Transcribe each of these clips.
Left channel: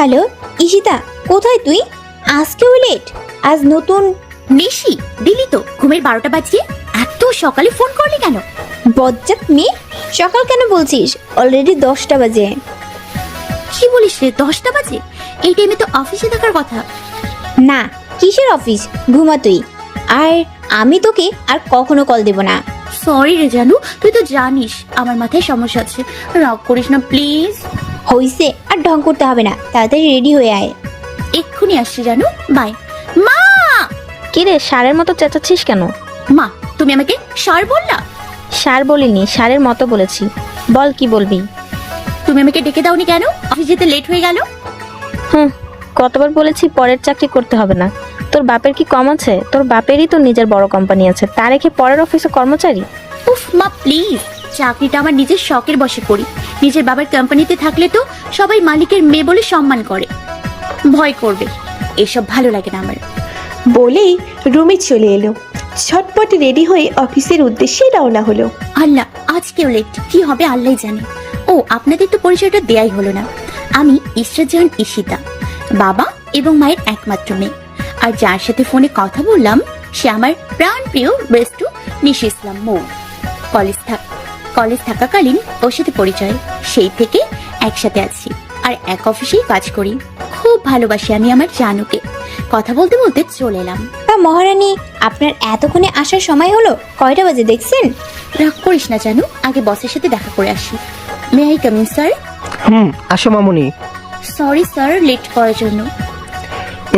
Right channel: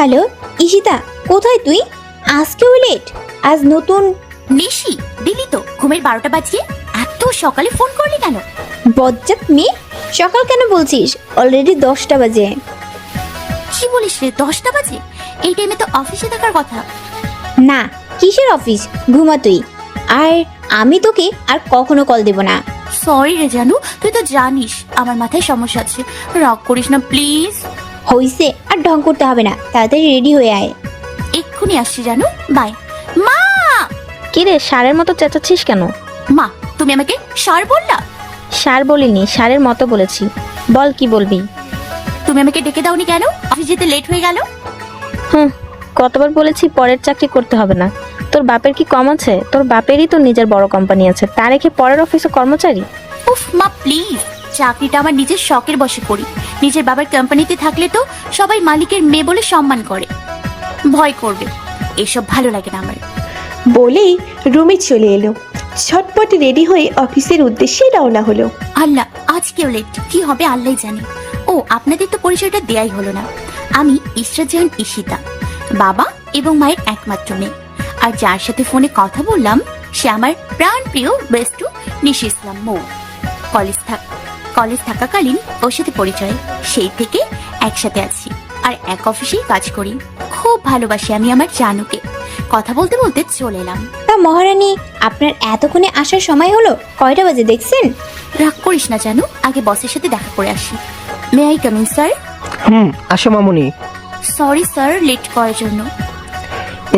Hello Ishita, কোথায় তুই? আজকেও লেট? আজ নতুন নিশি দিলি তো ঘুমের 12টা বাজিয়ে এত সকালে ফোন করলি কেন? বজ্জিত মেয়ে, সকাল কেন বলছিস? অলরেডি 10টা বাজে। কি বলিস রে, 10টা বাজে? এই টাইমে তো অফিসে থাকার কথা। না, কিসের অফিস? ঘুমা তুই। আর আমি তোকে আর কখনো কল দেব না। সরি রে জানু, তুই তো জানিস আমার মাথায় সমস্যা আছে। রাগ করিস না প্লিজ। হইছে, আর ঢং করতে হবে না, তাড়াতাড়ি রেডি হয়ে আয়। এক্ষুনি আসছি জানু, বাই। মা! কে রে, ষাঁড়ের মতো চেঁচাচ্ছিস কেন? মা, তুমি আমাকে ষাঁড় বললা? ষাঁড় বলিনি, ষাঁড়ের মতো বলেছি। বল কি বলবি? তুমি আমাকে ডেকে দাওনি কেন? অফিস যেতে লেট হয়ে গেল। কতবার বলেছি পরের চাকরি করতে হবে না। তোর বাপের কি কম আছে? তোর বাপেরই তো নিজের বড় কোম্পানি আছে, তারে কি পরের অফিসে কর্মচারী? উফ মা প্লিজ, চাকরিটা আমার নিজের শখের বশে করি। নিজের বাবার কোম্পানিতে থাকলে তো সবাই মালিকের মেয়ে বলে সম্মান করে, ভয় করবে। এসব ভালো লাগে না আমার। বলেই রুমে চলে এলো। ঝটপট রেডি হয়ে অফিসের উদ্দেশ্যে রওনা হলো। আল্লাহ, আজকেও লেট, কি হবে আল্লাহ জানে। ও, আপনাদের তো পরিচয়টা দেয়াই হলো না। আমি ইসরাত জাহান ঈশিতা, বাবা এবং মায়ের একমাত্র মেয়ে। আর যার সাথে ফোনে কথা বললাম সে আমার প্রাণ প্রিয় বেস্টু নিশি ইসলাম মৌ। কলেজ থাকাকালীন ওর সাথে পরিচয়, সেই থেকে একসাথে আছি আর এক অফিসেই কাজ করি। খুব ভালোবাসি আমি আমার জানুকে। কথা বলতে বলতে চলে এলাম। তা মহারানী, আপনার এতক্ষণে আসার সময় হলো? কয়টা বাজে দেখছেন? রাগ করিস না জানু, আগে বসের সাথে দেখা করে আসি। May I come in sir? হ্যাঁ, আসো মামুনি। সরি স্যার লেট করার জন্য।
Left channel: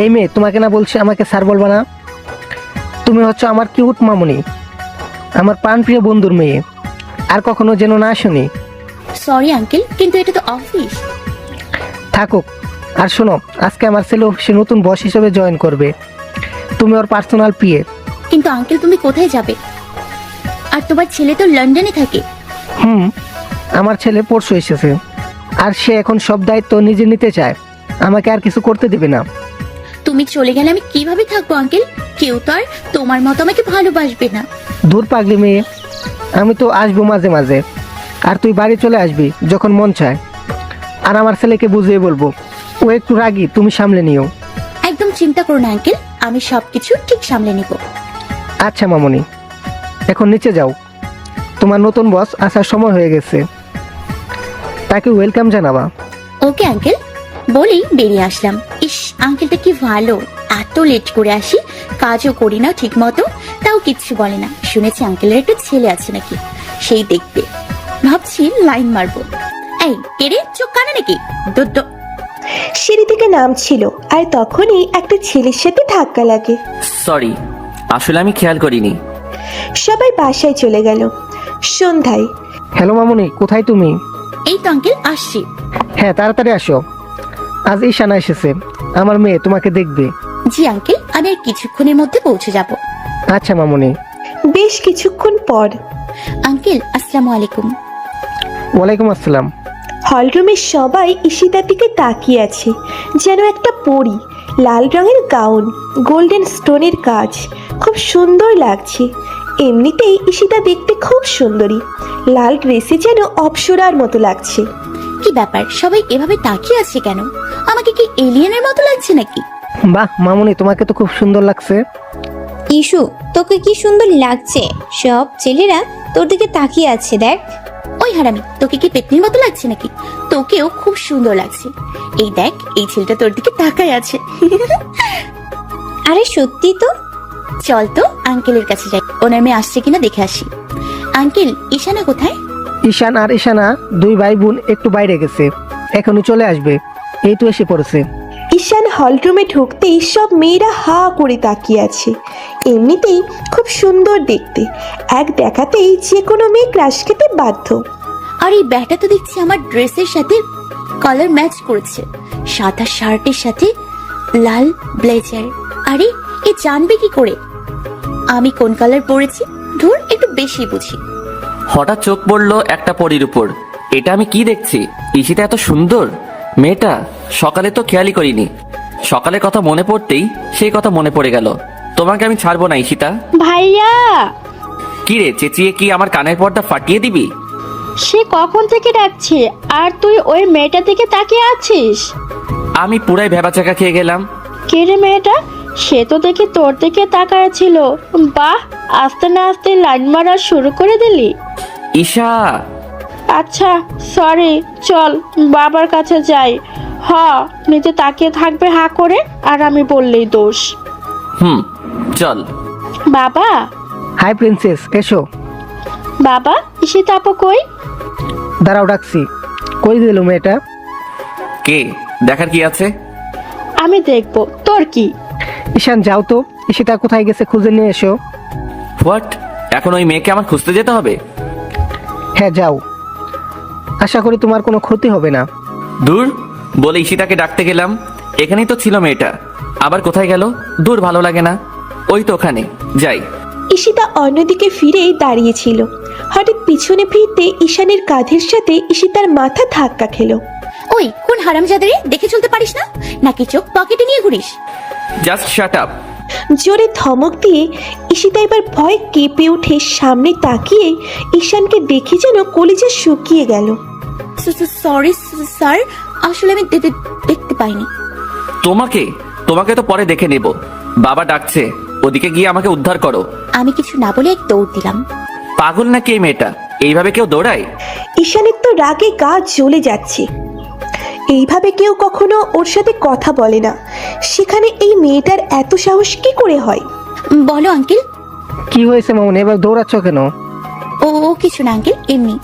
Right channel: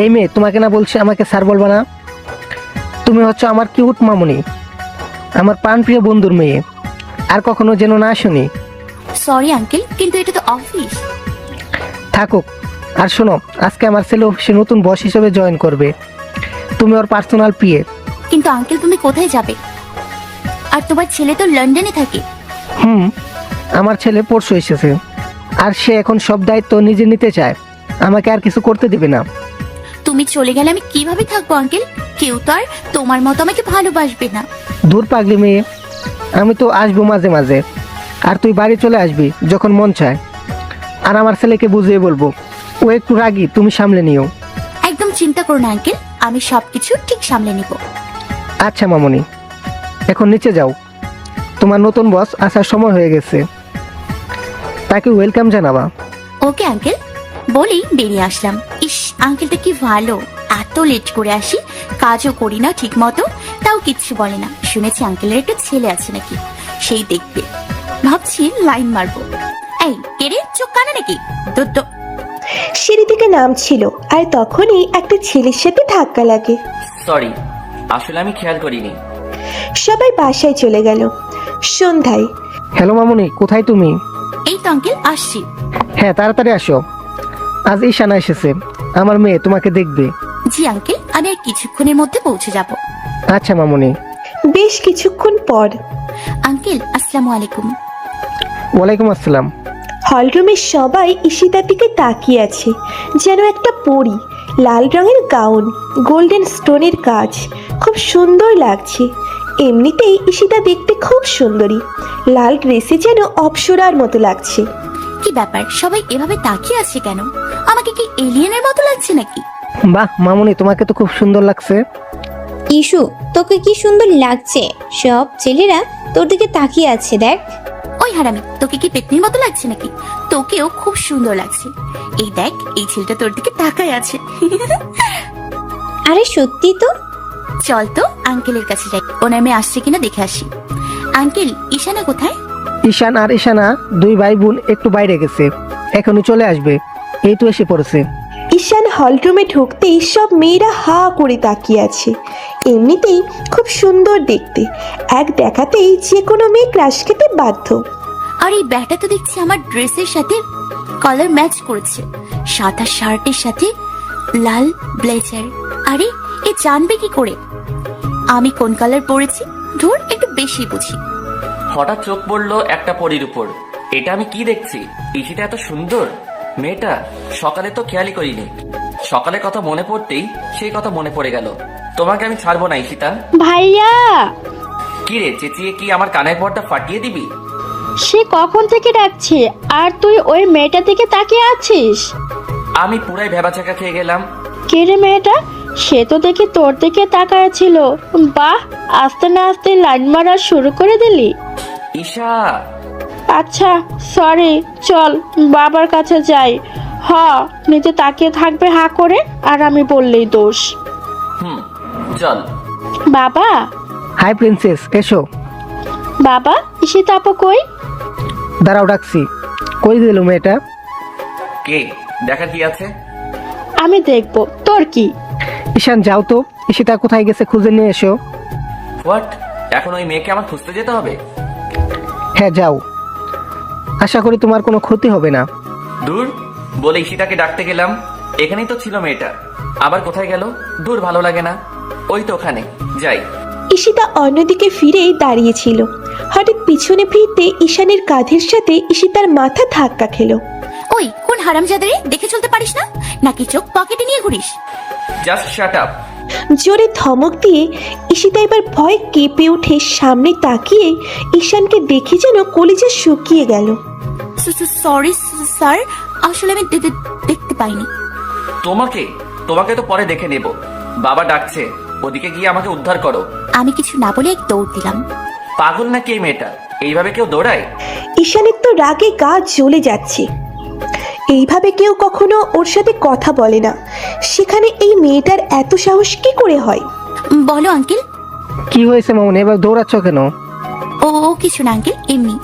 এই মেয়ে, তোমাকে না বলছি আমাকে স্যার বলবা না। তুমি হচ্ছে আমার কিউট মামুনি, আমার প্রাণপ্রিয় বন্ধুর মেয়ে। আর কখনো যেন না শুনি। সরি আঙ্কেল, কিন্তু এটা তো অফিস। থাকুক। আর শোনো, আজকে আমার ছেলে অফিসে নতুন বস হিসেবে জয়েন করবে। তুমি ওর পার্সোনাল পিএ। কিন্তু আঙ্কেল তুমি কোথায় যাবে? আর তোমার ছেলে তো লন্ডনে থাকে। আমার ছেলে পরশু এসেছে, আর সে এখন সব দায়িত্ব নিজে নিতে চায়। আমাকে আর কিছু করতে দেবে না। তুমি চলে গেলে আমি কিভাবে থাকবো আঙ্কেল? কেউ তো আর তোমার মতো আমাকে ভালোবাসবে না। দূর পারবে মেয়ে, আমি তো আসবো মাঝে মাঝে। আর তুই বাড়ি চলে আসবি যখন মন চায়। আর আমার ছেলেকে বুঝিয়ে বলবো, ও একটু রাগী, তুমি সামলে নিও। একদম চিন্তা করো না আঙ্কেল, আমি সবকিছু ঠিক সামলে নিব। আচ্ছা মামুনি, এখন নিচে যাও। তোমার নতুন বস আসার সময় হয়ে গেছে, তাকে ওয়েলকাম জানাবা। ওকে আঙ্কেল, বলেই বেরিয়ে আসলাম। ইস, আঙ্কেলটা কি ভালো, এত লেট করে আসি, কাজও করি না ঠিক মতো, তাও কিচ্ছু বলে না। শুনেছি আঙ্কেলের একটা ছেলে আছে নাকি, সেই দেখতে ভাবছি লাইন মারবো। এই কেড়ে চোখ কানে নাকি? দুটো সিঁড়ি থেকে নামছিল, আর তখনই একটা ছেলের সাথে ধাক্কা লাগে। সরি, আসলে আমি খেয়াল করিনি। সবাই বাসায় চলে গেল। সন্ধ্যায় হ্যালো মামুনি, কোথায় তুমি? এই তো আঙ্কেল আসছি। হ্যাঁ, তাড়াতাড়ি আসো। আজ ঈশানা এসেছে, আমার মেয়ে তোমাকে দেখবে। জি আঙ্কেল, আমি আর কিছুক্ষণের মধ্যে পৌঁছে যাব। আচ্ছা মামুনি। বেশ কিছুক্ষণ পর আঙ্কেল আসসালামু আলাইকুম। ওয়ালাইকুম আসসালাম। হলরুমে সবাই ঈশিতার দিকে তাকিয়ে আছে, যেন একটা পরী। লাল রঙের গাউন, গোল্ডেন স্টোনের কাজ, খুব সুন্দর লাগছে। এমনিতেই ঈশিতা দেখতে খুব সুন্দরী, লাল ড্রেসে যেন অপ্সরার মতো লাগছে। কি ব্যাপার, সবাই এভাবে তাকিয়ে আছে কেন? আমাকে কি এলিয়েনের মতো লাগছে নাকি? বাহ মামুনি, তোমাকে তো খুব সুন্দর লাগছে। ইস্যু, তোকে কি সুন্দর লাগছে। সব ছেলেরা তোর দিকে তাকিয়ে আছে, দেখ। ওই হারামি, তোকে কি পেতনির মতো লাগছে নাকি? তোকেও খুব সুন্দর লাগছে। এই দেখ, এই ছেলেটা তোর দিকে তাকায় আছে। আরে সত্যি তো। চল তো আঙ্কেলের কাছে যাই, ওনার মেয়ে আসছে কিনা দেখে আসি। আঙ্কেল, ঈশানা কোথায়? ঈশান আর ঈশানা দুই ভাই বোন একটু বাইরে গেছে, এখনই চলে আসবে। এই তো এসে পড়েছে। ঈশান হলরুমে ঢুকতেই সব মেয়েরা হা করে তাকিয়ে আছে। এমনিতেই খুব সুন্দর দেখতে, এক দেখাতেই যে কোনো মেয়ে ক্রাশ খেতে বাধ্য। আর এই ব্যাগটা তো দেখছি আমার ড্রেসের সাথে কালার ম্যাচ করছে। সাদা শার্টের সাথে লাল ব্লেজার। আরে এ জানবে কি করে আমি কোন কালার পরেছি? ধুর, একটু বেশি বুঝি। হঠাৎ চোখ পড়লো একটা পরীর উপর। এটা আমি কি দেখছি? ঈশিতা এত সুন্দর মেয়েটা, সকালে তো খেয়ালই করিনি। সকালের কথা মনে পড়তেই সেই কথা মনে পড়ে গেল। তোমাকে আমি ছাড়বো না ঈশিতা। ভাইয়া, কি রে, চেঁচিয়ে কি আমার কানের পর্দা ফাটিয়ে দিবি? সে কখন থেকে ডাকছে আর তুই ওই মেয়েটা থেকে তাকিয়ে আছিস? আমি পুরাই ভেবাচাকা খেয়ে গেলাম। কে রে মেয়েটা? সে তো দেখি তোর দিকে তাকায় ছিল। বাহ, আস্তে না আস্তে লাইন মারা শুরু করে দিলি। ঈশা, আচ্ছা সরি, চল বাবার কাছে যাই। হ্যাঁ, নিচে তাকিয়ে থাকবে হা করে, আর আমি বললেই দোষ। চল। বাবা, হাই প্রিন্সেস, এসো। বাবা এসে তাপো কই? দাঁড়াও, ডাকছি। কই দিল মেয়েটা? কে? দেখার কি আছে? আমি দেখবো, তোর কি? ঈশান যাও তো, ঈশিতা কোথায় গেছে খুঁজে নিয়ে এসো। হোয়াট? এখন ওই মেয়েকে আমার খুঁজতে যেতে হবে? হ্যাঁ যাও, আশা করি তোমার কোনো ক্ষতি হবে না। দূর, বলে ঈশিতাকে ডাকতে গেলাম, এখানেই তো ছিল মেয়েটা, আবার কোথায় গেল? দূর, ভালো লাগে না। ওই তো ওখানে, যাই। ঈশিতা অন্যদিকে ফিরে দাঁড়িয়েছিল। হঠাৎ পিছনে ফিরতে ঈশানের কাঁধের সাথে ঈশিতার মাথা ধাক্কা খেলো। ওই কোন হারামজাদারে, দেখে চলতে পারিস না নাকি চোখ পকেটে নিয়ে ঘুরিস? Just shut up. জোরে ধমক দিয়ে ঈশিতা এবার ভয় কেঁপে উঠে সামনে তাকিয়ে ঈশানকে দেখে যেন কলিজা শুকিয়ে গেল। সরি স্যার, আসলে আমি দেখতে পাইনি। তোমাকে তোমাকে তো পরে দেখে নেব। বাবা ডাকছে, ওদিকে গিয়ে আমাকে উদ্ধার করো। আমি কিছু না বলে এক দৌড় দিলাম। পাগল নাকি এই মেয়েটা? এইভাবে কেউ দৌড়ায়? ঈশানের তো রাগে গা জ্বলে যাচ্ছে। এইভাবে কেউ কখনো ওর সাথে কথা বলে না, সেখানে এই মেয়েটার এত সাহস কি করে হয়? বলো আঙ্কেল। কি হয়েছে মামুনি, এবার দৌড়াচ্ছ কেন? ও কিছু না আঙ্কেল, এমনি।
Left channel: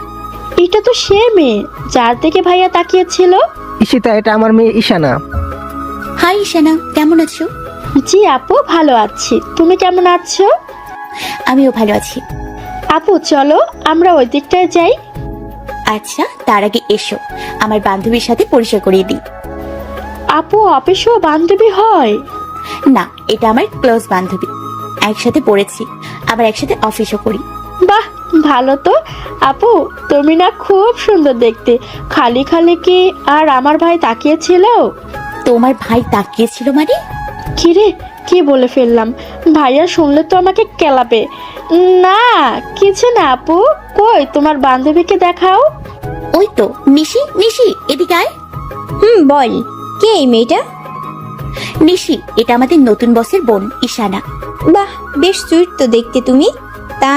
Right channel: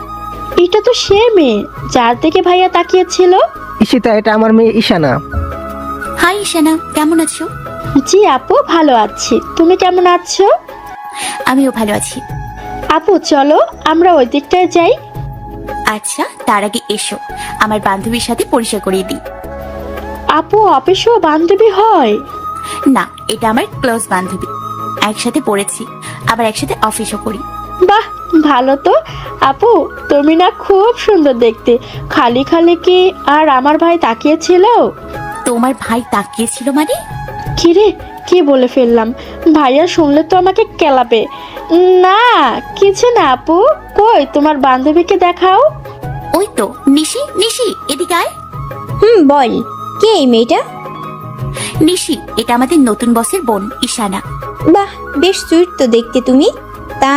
এটা তো সে মেয়ে যার থেকে ভাইয়া তাকিয়েছিল। ঈশিতা, এটা আমার মেয়ে ঈশানা। হাই ঈশানা, কেমন আছো? জি আপু, ভালো আছি। তুমি কেমন আছো? আমিও ভালো আছি। আপু চলো আমরা ওই দিকটায় যাই। আচ্ছা, তার আগে এসো আমার বান্ধবীর সাথে পরিচয় করিয়ে দিই। আপু অফিসেও বান্ধবী হয়? না, এটা আমার ক্লোজ বান্ধবী, একসাথে পড়েছি, আবার একসাথে অফিসও করি। বাহ, ভালো তো। আপু তুমি না খুব সুন্দর দেখতে। খালি খালি কে আর আমার ভাই তাকিয়েছিল? তোমার ভাই তাকিয়েছিল মানে? কি রে, কি বলে ফেললাম? ভাইয়া শুনলে তো আমাকে কেলাবে। না কিছু না আপু। কই তোমার বান্ধবীকে দেখাও। ওই তো নিশি, নিশি এদিকে আয়। বল, কে এই মেয়েটা? নিশি, এটা আমাদের নতুন বসের বোন ঈশানা। বাহ, বেশ সুইট তো দেখতে তুমি। তা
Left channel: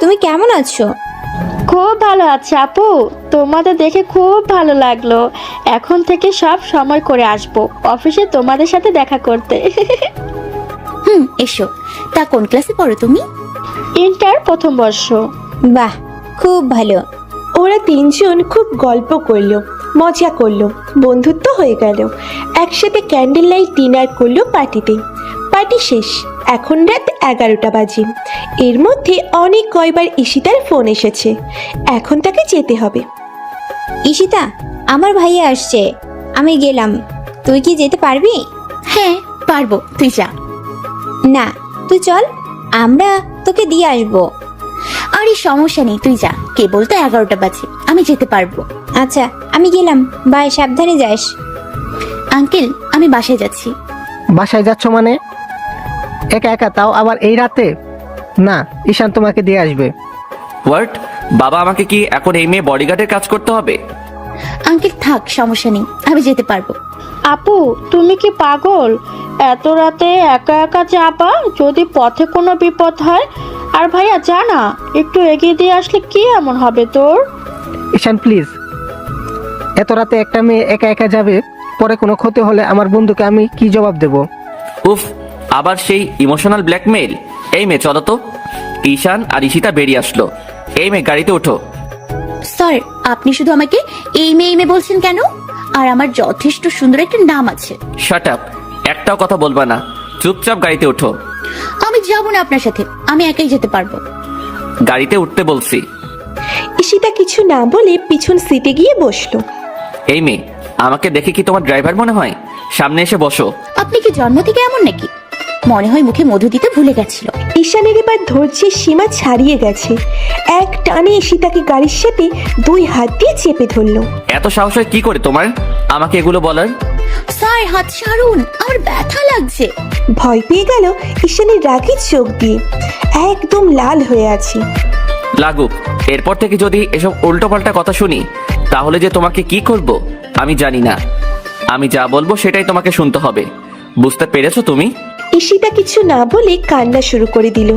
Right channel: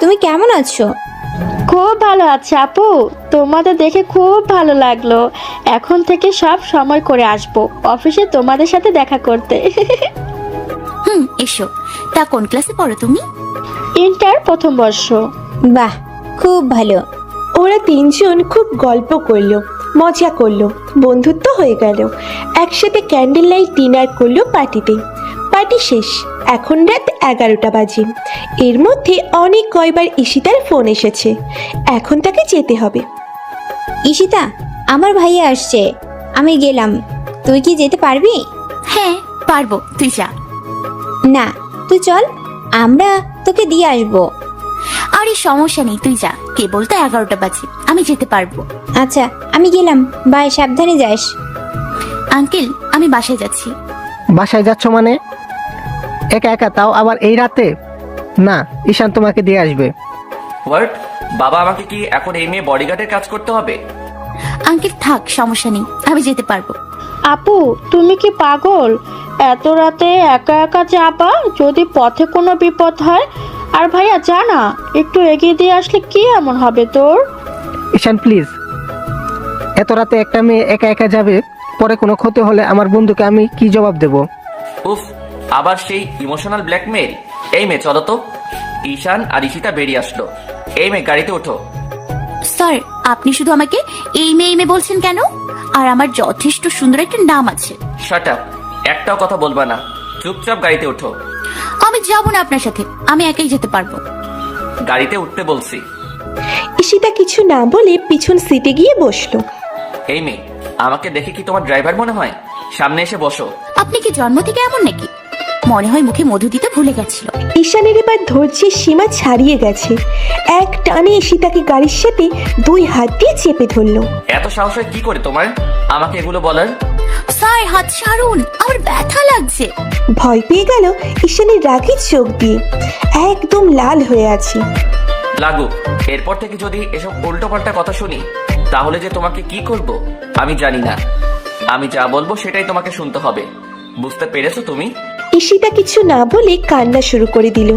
তুমি কেমন আছো? খুব ভালো আছে আপু, তোমাদের দেখে খুব ভালো লাগলো। এখন থেকে সব সময় করে আসবো অফিসে তোমাদের সাথে দেখা করতে। এসো। তা কোন ক্লাসে পড়ো তুমি? ইন্টার প্রথম বর্ষ। বাহ, খুব ভালো। ওরা তিনজন খুব গল্প করলো, মজা করলো, বন্ধুত্ব হয়ে গেল। একসাথে ক্যান্ডেল লাইট ডিনার করলো পার্টিতে। পার্টি শেষ, এখন রাত 11টা বাজে। এর মধ্যে অনেক কয়বার ঈশিতার ফোন এসেছে, এখন তাকে যেতে হবে। ঈশিতা, আমার ভাইয়া আসছে, আমি গেলাম। তুই কি যেতে পারবি? হ্যাঁ পারবো, তুই যা। না, তো চল, আমরা তোকে দিয়ে আসবো। আরে সমস্যা নেই, তুই যা। কেবল তো 11টা বাজে, আমি যেতে পারবো। আচ্ছা, আমি গেলাম, বাই, সাবধানে যাস। আঙ্কেল, আমি বাসায় যাচ্ছি। বাসায় যাচ্ছ মানে? একা একা, তাও আবার এই রাতে? না, ঈশান তোমাকে দিয়ে আসবে। হোয়াট? বাবা আমাকে কি এখন এই মেয়ে বডিগার্ডের কাজ করতে হবে? আঙ্কেল থাক, সমস্যা নেই, আমি যেতে পারবো। আপু তুমি কি পাগল? এত রাতে একা একা যাবা? যদি পথে কোনো বিপদ হয়? আর ভাইয়া জানা একটু এগিয়ে দিয়ে আসলে কি এমন হবে তোর? ঈশান প্লিজ, এত রাতে একটা মেয়ে একা একা যাবে, পরে কোনো ক্ষতি হলে আমার বন্ধুকে আমি কি জবাব দেব? উফ, আবার সেই ইমোশনাল ব্ল্যাকমেল। এই মেয়ে চলো তো। ঈশান আর ঈশিতা বেরিয়ে আসলো। এই মেয়ে গাড়িতে ওঠো। স্যার, আপনি শুধু আমাকে এই মেয়ে বলছেন কেন? আর আমার যথেষ্ট সুন্দর একটা নাম আছে। শাট আপ, একটাও কথা বলবা না, চুপচাপ গাড়িতে ওঠো। আমি যাবো না আপনার সাথে, আমি একাই যেতে পারবো। গাড়িতে উঠতে বলছি। ঈশিতা কিছু না বলে পিছন সিটে গিয়ে বসলো। এই মেয়ে, আমাকে দেখে কি তোমার ড্রাইভার মনে হয়? সামনে এসে বসো। আপনি কি জন্ম থেকে এমন নাকি? মনে হয় মুখে মধু দিতে ভুলে গেছিল। ঈশানের এবার ধৈর্যের সীমা ছাড়িয়ে গেছে। এক টানে ঈশিতাকে গাড়ির সাথে 2 হাত দিয়ে চেপে ধরলো। এত সাহস হয় কি করে তোমার আমাকে এগুলো বলার? স্যার হাত ছাড়ুন, আমার ব্যথা লাগছে। ভয় পেয়ে গেল ঈশানের রাগে চোখ দিয়ে, একদম লাল হয়ে আছে। লাগুক, এরপর থেকে যদি এসব উল্টো পাল্টা কথা শুনি, তাহলে যে তোমাকে কি করব আমি জানি না। আমি যা বলবো সেটাই তোমাকে শুনতে হবে, বুঝতে পেরেছো তুমি? ঈশিতা কিছু না বলে কান্না শুরু করে দিল।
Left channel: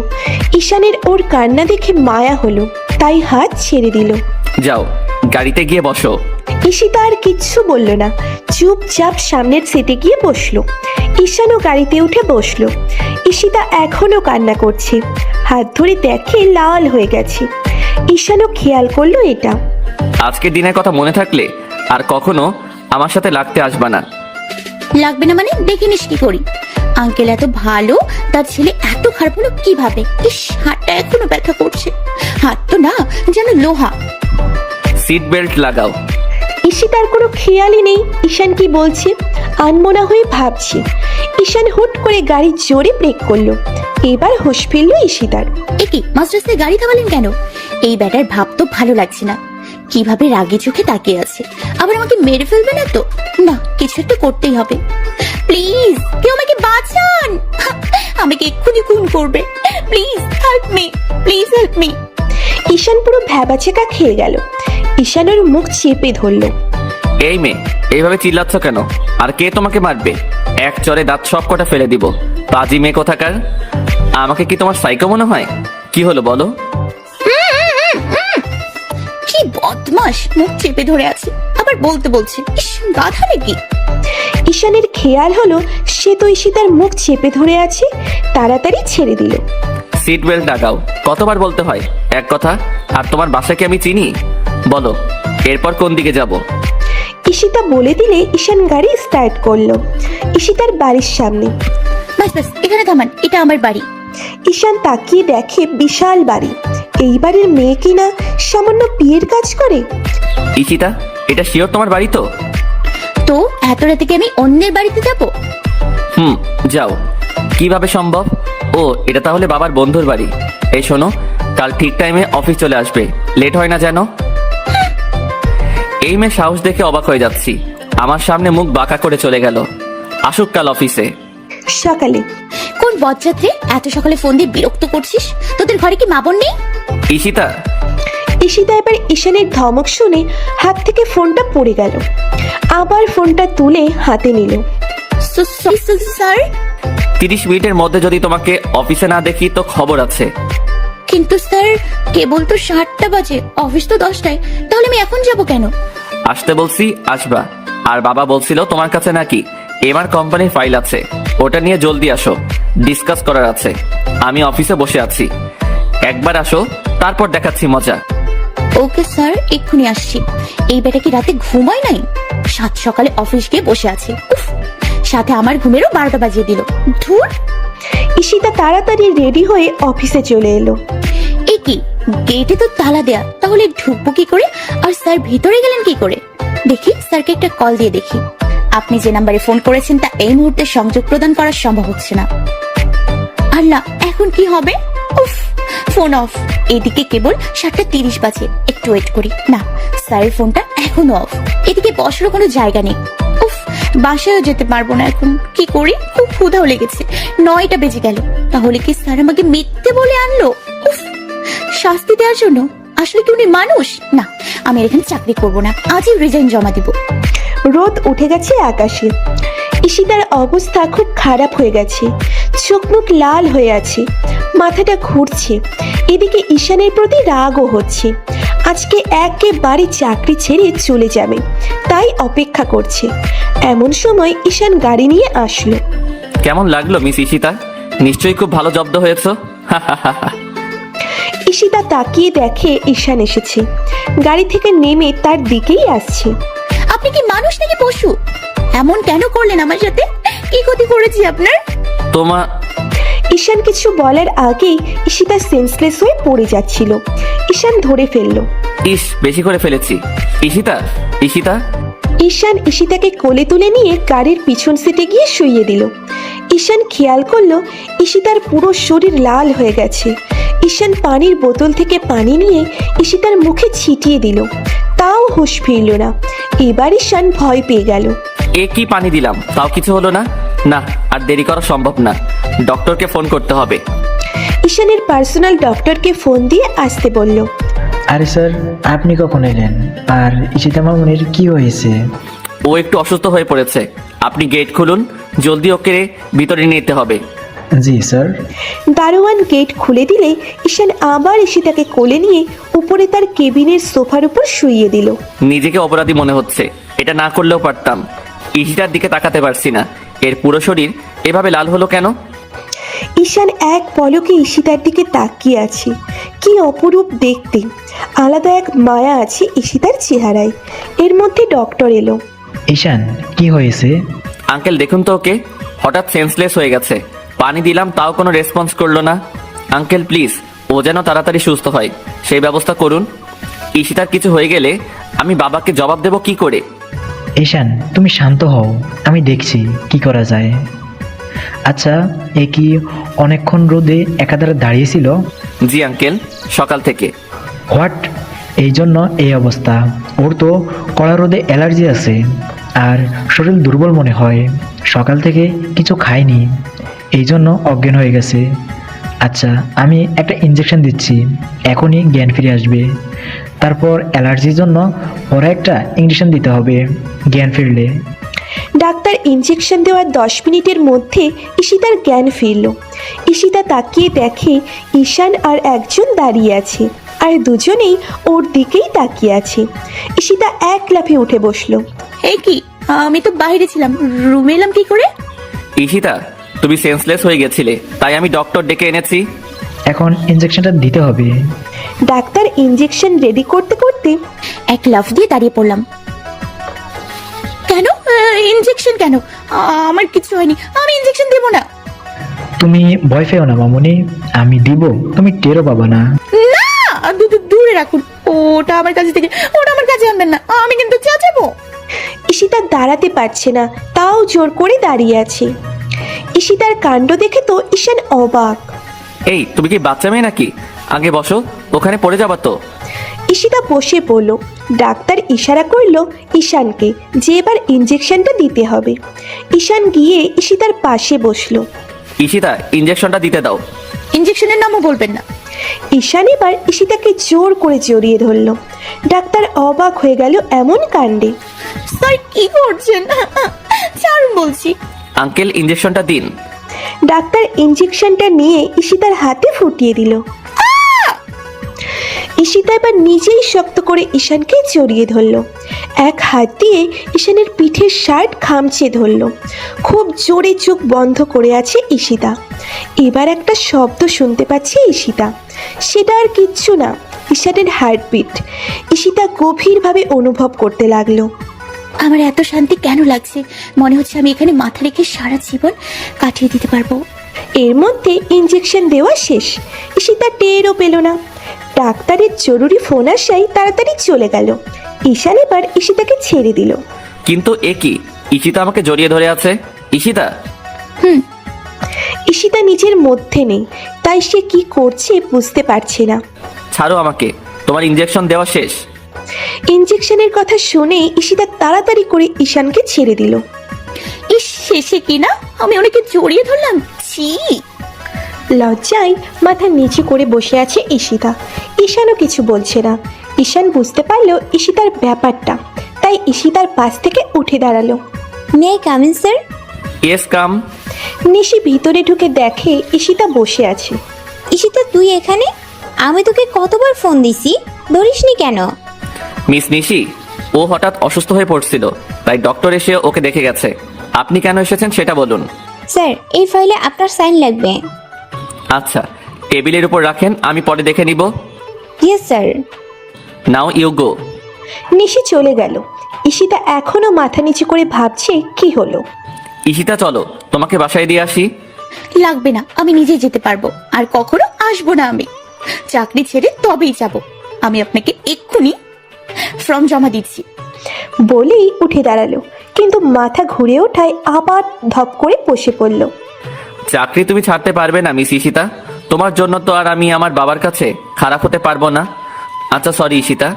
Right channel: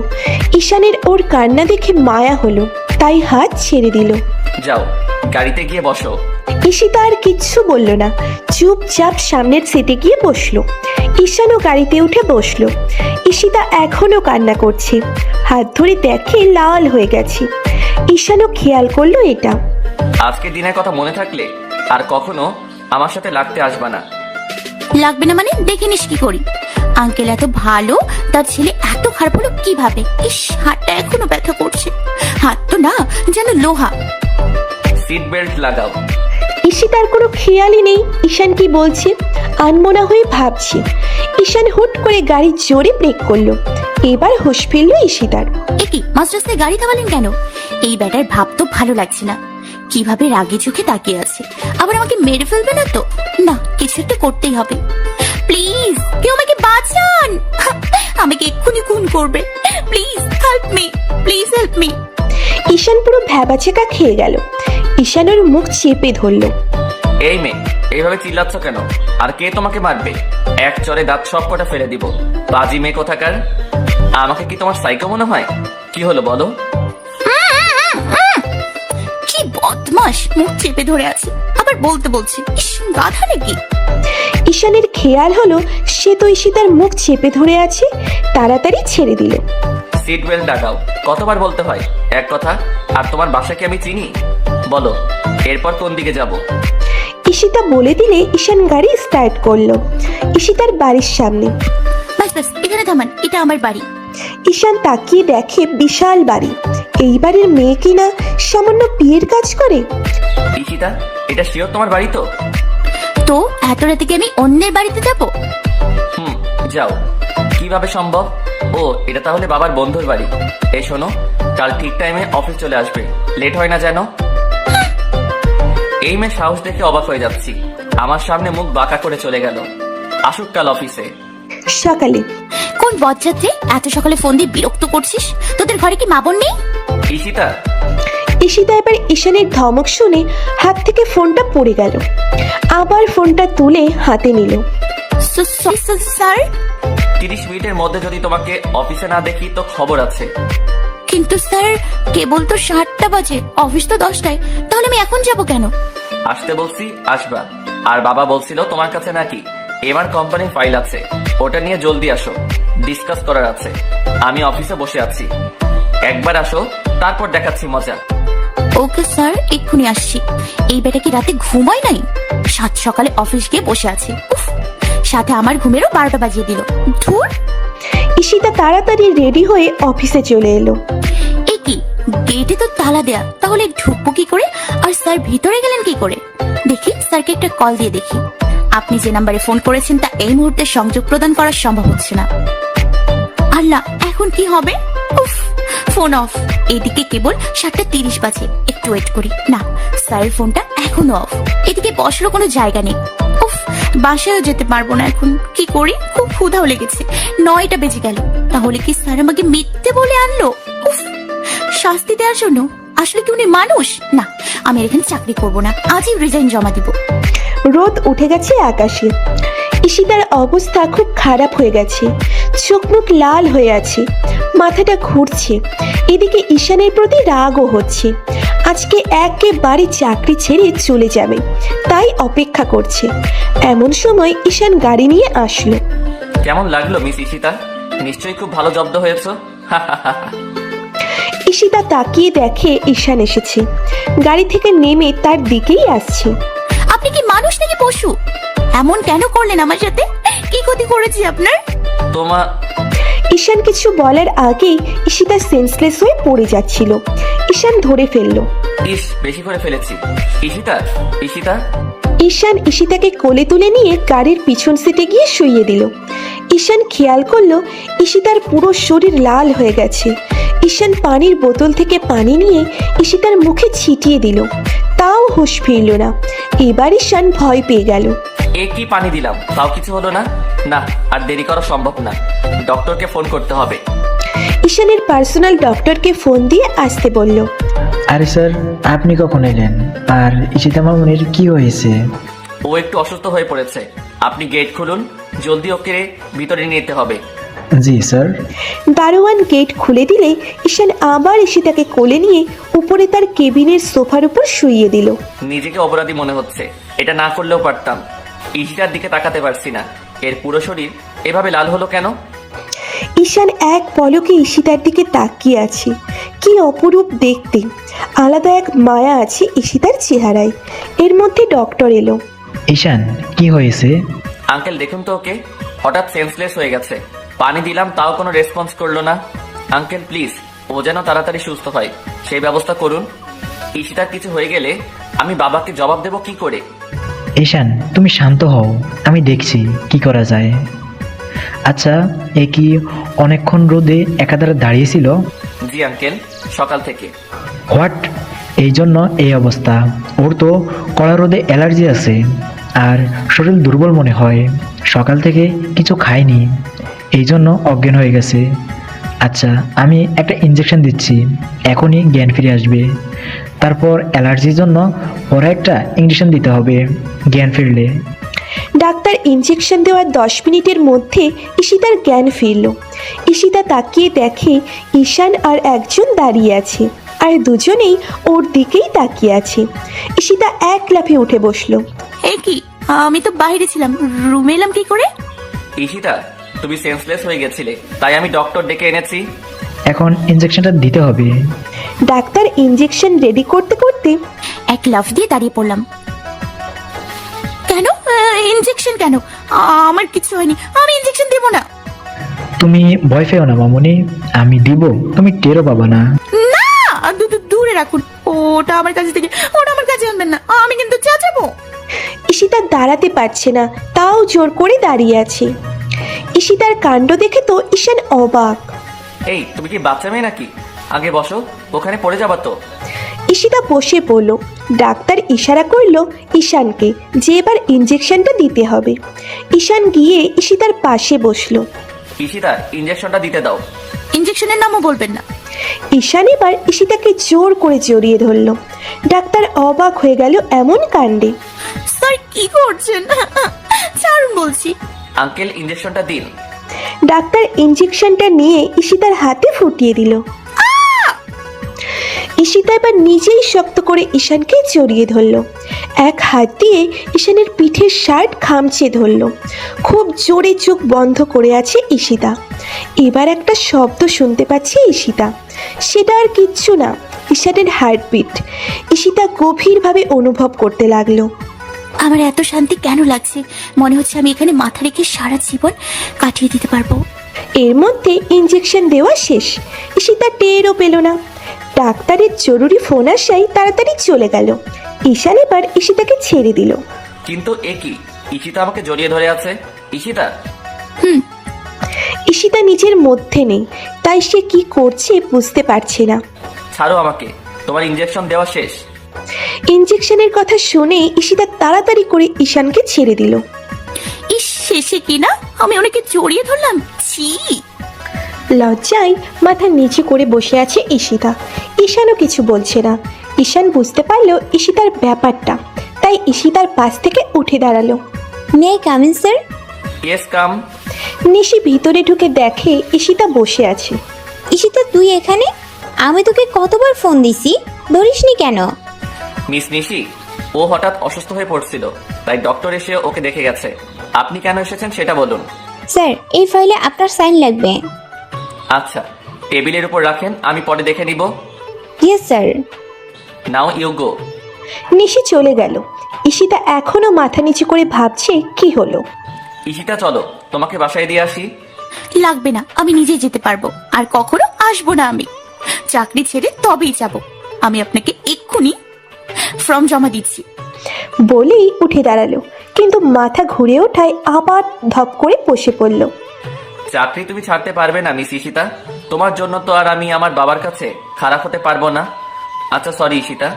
ঈশানের ওর কান্না দেখে মায়া হলো, তাই হাত ছেড়ে দিল। যাও গাড়িতে গিয়ে বসো। ঈশিতা আর কিচ্ছু বলল না, চুপচাপ সামনের সিটে গিয়ে বসলো। ঈশানও গাড়িতে উঠে বসলো। ঈশিতা এখনো কান্না করছে, হাত ধরে দেখে লাল হয়ে গেছে। ঈশানও খেয়াল করলো এটা। আজকের দিনের কথা মনে থাকলে আর কখনো আমার সাথে লাগতে আসবা না। লাগবে না মানে? দেখে নিস কি করি। আঙ্কেল এত ভালো, তার ছেলে এত খারাপ হলো কিভাবে? ইস, হাতটা এখনো ব্যথা করছে। হাত তো না, যেন লোহা। সিট বেল্ট লাগাও। ঈশিতার কোনো খেয়ালই নেই ঈশান কি বলছে, আনমনা হয়ে ভাবছে। ঈশান হুট করে গাড়ি জোরে ব্রেক করলো। এবার হুঁশ ফিরল ঈশিতার। একই মাঝ রাস্তায় গাড়ি থামালেন কেন? এই ব্যাটার ভাব তো ভালো লাগছে না। কিভাবে রাগে চোখে তাকিয়ে আছে, আবার আমাকে মেরে ফেলবে না তো? না, কিছু একটা করতেই হবে। প্লিজ কেউ আমাকে বাঁচান, আমাকে এক্ষুনি খুন করবে। Please help me, please help me. Ishan পুরো ভ্যাবাচেকা খেয়ে গেল। ঈশান ওর মুখ চেপে ধরলো। এই মেয়ে, এইভাবে চিল্লাচ্ছ কেন? আর কে তোমাকে মারবে? এক চরে দাঁত সব কটা ফেলে দিব। পাজি মেয়ে কোথাকার। আমাকে কি তোমার সাইকো মনে হয়? কি হলো বলো? কি বদমাস, মুখ চেপে ধরে আছে, আবার বলতে বলছে। ইস, গাধা নাকি? ঈশানের খেয়াল হলো সে তো ঈশিতার মুখ চেপে ধরে আছে, তাড়াতাড়ি ছেড়ে দিল। সিট বেল্ট লাগাও। কতবার বলতে হয় এক কথা? আর তোমার বাসা কি আমি চিনি? বলো এরপর কোন দিকে যাব? ঈশিতা বলে দিলে ঈশান গাড়ি স্টার্ট করলো ঈশিতার বাড়ির সামনে। বাস বাস, এখানে থামান, এটা আমার বাড়ি। ঈশান তাকিয়ে দেখে বিশাল বাড়ি। এই বাড়ির মেয়ে কিনা সামান্য বিয়ের কাজ করে। ঈশিতা, এটা শিওর তোমার বাড়ি তো? তো এত রাতে কি আমি অন্যের বাড়িতে যাব? যাও। কিভাবে সম্ভব? ও, এটা তাহলে বাবার বন্ধুর বাড়ি। এই শোনো, কাল ঠিক টাইমে অফিস চলে আসবে, লেট হয় না যেন। এই মেয়ে সাহস দেখে অবাক হয়ে যাচ্ছি। আমার সামনে মুখ বাঁকা করে চলে গেল। আসুক কাল অফিসে। সকালে কোন বজ্জাত্রী এত সকালে ফোন দিয়ে বিরক্ত করছিস? তোদের ঘরে কি মা বোন নেই? ঈশিতা, ঈশিতা এবার ঈশানের ধমক শুনে হাত থেকে ফোনটা পড়ে গেল। আবার ফোনটা তুলে হাতে নিল। স্যার, 30 মিনিটের মধ্যে যদি তোমাকে অফিসে না দেখি তো খবর আছে। কিন্তু স্যার কেবল তো 7টা বাজে, অফিস তো 10টায়, তাহলে আমি এখন যাব কেন? আসতে বলছি, আসবা। আর বাবা বলছিল তোমার কাছে নাকি এমআর কোম্পানির ফাইল আছে, ওটা নিয়ে জলদি আসো, ডিসকাস করার আছে। আমি অফিসে বসে আছি, একবার আসো, তারপর দেখাচ্ছি মজা। ওকে স্যার, এক্ষুনি আসছি। এই বেটা কি রাতে ঘুমায় নাই? 7 সকালে অফিস গিয়ে বসে আছে, উফ, সাথে আমার ঘুমেরও 12টা বাজিয়ে দিল। ধুর। ঈশিতা তাড়াতাড়ি রেডি হয়ে অফিসে চলে এলো। এই কি, গেটে তো তালা দেয়া, তাহলে ঢুকবো কি করে? আর স্যার ভিতরে গেলেন কি করে? দেখি স্যারকে একটা কল দিয়ে দেখি। আপনি যে নাম্বারে ফোন করেছেন তা এই মুহূর্তে সংযোগ প্রদান করা সম্ভব হচ্ছে না। আল্লাহ, এখন কি হবে? উফ, ফোন অফ। এদিকে কেবল 7:30 বাজে, একটু ওয়েট করি। না, স্যারের ফোনটা এখনো অফ। এদিকে বসারও কোনো জায়গা নেই। উফ, বাসায়ও যেতে পারবো না এখন। কি করি? খুব ক্ষুধাও লেগেছে। 9টা বেজে গেল। তাহলে কি স্যার আমাকে মিথ্যে বলে আনলো? উফ, শাস্তি দেওয়ার জন্য? আসলে কি উনি মানুষ? না, আমি এখানে চাকরি করবো না, আজই রিজাইন জমা দিব। রোদ উঠে গেছে আকাশে। ঈশিতার অবস্থা খুব খারাপ হয়ে গেছে, চোখ মুখ লাল হয়ে আছে, মাথাটা ঘুরছে। এদিকে ঈশানের প্রতি রাগও হচ্ছে। আজকে একেবারে চাকরি ছেড়ে চলে যাবে, তাই অপেক্ষা করছে। এমন সময় ঈশান গাড়ি নিয়ে আসলো। কেমন লাগলো মিস ঈশিতা? নিশ্চয়ই খুব ভালো জব্দ হয়েছে। ঈশিতা তাকিয়ে দেখে ঈশান এসেছে, গাড়ি থেকে নেমে তার দিকেই আসছে। আপনি কি মানুষ নাকি পশু? এমন কেন করলেন আমার সাথে? কি ক্ষতি করেছি আপনার? তোমার ঈশান কিছু বলার আগে ঈশিতা সেন্সলেস হয়ে পড়ে যাচ্ছিল। ঈশান ধরে ফেলল। ইস, বেশি করে ফেলেছি। ঈশিতা, ঈশিতা। ঈশান ঈশিতাকে কোলে তুলে নিয়ে গাড়ির পিছন সিটে গিয়ে শুইয়ে দিল। ঈশান খেয়াল করলো ঈশিতার পুরো শরীর লাল হয়ে গেছে। ঈশান পানির বোতল থেকে পানি নিয়ে ঈশিতার মুখে ছিটিয়ে দিল, তাও হোশ ফিরল না। এবার ঈশান ভয় পেয়ে গেল। এ কি পানি দিলাম, তাও কিছু হলো না। না, আর দেরি করা সম্ভব না, ডক্টরকে ফোন করতে হবে। ঈশানের পার্সোনাল ডক্টরকে ফোন দিয়ে আসতে বলল। আরে স্যার, আপনি কখন এলেন? আর ঈশিতা মামুনের কি হয়েছে? ও একটু অসুস্থ হয়ে পড়েছে। আপনি গেট খুলুন, জলদি ওকে ভিতরে নিতে হবে। জি স্যার। দারোয়ান গেট খুলে দিলে ঈশান আবার ঈশিতাকে কোলে নিয়ে উপরে তার কেবিনের সোফার উপর শুইয়ে দিল। নিজেকে অপরাধী মনে হচ্ছে। এটা না করলেও পারতাম। ঈশিতার দিকে তাকাতে পারছি না। এর পুরো শরীর এভাবে লাল হলো কেন? ঈশান এক পলকে ঈশিতার দিকে তাকিয়ে আছে। কি অপরূপ দেখতে! আলাদা এক মায়া আছে ঈশিতার চেহারায়। এর মধ্যে ডক্টর এলো। ঈশান, কি হয়েছে? আঙ্কেল দেখুন তো ওকে, হঠাৎ সেন্সলেস হয়ে গেছে। পানি দিলাম তাও কোনো রেসপন্স করলো না। আঙ্কেল প্লিজ, ও যেন তাড়াতাড়ি সুস্থ হয় সেই ব্যবস্থা করুন। ঈশিতার কিছু হয়ে গেলে আমি বাবাকে জবাব দেব কি করে? ঈশান, তুমি শান্ত হও, আমি দেখছি কি করা যায়। আচ্ছা, এ কি অনেকক্ষণ রোদে একাধারে দাঁড়িয়েছিল? জি আঙ্কেল, সকাল থেকে। হোয়াট? এই জন্য এই অবস্থা। ওর তো কড়া রোদে অ্যালার্জি আছে আর শরীর দুর্বল মনে হয়। সকাল থেকে কিছু খায়নি, এই জন্য অজ্ঞান হয়ে গেছে। আচ্ছা, আমি একটা ইনজেকশন দিচ্ছি, এখনই জ্ঞান ফিরে আসবে। তারপর অ্যালার্জির জন্য ওর একটা ইনজেকশন দিতে হবে জ্ঞান ফিরলে। ডাক্তার ইনজেকশন দেওয়ার 10 মিনিটের মধ্যে ঈশিতার জ্ঞান ফিরল। ঈশিতা তাকিয়ে দেখে ঈশান আর একজন দাঁড়িয়ে আছে, আর দুজনেই ওর দিকেই তাকিয়ে আছে। ঈশিতা এক লাফে উঠে বসলো। এ কি, আমি তো বাইরে ছিলাম, রুমে এলাম কি করে? ঈশিতা, তুমি সেন্সলেস হয়ে গেছিলে, তাই আমি ডক্টর ডেকে এনেছি। এখন ইনজেকশনটা দিতে হবে। ডাক্তার ইনজেকশন রেডি করতে করতে এক লাফ দিয়ে দাঁড়িয়ে পড়লাম। কেন ইনজেকশন কেন? আমার কিছু হয়নি, আমি ইনজেকশন দেব না। তুমি ভয় পেও না মামুনি, আমি দিব, তুমি টেরও পাবা না। না, দূরে রাখুন ওটা আমার কাছে থেকে, ওটা আমার কাছে আনবেন না, আমি কিন্তু যাবো। ঈশিতা দাঁড়াতে পারছে না, তাও জোর করে দাঁড়িয়ে আছে। ঈশিতার কাণ্ড দেখে তো ঈশান অবাক। এই, তুমি কি বাচ্চা মেয়ে নাকি? আগে বসো, ওখানে পড়ে যাবা তো। ঈশিতা বসে পড়ল। ডাক্তার ইশারা করলো ঈশানকে যে এবার ইনজেকশনটা দিতে হবে। ঈশান গিয়ে ঈশিতার পাশে বসলো। ঈশিতা, ইনজেকশনটা দিতে দাও। ইনজেকশনের নামও বলবেন না। ঈশান এবার ঈশিতাকে জোর করে জড়িয়ে ধরলো। ডাক্তার অবাক হয়ে গেল এমন কাণ্ডে। স্যার কি করছেন? ছাড়ুন বলছি। আঙ্কেল, ইনজেকশনটা দিন। ডাক্তার ইনজেকশনটা নিয়ে ঈশিতার হাতে ফুটিয়ে দিল। ঈশিতা এবার নিজেই শক্ত করে ঈশানকে জড়িয়ে ধরলো। এক হাত দিয়ে ঈশানের পিঠের শার্ট খামচে ধরলো। খুব জোরে চোখ বন্ধ করে আছে ঈশিতা। এবার একটা শব্দ শুনতে পাচ্ছে ঈশিতা, সেটা আর কিচ্ছু না, ঈশানের হার্টবিট। ঈশিতা গভীরভাবে অনুভব করতে লাগলো। আমার এত শান্তি কেন লাগছে? মনে হচ্ছে আমি এখানে মাথা রেখে সারা জীবন কাটিয়ে দিতে পারবো। এর মধ্যে ইনজেকশন দেওয়া শেষ। ঈশিতা টেরও পেল না। ডাক্তারের জরুরি ফোন আসায় তাড়াতাড়ি চলে গেল। ঈশান এবার ঈশিতাকে ছেড়ে দিল। কিন্তু এ কি, ঈশিতা আমাকে জড়িয়ে ধরে আছে। ঈশিতা, ঈশিতা নিজের মধ্যে নেই, তাই সে কি করছে বুঝতে পারছে না। ছাড়ো আমাকে, তোমার ইনজেকশন দেওয়া শেষ। ইনজেকশনের কথা শুনে ঈশিতা তাড়াতাড়ি করে ঈশানকে ছেড়ে দিল। ইস, শেষে কি না আমি অনেকে জড়িয়ে ধরলাম। ছি! লজ্জায় মাথা নিচু করে বসে আছে ঈশিতা। ঈশানও কিছু বলছে না। ঈশান বুঝতে পারলো ঈশিতার ব্যাপারটা, তাই ঈশিতার পাশ থেকে উঠে দাঁড়ালো। May I come in sir? Yes, come. Nishi ভিতরে ঢুকে দেখে ঈশিতা বসে আছে। ঈশিতা, তুই এখানে? আমি তোকে কতবার ফোন দিছি, ধরিসনি কেন? মিস নিশি, ও হঠাৎ অসুস্থ হয়ে পড়ছিল, তাই ডক্টর এসে ওকে দেখে গেছে। আপনি কেন এসেছেন সেটা বলুন। স্যার, এই ফাইলে আপনার সাইন লাগবে। আচ্ছা, টেবিলের উপর রাখেন, আমি পরে দেখে নিব। Yes sir. Now you go. Nishi চলে গেল। ঈশিতা এখনো মাথা নিচু করে ভাবছে কি হলো। ঈশিতা, চলো তোমাকে বাসায় দিয়ে আসি। লাগবে না, আমি নিজে যেতে পারবো, আর কখনো আসবো না। আমি চাকরি ছেড়ে তবেই যাব। আমি আপনাকে এক্ষুনি ফর্ম জমা দিচ্ছি। বলেই উঠে দাঁড়ালো, কিন্তু মাথা ঘুরে ওঠায় আবার ধপ করে বসে পড়ল। চাকরি তুমি ছাড়তে পারবে না মিস ঈশিতা। তোমার জন্য তো আর আমি আমার বাবার কাছে খারাপ হতে পারবো না। আচ্ছা সরি ঈশিতা,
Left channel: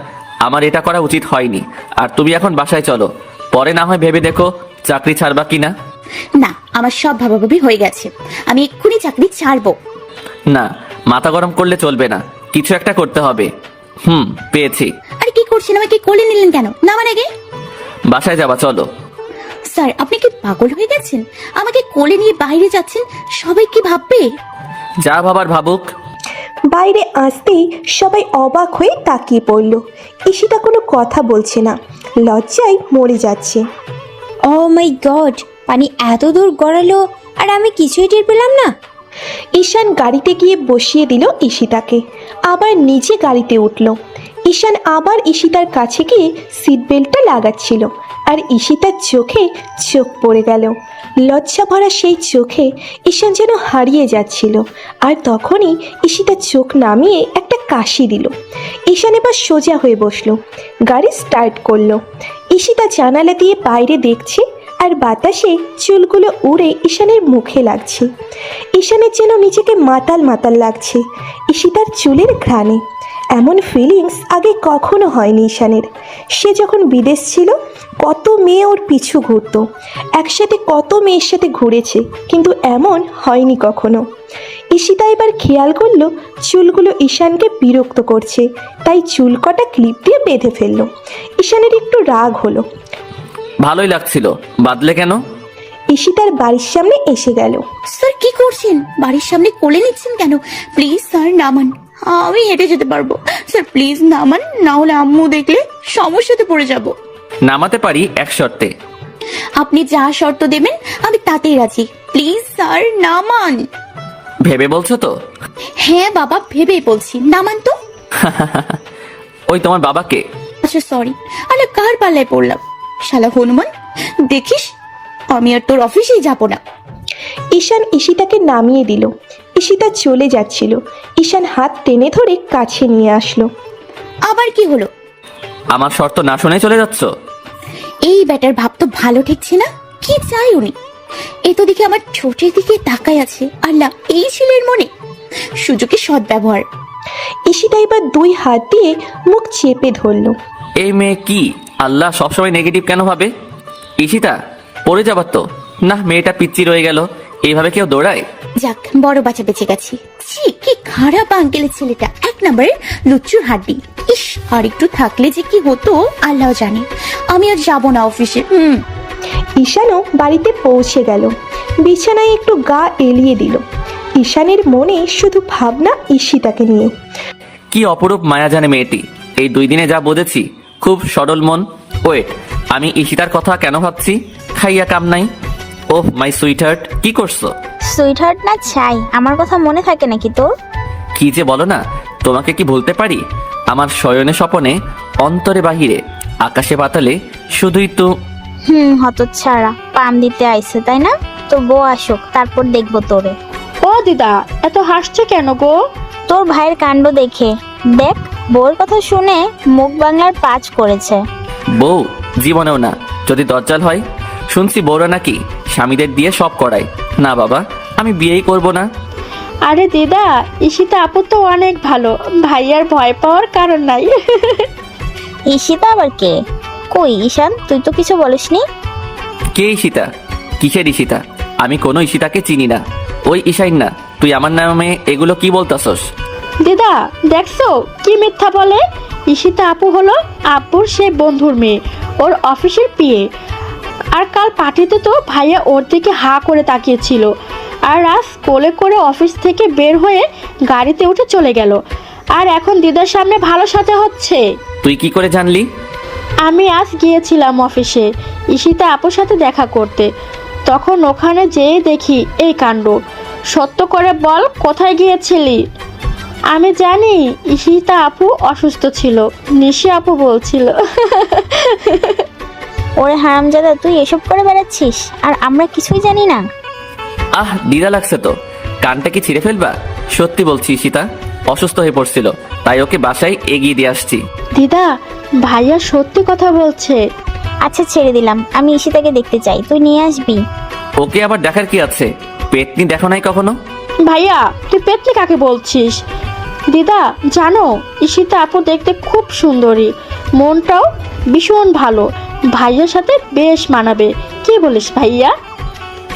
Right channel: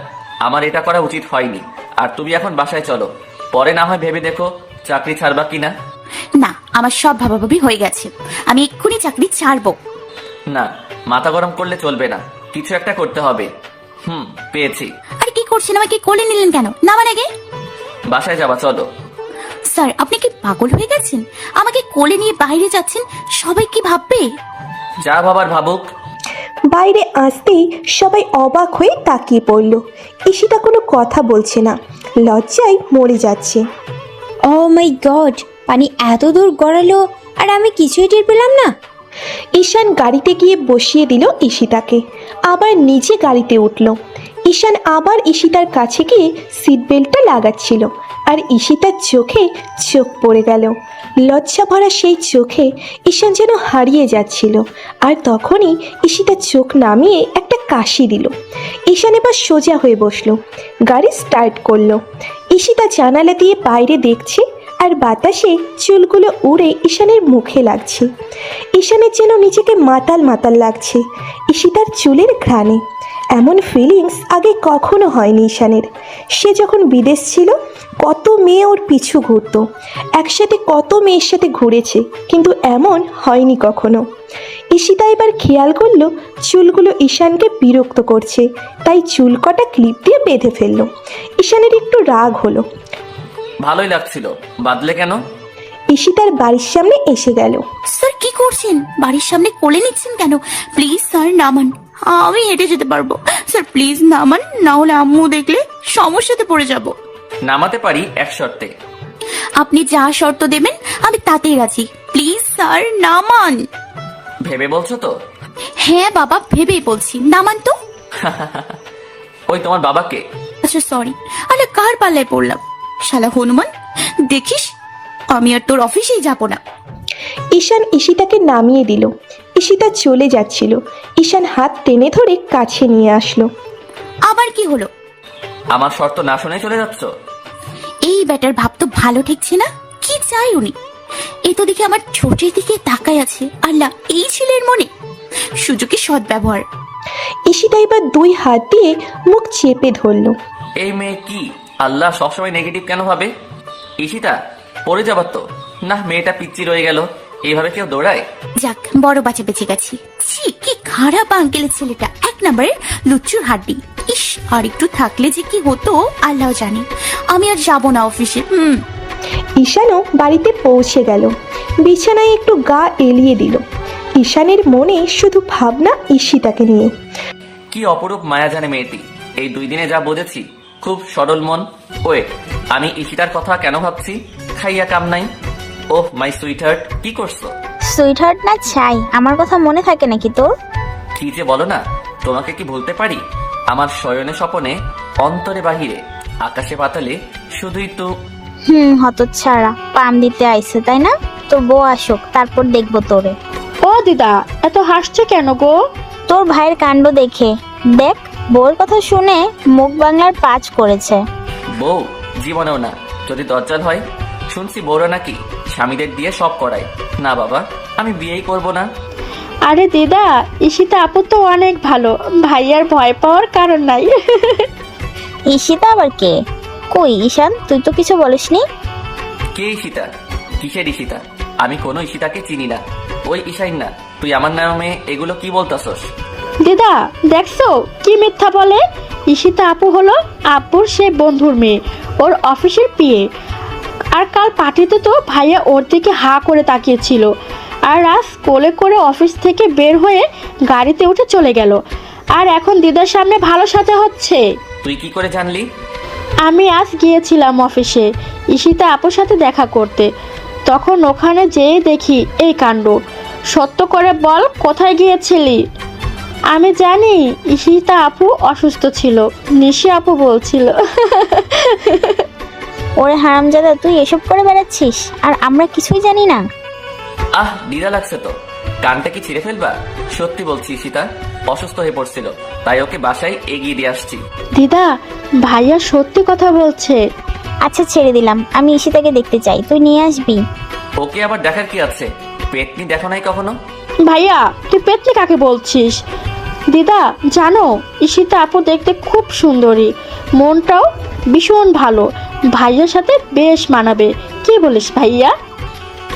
আমার এটা করা উচিত হয়নি। আর তুমি এখন বাসায় চলো, পরে না হয় ভেবে দেখো চাকরি ছাড়বা কিনা। না, আমার সব ভাবাভাবি হয়ে গেছে, আমি এক্ষুনি চাকরি ছাড়বো। না, মাথা গরম করলে চলবে না, কিছু একটা করতে হবে। পেয়েছি। আরে কি করছেন? আমাকে কোলে নিলেন কেন? না মানে কি? বাসায় যাবা চলো। স্যার আপনি কি পাগল হয়ে গেছেন? আমাকে কোলে নিয়ে বাইরে যাচ্ছেন, সবাই কি ভাববে? যা ভাবার ভাবুক। বাইরে আসতেই সবাই অবাক হয়ে তাকিয়ে পড়ল। ঈশিতা কোনো কথা বলছে না, লজ্জায় মরে যাচ্ছে। ও মাই গড, পানি এত দূর গড়ালো আর আমি কিছুই টের পেলাম না। ঈশান গাড়িতে গিয়ে বসিয়ে দিল ঈশিতাকে, আবার নিজে গাড়িতে উঠল। ঈশান আবার ঈশিতার কাছে গিয়ে সিট বেল্টটা লাগাচ্ছিল, আর ঈশিতার চোখে চোখ পড়ে গেল। লজ্জা ভরা সেই চোখে ঈশান যেন হারিয়ে যাচ্ছিল। আর তখনই ঈশিতার চোখ নামিয়ে একটা কাশি দিল। ঈশান এবার সোজা হয়ে বসলো, গাড়ি স্টার্ট করলো। ঈশিতা জানালা দিয়ে বাইরে দেখছে, আর বাতাসে চুলগুলো উড়ে ঈশানের মুখে লাগছে। ঈশানের যেন নিজেকে মাতাল মাতাল লাগছে ঈশিতার চুলের ঘ্রাণে। এমন ফিলিংস আগে কখনো হয়নি ঈশানের। সে যখন বিদেশ ছিল কত মেয়ে ওর পিছু ঘুরতো, একসাথে কত মেয়ের সাথে ঘুরেছে, কিন্তু এমন হয়নি কখনো। ঈশিতা এবার খেয়াল করলো চুলগুলো ঈশানকে বিরক্ত করছে, তাই চুল কটা ক্লিপ দিয়ে বেঁধে ফেললো। ঈশানের একটু রাগ হলো। ভালোই লাগছিল, বাদলে কেন? ঈশিতার বাড়ির সামনে এসে গেল। স্যার কি করছেন? বাড়ির সামনে কোলে নিচ্ছেন কেন? প্লিজ স্যার নামান, আমি হেঁটে যেতে পারবো। স্যার প্লিজ নামান, না হলে আম্মু দেখলে সমস্যাতে পড়ে যাব। নামাতে পারি এক শর্তে। আপনি যা শর্ত দেবেন আমি তাতেই রাজি। প্লিজ স্যার নামান। ভেবে বলছো তো? হ্যাঁ বাবা, ভেবেই বলছি, নামান তো। ওই তোমার বাবাকে। আচ্ছা সরি, আমি কার পাল্লায় পড়লাম? শালা হনুমান, দেখিস আমি আর তোর অফিসেই যাব না। ঈশান ঈশিতাকে নামিয়ে দিল। ঈশিতা চলে যাচ্ছিল, ঈশান হাত টেনে ধরে কাছে নিয়ে আসলো। আবার কি হলো? আমার শর্ত না শুনে চলে যাচ্ছ? এই ব্যাটার ভাব তো ভালো ঠেকছে না। কি চাই উনি? এ তো দেখে আমার ছোটের দিকে তাকায় আছে। আল্লাহ, এই ছেলের মনে সুযোগের সদ্ব্যবহার। ঈশিতা এবার দুই হাত দিয়ে মুখ চেপে ধরলো। এই মেয়ে কি আল্লাহ সবসময় নেগেটিভ কেন ভাবে? ঈশিতা পড়ে যাবার তো না, মেয়েটা পিচ্চি রয়ে গেল। এইভাবে কেউ দৌড়ায়? যাক, বড় বাচ্চা বেঁচে গেছে। ছি, কি খারাপ আঙ্কেলের ছেলেটা, এক নম্বরের লুচ্চুর হাড্ডি। ইস, আর একটু থাকলে যে কি হতো আল্লাহ জানে। আমি আর যাব না অফিসে। ঈশানও বাড়িতে পৌঁছে গেল, বিছানায় একটু গা এলিয়ে দিল। ঈশানের মনে শুধু ভাবনা ঈশিতাকে নিয়ে। কি অপরূপ মায়া জানে মেয়েটি। এই 2 দিনে যা বুঝেছি, খুব সরল মন। ওয়েট, আমি ঈশিতার কথা কেন ভাবছি? খাইয়া কাম নাই। ওহ মাই সুইট হার্ট, কি করছো? সুইটহার্ট না চাই, আমার কথা মনে থাকে নাকি তোর? কি যে বলো না, তোমাকে কি ভুলতে পারি? আমার শয়নে স্বপনে, অন্তরে বাহিরে, আকাশে পাতালে শুধুই তো। হতচ্ছাড়া, পাম দিতে আইছে তাই না? তোর বউ আসুক, তারপর দেখবো তোরে। ও দিদা, এত হাসছে কেন গো? তোর ভাইয়ের কাণ্ড দেখে। দেখ, বউর কথা শুনে মুখ বাংলার পাঁচ করেছে। বউ জীবনেও না। যদি দজ্জাল হয়। শুনছি বউরা নাকি স্বামীদের দিয়ে সব করায়। না বাবা, আমি বিয়েই করব না। আরে দিদা, ঈশিতা আপু তো অনেক ভালো, ভাইয়ার ভয় পাওয়ার কারণ নাই। ঈশিতা আবার কে? কই ঈশান, তুই তো কিছু বলিসনি। কে ঈশিতা? কিসের ঈশিতা? আমি কোনো ঈশিতাকে চিনি না। ওই ঈশাইন না। তুই আমার নামে এগুলো কি বলতেছস? দিদা দেখছো কি মিথ্যা বলে? ঈশিতা আপু হলো আপুর সে বন্ধুর মেয়ে, ওর অফিসের পিএ। আর কাল পাঠাতে তো ভাইয়া ওর দিকে হা করে তাকিয়েছিল, আর আজ কোলে করে অফিস থেকে বের হয়ে গাড়িতে উঠে চলে গেল। আর এখন দিদার সামনে ভালো সাথে হচ্ছে। তুই কি করে জানলি? আমি আজ গিয়েছিলাম অফিসে ঈশিতা আপুর সাথে দেখা করতে, তখন ওখানে যেয়ে দেখি এই কাণ্ড। সত্য করে বল, কোথায় গিয়েছিলি? আমি জানি ঈশিতা আপু অসুস্থ ছিল, নিশি আপু বলছিল। ওরে হারামজাদা, তুই এসব করে বেড়াচ্ছিস আর আমরা কিছুই জানি না। আহ, দ্বিধা লাগছে তো। কানটা কি ছিঁড়ে ফেলবা? সত্যি বলছি, ঈশিতা অসুস্থ হয়ে পড়ছিল, তাই ওকে বাসায় এগিয়ে দিয়ে আসছি। দিদা, ভাইয়া সত্যি কথা বলছে। আচ্ছা ছেড়ে দিলাম, আমি ঈশিতাকে দেখতে চাই, তুই নিয়ে আসবি। ওকে আবার দেখার কি আছে? পেতনি দেখো নাই কখনো? ভাইয়া তুই পেতনি কাকে বলছিস? দিদা জানো, ঈশিতা আপু দেখতে খুব সুন্দরী, মনটাও ভীষণ ভালো, ভাইয়ার সাথে বেশ মানাবে। কি বলিস ভাইয়া?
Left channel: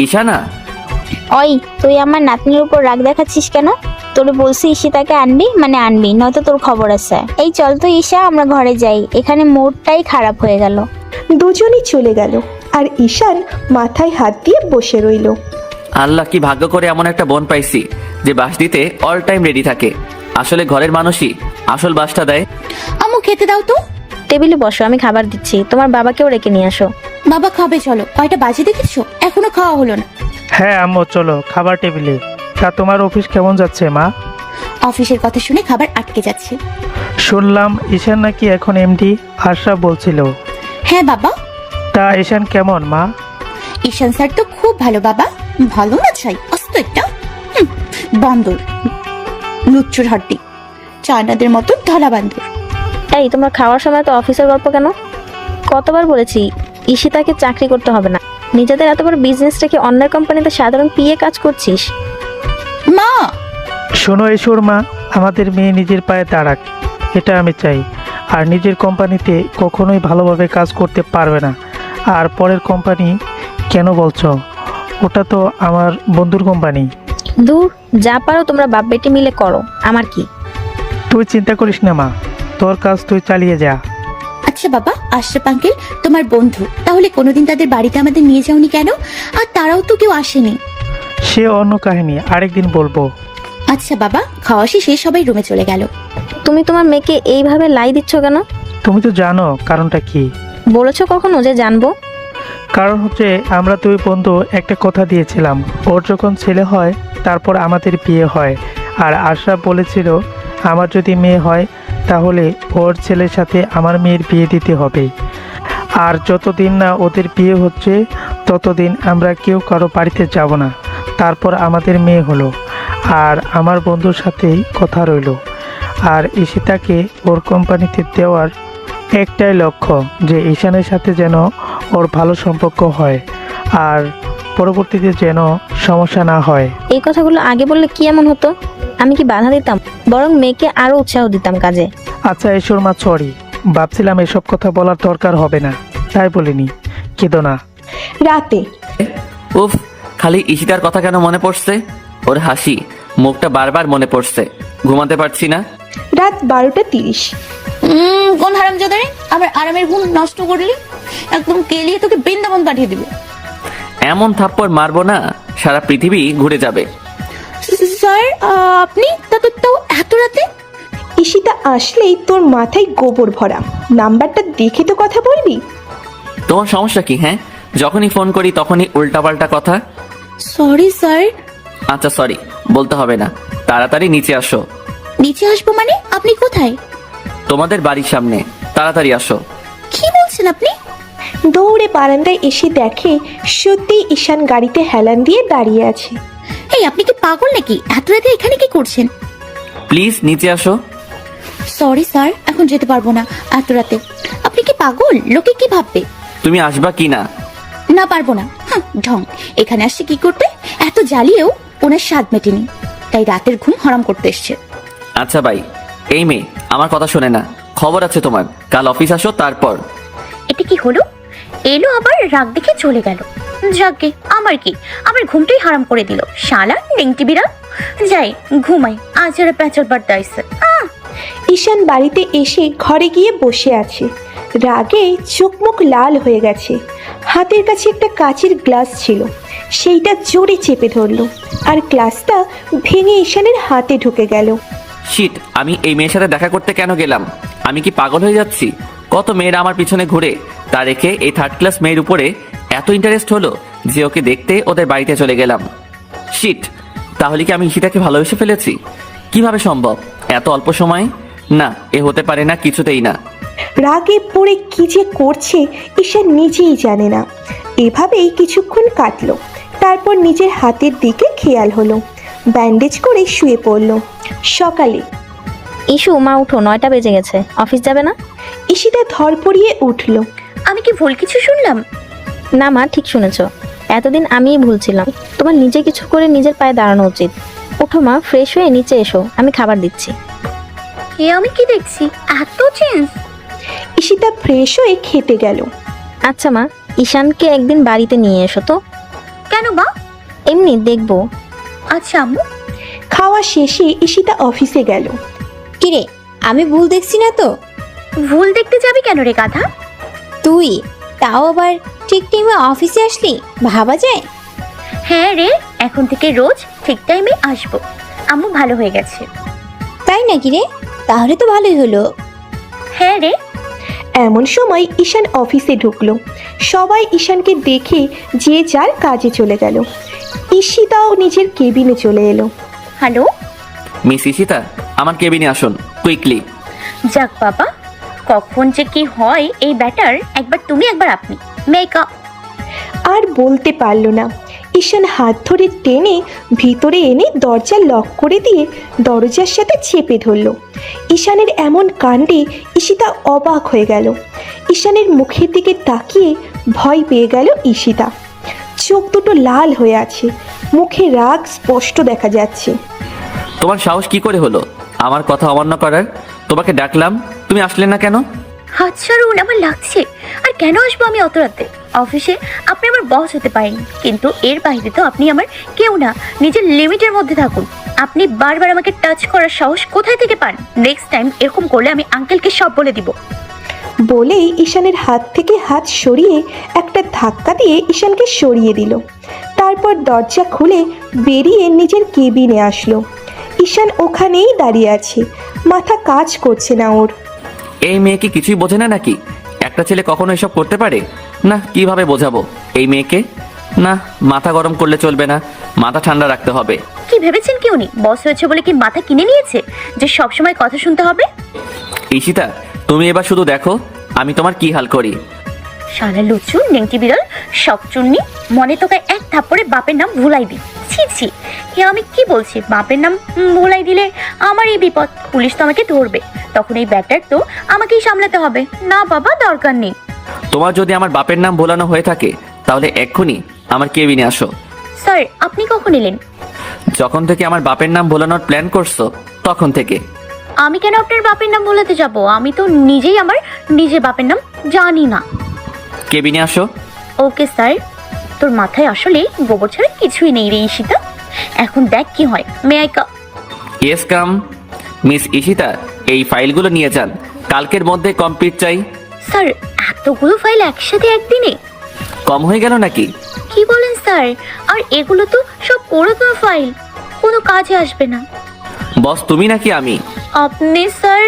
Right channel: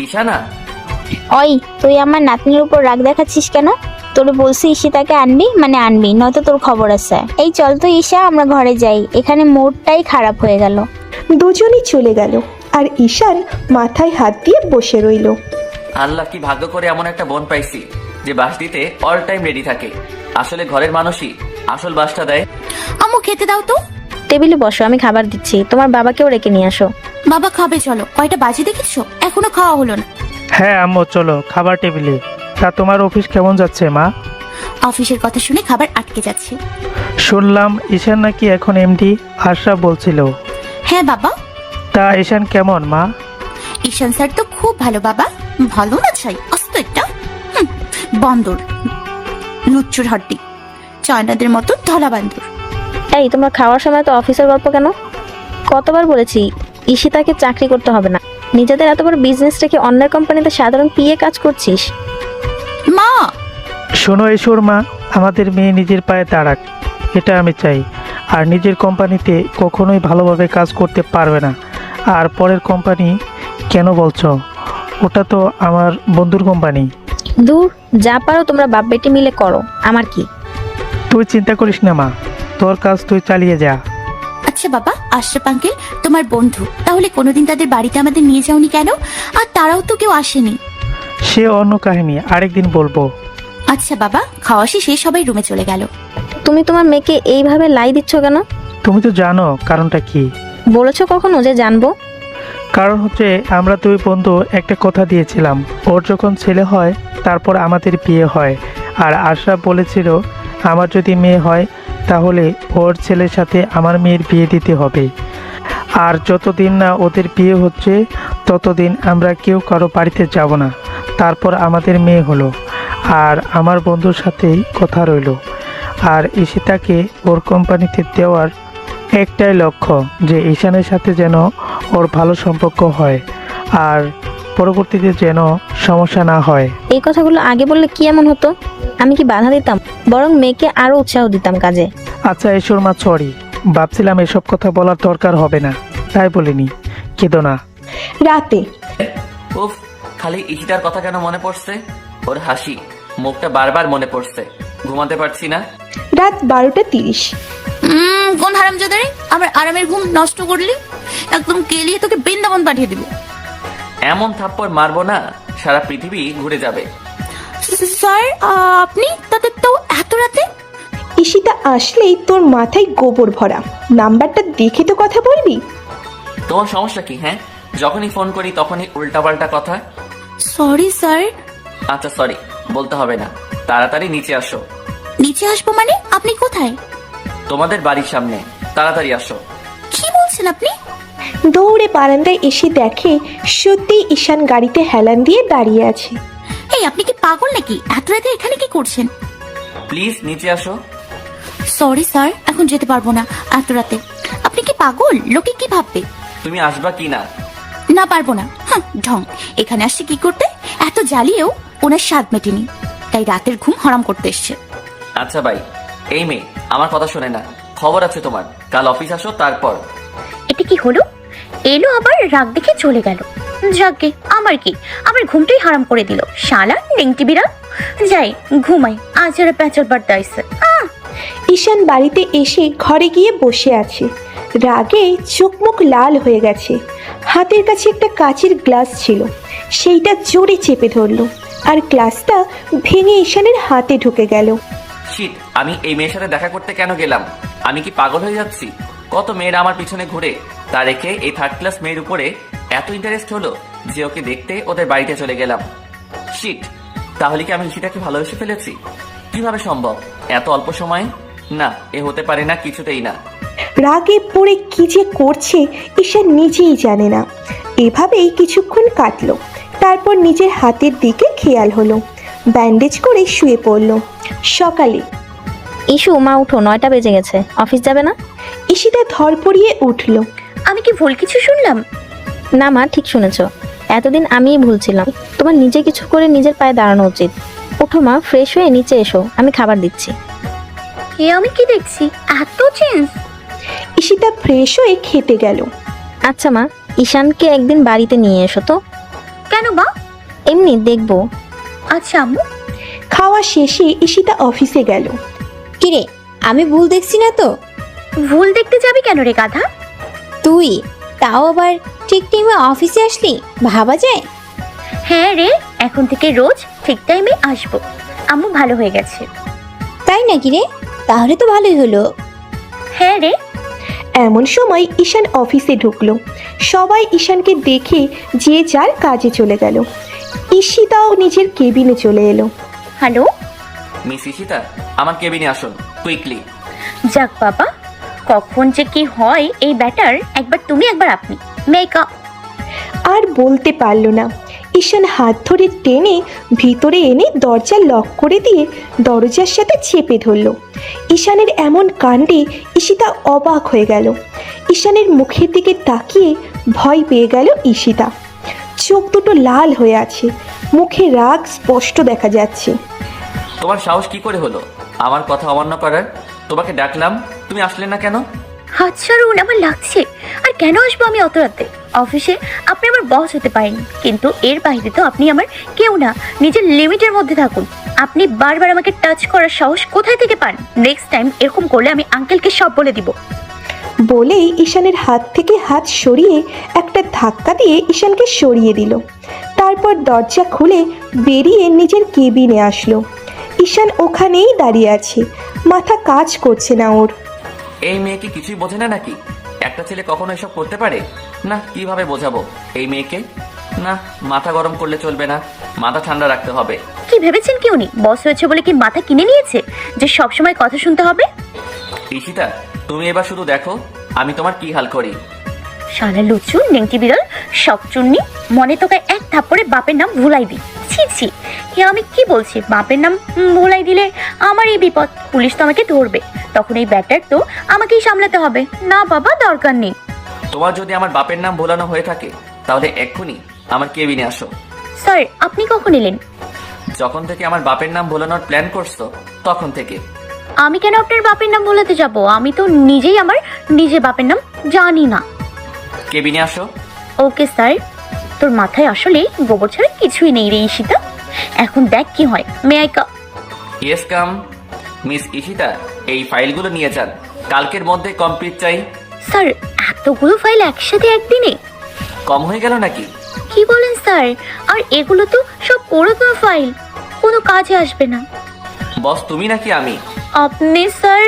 ঈশানা, ওই তুই আমার নাতনির উপর রাগ দেখাচ্ছিস কেন? তোর বলছি ঈশিতাকে আনবি মানে আনবি, নয়তো তোর খবর আছে। এই চল তো ঈশা, আমরা ঘরে যাই, এখানে মোড়টাই খারাপ হয়ে গেল। দুজনই চলে গেল আর ঈশান মাথায় হাত দিয়ে বসে রইল। আল্লাহ, কি ভাগ্য করে এমন একটা বোন পাইছি যে বাস দিতে অল টাইম রেডি থাকে। আসলে ঘরের মানুষই আসল বাসটা দেয়। আম্মু খেতে দাও তো। টেবিলে বসো, আমি খাবার দিচ্ছি। তোমার বাবাকেও রেখে নিয়ে আসো। বাবা খাবে, চলো। কয়টা বাজে দেখেছো, এখনো খাওয়া হলো না। হ্যাঁ আম্মু, চলো খাবার টেবিলে। তা তোমার অফিস কেমন যাচ্ছে মা? অফিসের কথা শুনে খাবার আটকে যাচ্ছে। শুনলাম ঈশান নাকি এখন এমডি, আশরাফ বলছিল। হ্যাঁ বাবা। তা ঈশান কেমন মা? ঈশান স্যার তো খুব ভালো বাবা। ভালো না চাই অস্ত একটা বান্দর, লুচ্চুর হড্ডি, চায়নাদের মতো ধলা বান্দর। এই, তোমার খাওয়ার সময় তো অফিসের গল্প কেন? কতবার বলেছি ঈশিতাকে চাকরি করতে হবে না। নিজেদের এত বড় বিজনেস থেকে অন্য কোম্পানিতে সাধারণ পিএ কাজ করছিস। মা, শোনো ঈশ্বর মা, আমাদের মেয়ে নিজের পায়ে দাঁড়াক, এটা আমি চাই। আর নিজের কোম্পানিতে কখনোই ভালোভাবে কাজ করতে পারবে না। আর পরের কোম্পানি কেন বলছো? ওটা তো আমার বন্ধুর কোম্পানি। দূর, যা পারো তোমরা বাপ বেটি মিলে করো, আমার কি। তুই চিন্তা করিস না মা, তোর কাজ তুই চালিয়ে যা। আচ্ছা বাবা, আশরাফ আঙ্কেল তোমার বন্ধু, তাহলে কোনোদিন তাদের বাড়িতে আমাদের নিয়ে যাওনি কেন? আর তারাও তো কেউ আসেনি। সে অন্য কাহিনী, আরেকদিন বলবো। আচ্ছা বাবা, খাওয়া শেষে সবাই রুমে চলে গেল। তুমি তোমার মেয়েকে এইভাবে লাই দিচ্ছ কেন? তুমি তো জানো কারণটা কি। বলেছো কখনো যে জানবো? কারণ হচ্ছে আমরা দুই বন্ধু একটা কথা দিয়েছিলাম, ওর যখন ছেলে হয় তারপর আমাদের বিয়ে হয়। আর আশা বলেছিল আমার যদি মেয়ে হয় তাহলে ওর ছেলের সাথে আমার মেয়ের বিয়ে দিতে হবে। আর যতদিন না ওদের বিয়ে হচ্ছে ততদিন আমরা কেউ কারো বাড়িতে যাব না। তারপর আমাদের মেয়ে হলো, আর আমার বন্ধুর সাথেই কথা রইলো। আর ঈশিতাকে ওর কোম্পানিতে দেওয়ার একটাই লক্ষ্য, যে ঈশানের সাথে যেন ওর ভালো সম্পর্ক হয় আর পরবর্তীতে যেন সমস্যা না হয়। এই কথাগুলো আগে বললে কি এমন হতো? আমি কি বাধা দিতাম? বরং মেয়েকে আরো উৎসাহ দিতাম কাজে। আচ্ছা ঈশ্বর মা, সরি, ভাবছিলাম এসব কথা বলার দরকার হবে না, তাই বলিনি, কেঁদো না। রাতে উফ, খালি ঈশিতার কথা কেন মনে পড়ছে? ওর হাসি মুখটা বারবার মনে পড়ছে। ঘুমাতে পারছি না। রাত 12:30। কোন হারামজাদারে আমার আরামের ঘুম নষ্ট করলি? একদম কেলিয়ে তোকে বৃন্দাবন পাঠিয়ে দিব। এমন থাপ্পড় মারবো না সারা পৃথিবী ঘুরে যাবে। স্যার, আপনি তো এত রাতে? ঈশিতা আসলেই তোর মাথায় গোবর ভরা। নাম্বারটা দেখে তো কথা বলবি। তোমার সমস্যা কি? হ্যাঁ, যখনই ফোন করি তখনই উল্টাপাল্টা কথা। Sorry sir. আচ্ছা সরি বলতে হবে না, তাড়াতাড়ি নিচে আসো। নিচে আসবো মানে? আপনি কোথায়? তোমাদের বাড়ির সামনে, তাড়াতাড়ি আসো। কি বলছেন আপনি? দৌড়ে বারান্দায় এসে দেখে সত্যি ঈশান গাড়িতে হেলান দিয়ে দাঁড়িয়ে আছে। এই, আপনি কি পাগল নাকি? এত রাতে এখানে কি করছেন? প্লিজ নিচে আসো। সরি স্যার, এখন যেতে পারবো না এত রাতে। আপনি কি পাগল? লোকে কি ভাববে? তুমি আসবা কি না? না, পারবো না। হ্যাঁ, ঢং। এখানে আসছে কি করতে? এত জ্বালিয়েও ওনার স্বাদ মেটেনি, তাই রাতের ঘুম হারাম করতে এসছে। আচ্ছা ভাই, এই মেয়ে আমার কথা শোনে না। খবর আছে তোমার, কাল অফিস আসো তারপর। এটা কি হলো? এলো আবার রাগ দেখে চলে গেল। যাকে আমার কি, আমার ঘুমটাই হারাম করে দিল শালা নেংটি বিড়াল। যাই ঘুমাই, আজ আর প্যাচার বার্তা আইসে। ঈশান বাড়িতে এসে ঘরে গিয়ে বসে আছে। রাগে চোখ মুখ লাল হয়ে গেছে। হাতের কাছে একটা কাচের গ্লাস ছিল, সেইটা জোরে চেপে ধরলো আর গ্লাসটা ভেঙে ঈশানের হাতে ঢুকে গেল। শিট, আমি এই মেয়ের সাথে দেখা করতে কেন গেলাম? আমি কি পাগল হয়ে যাচ্ছি? কত মেয়েরা আমার পিছনে ঘুরে, তা রেখে এই থার্ড ক্লাস মেয়ের উপরে এত ইন্টারেস্ট হলো যে ওকে দেখতে ওদের বাড়িতে চলে গেলাম। শিট, তাহলে কি আমি ঈশিতাকে ভালোবেসে ফেলেছি? কিভাবে সম্ভব এত অল্প সময়? না, এ হতে পারে না, কিছুতেই না। রাগে পড়ে কি যে করছে ঈশান নিজেই জানে না। এভাবেই কিছুক্ষণ কাটলো। তারপর নিজের হাতের দিকে খেয়াল হলো, ব্যান্ডেজ করে শুয়ে পড়লো। সকালে ইস্যু, মা উঠো, 9টা বেজে গেছে। অফিস যাবে না? ঈশিতা ধরপড়িয়ে উঠলো। আমি কি ভুল কিছু শুনলাম? না মা, ঠিক শুনেছ। এতদিন আমিই ভুলছিলাম। তোমার নিজে কিছু করে নিজের পায়ে দাঁড়ানো উচিত। উঠো মা, ফ্রেশ হয়ে নিচে এসো, আমি খাবার দিচ্ছি। এ আমি কি দেখছি, এত চেঞ্জ? ঈশিতা ফ্রেশ হয়ে খেতে গেল। আচ্ছা মা, ঈশানকে একদিন বাড়িতে নিয়ে এসো তো। কেন মা? এমনি দেখবো। আচ্ছা আম্মু। খাওয়া শেষে ঈশিতা অফিসে গেল। কিরে, আমি ভুল দেখছি না তো? ভুল দেখতে যাবি কেন রে গাধা? তুই তাও আবার ঠিক টাইমে অফিসে আসলি, ভাবা যায়? হ্যাঁ রে, এখন থেকে রোজ ঠিক টাইমে আসবো। আম্মু ভালো হয়ে গেছে। তাই নাকি রে? তাহলে তো ভালোই হলো। হ্যাঁ রে। এমন সময় ঈশান অফিসে ঢুকলো। সবাই ঈশানকে দেখে যে যার কাজে চলে গেল। ঈশিতাও নিজের কেবিনে চলে এলো। হ্যালো। মিস ঈশিতা, আমার কেবিনে আসুন কুইকলি। যাক বাবা, কখন যে কি হয় এই ব্যাটার, একবার তুমি একবার আপনি। মেকআপ। আর বলতে পারল না। ঈশান হাত ধরে টেনে ভিতরে এনে দরজা লক করে দিয়ে দরজার সাথে চেপে ধরল। ঈশানের এমন কাণ্ডে ঈশিতা অবাক হয়ে গেল। ঈশানের মুখের দিকে তাকিয়ে ভয় পেয়ে গেল ঈশিতা। চোখ দুটো লাল হয়ে আছে, মুখে রাগ স্পষ্ট দেখা যাচ্ছে। তোমার সাহস কি করে হলো আমার কথা অমান্য করার? তোমাকে ডাকলাম, তুমি আসলে না কেন? হাত ছাড়ুন, আমার লাগছে। আর কেন আসবো আমি অত রাতে? অফিসে আপনি আমার বস হতে পারেন, কিন্তু এর বাইরে তো আপনি আমার কেউ না। নিজের লিমিটের মধ্যে থাকুন। আপনি বারবার আমাকে টাচ করার সাহস কোথায় থেকে পান? নেক্সট টাইম এরকম করলে আমি আঙ্কেলকে সব বলে দিব। বলে ঈশানের হাত থেকে হাত সরিয়ে একটা ধাক্কা দিয়ে ঈশানকে সরিয়ে দিল। তারপর দরজা খুলে বেরিয়ে নিজের কেবিনে আসলো। ঈশান ওখানেই দাঁড়িয়ে আছে, মাথা কাজ করছে না ওর। এই মেয়ে কি কিছুই বোঝে না নাকি? একটা ছেলে কখনো এসব করতে পারে না? কিভাবে বোঝাবো এই মেয়েকে? না, মাথা গরম করলে চলবে না, মাথা ঠান্ডা রাখতে হবে। কি ভেবেছেন কি উনি বস হয়েছে বলে কি মাথা কিনে নিয়েছে যে সব সময় কথা শুনতে হবে? ঈশিতা, তুমি এবার শুধু দেখো আমি তোমার কি হাল করি। শালা লুচু নেউটি বিড়াল, সব চুন্নি, মনে তোকে এক থাপ্পড়ে বাপের নাম ভুলাই দি। ছি ছি, এ আমি কি বলছি? বাপের নাম ভুলাই দিলে আমার এই বিপদ, পুলিশ তো আমাকে ধরবে। তখন এই ব্যাটার তো আমাকেই সামলাতে হবে। না বাবা, দরকার নেই। তোমার যদি আমার বাপের নাম ভোলানো হয়ে থাকে তাহলে এক্ষুনি আমার কেবিনে আসো। স্যার, আপনি কখন এলেন? যখন থেকে আমার বাপের নাম ভোলানোর প্ল্যান করছো তখন থেকে। আমি কেন আপনার বাপের নাম ভোলাতে যাব? আমি তো নিজেই আমার নিজের বাপের নাম জানি না। কেবিনে আসো। Okay sir. তোর মাথায় আসলে গোবর ছাড়া কিছুই নেই রে ঈশিতা। এখন দেখ কি হয়। May I come? Yes come. Miss Ishita, এই ফাইলগুলো নিয়ে যান, কালকের মধ্যে কমপ্লিট চাই। স্যার, এতগুলো ফাইল একসাথে একদিনে? কম হয়ে গেল নাকি? কি বলেন স্যার? আর এগুলো তো সব পুরাতন ফাইল, কোনো কাজে আসবে না। বস তুমি নাকি আমি? আপনি স্যার।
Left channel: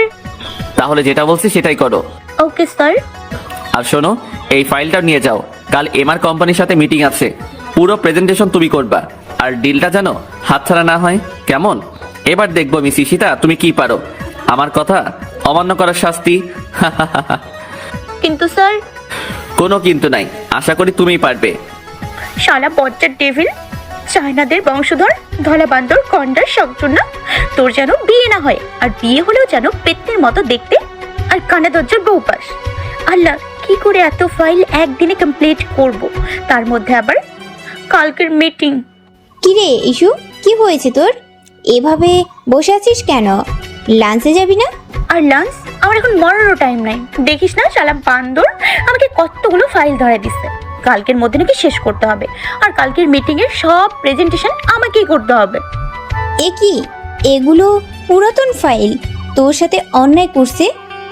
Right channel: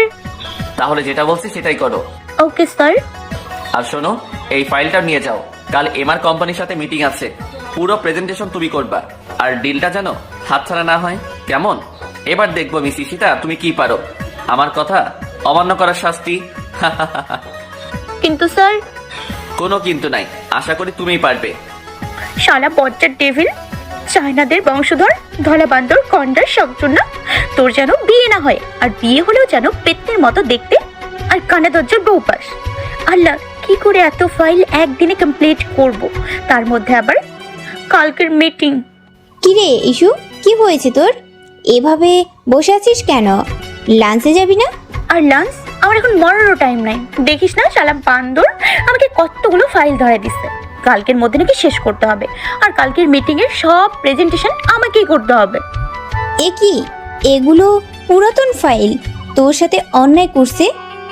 তাহলে যেটা বলছি সেটাই করো। Okay sir. আর শোনো, এই ফাইলটা নিয়ে যাও, কাল এমআর কোম্পানির সাথে মিটিং আছে, পুরো প্রেজেন্টেশন তুমি করবা। আর ডিলটা জানো হাতছাড়া না হয়, কেমন? এবার দেখবো মিস ঈশিতা তুমি কি পারো। আমার কথা অমান্য করার শাস্তি। কিন্তু স্যার। কোনো কিন্তু নাই, আশা করি তুমিই পারবে। শালা বজ্জার ডেভিল, চাইনাদের বংশধর, ধলা বান্দর, কন্ডা, শংচুন্না, তোর যেন বিয়ে না হয়। আর বিয়ে হলে যেন পেত্তের মতো দেখতে, আর কানে দরজার বউপাস। আল্লাহ, কি করে এত ফাইল একদিনে কমপ্লিট করব? তার মধ্যে আবার কালকের মিটিং। কি রে ইস্যু, কি হয়েছে তোর? এভাবে বসে আছিস কেন? লাঞ্চে যাবি না? আর লাঞ্চ? আমার এখন মরারও টাইম নাই। দেখিস না শালা বান্দর আমাকে কতগুলো ফাইল ধরে দিচ্ছে। কালকের মধ্যে নাকি শেষ করতে হবে। আর কালকের মিটিং এর সব প্রেজেন্টেশন আমাকেই করতে হবে। এ কি, এগুলো পুরাতন ফাইল, তোর সাথে অন্যায় করছে,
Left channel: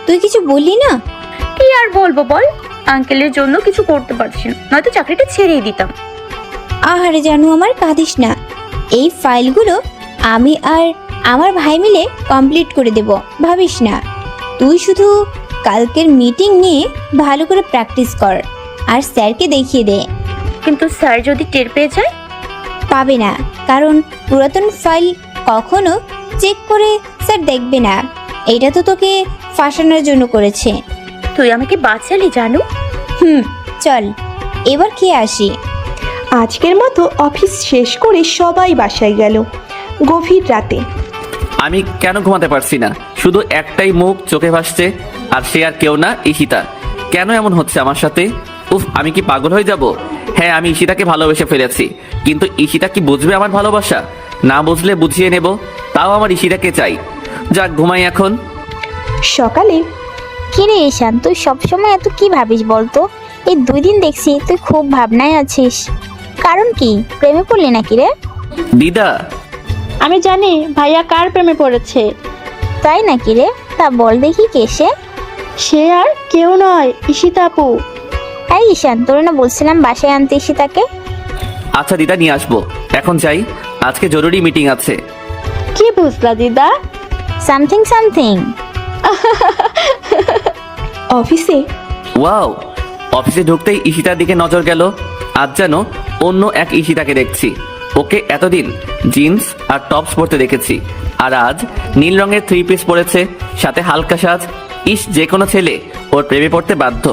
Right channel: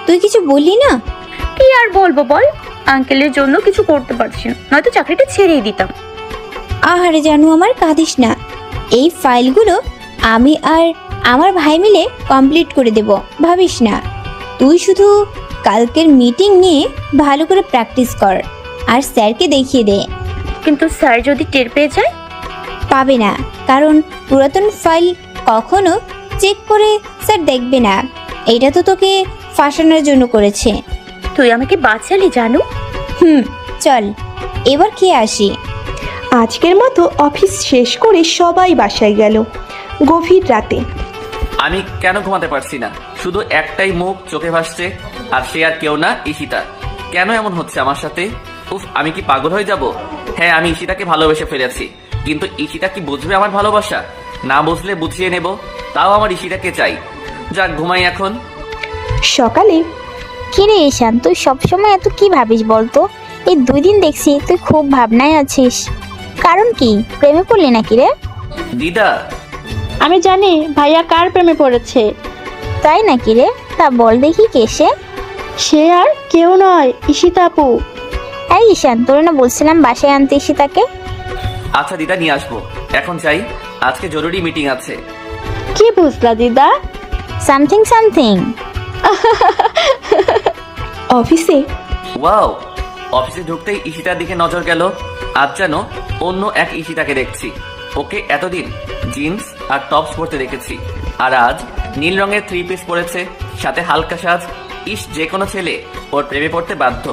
তুই কিছু বললি না? কি আর বলবো বল, আঙ্কেলের জন্য কিছু করতে পারছি না, নয়তো চাকরিটা ছেড়েই দিতাম। আহারে জানু আমার, কাঁদিস না। এই ফাইলগুলো আমি আর আমার ভাই মিলে কমপ্লিট করে দেব, ভাবিস না। তুই শুধু কালকের মিটিং নিয়ে ভালো করে প্র্যাকটিস কর আর স্যারকে দেখিয়ে দে। কিন্তু স্যার যদি টের পেয়ে যায়? পাবে না, কারণ পুরাতন ফাইল কখনো চেক করে স্যার দেখবে না। এটা তো তোকে ফাঁসানোর জন্য করেছে। তুই আমাকে বাঁচালি জানু। চল এবার খেয়ে আসি। আজকের মতো অফিস শেষ করে সবাই বাসায় গেল। গভীর রাতে আমি কেন ঘুমাতে পারছি না? শুধু একটাই মুখ চোখে ভাসছে, আর সে আর কেউ না, ঈশিতা। কেন এমন হচ্ছে আমার সাথে? উফ, আমি কি পাগল হয়ে যাব? হ্যাঁ, আমি ঈশিতাকে ভালোবেসে ফেলেছি, কিন্তু ঈশিতা কি বুঝবে আমার ভালোবাসা? না বুঝলে বুঝিয়ে নেব, তাও আমার ঈশিতাকে চাই। যাক, ঘুমাই এখন। সকালে কি রে ঈশান, তুই সবসময় এত কি ভাবিস বলতো? এই 2 দিন দেখছি তুই খুব ভাবনায় আছিস। কারণ কি, প্রেমে পড়লি নাকি রে? দিদা, আমি জানি ভাইয়া কার প্রেমে পড়েছে। তাই নাকি রে? তা বল দেখি কে সে? সে আর কেউ নয়, ঈশিতা আপু। এই ঈশান, তোরা না বলছিলাম বাসায় আনতে ঈশিতাকে? আচ্ছা দিদা, নিয়ে আসবো। এখন যাই, আজকে জরুরি মিটিং আছে। কি বুঝলা দিদা? Something something. অফিসে ওয়াও, অফিসে ঢুকতেই ঈশিতার দিকে নজর গেল। আজ যেন অন্য এক ঈশিতাকে দেখছি। ওকে এতদিন জিন্স আর টপস পরতে দেখেছি, আর আজ নীল রঙের 3 পিস পরেছে, সাথে হালকা সাজ। ইস, যে কোনো ছেলে ওর প্রেমে পড়তে বাধ্য।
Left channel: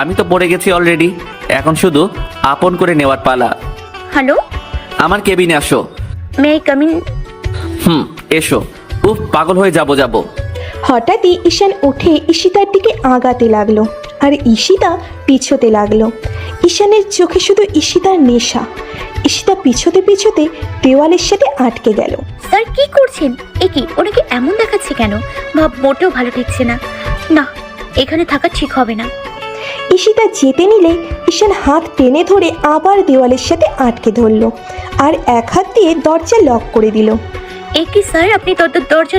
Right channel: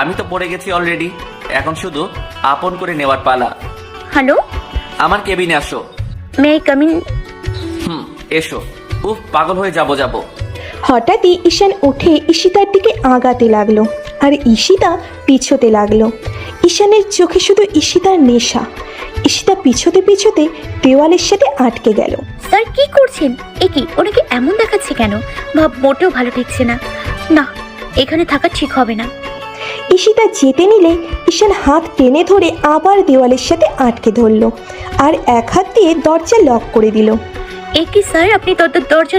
আমি তো পড়ে গেছি অলরেডি, এখন শুধু আপন করে নেওয়ার পালা। হ্যালো, আমার কেবিনে আসো। মে কামিং? এসো। উফ, পাগল হয়ে যাবো। হঠাৎই ঈশান উঠে ঈশিতার দিকে আগাতে লাগলো, আর ঈশিতা পিছোতে লাগলো। ঈশানের চোখে শুধু ঈশিতার নেশা। ঈশিতা পিছোতে পিছোতে দেওয়ালের সাথে আটকে গেল। স্যার কি করছেন? একে ওনাকে এমন দেখাচ্ছে কেন? ভাব মোটেও ভালো দেখছে না। না, এখানে থাকা ঠিক হবে না। ঈশিতা যেতে নিলে ঈশান হাত টেনে ধরে আবার দেওয়ালের সাথে আটকে ধরলো, আর এক হাত দিয়ে দরজা লক করে দিল। একে স্যার, আপনি দরজা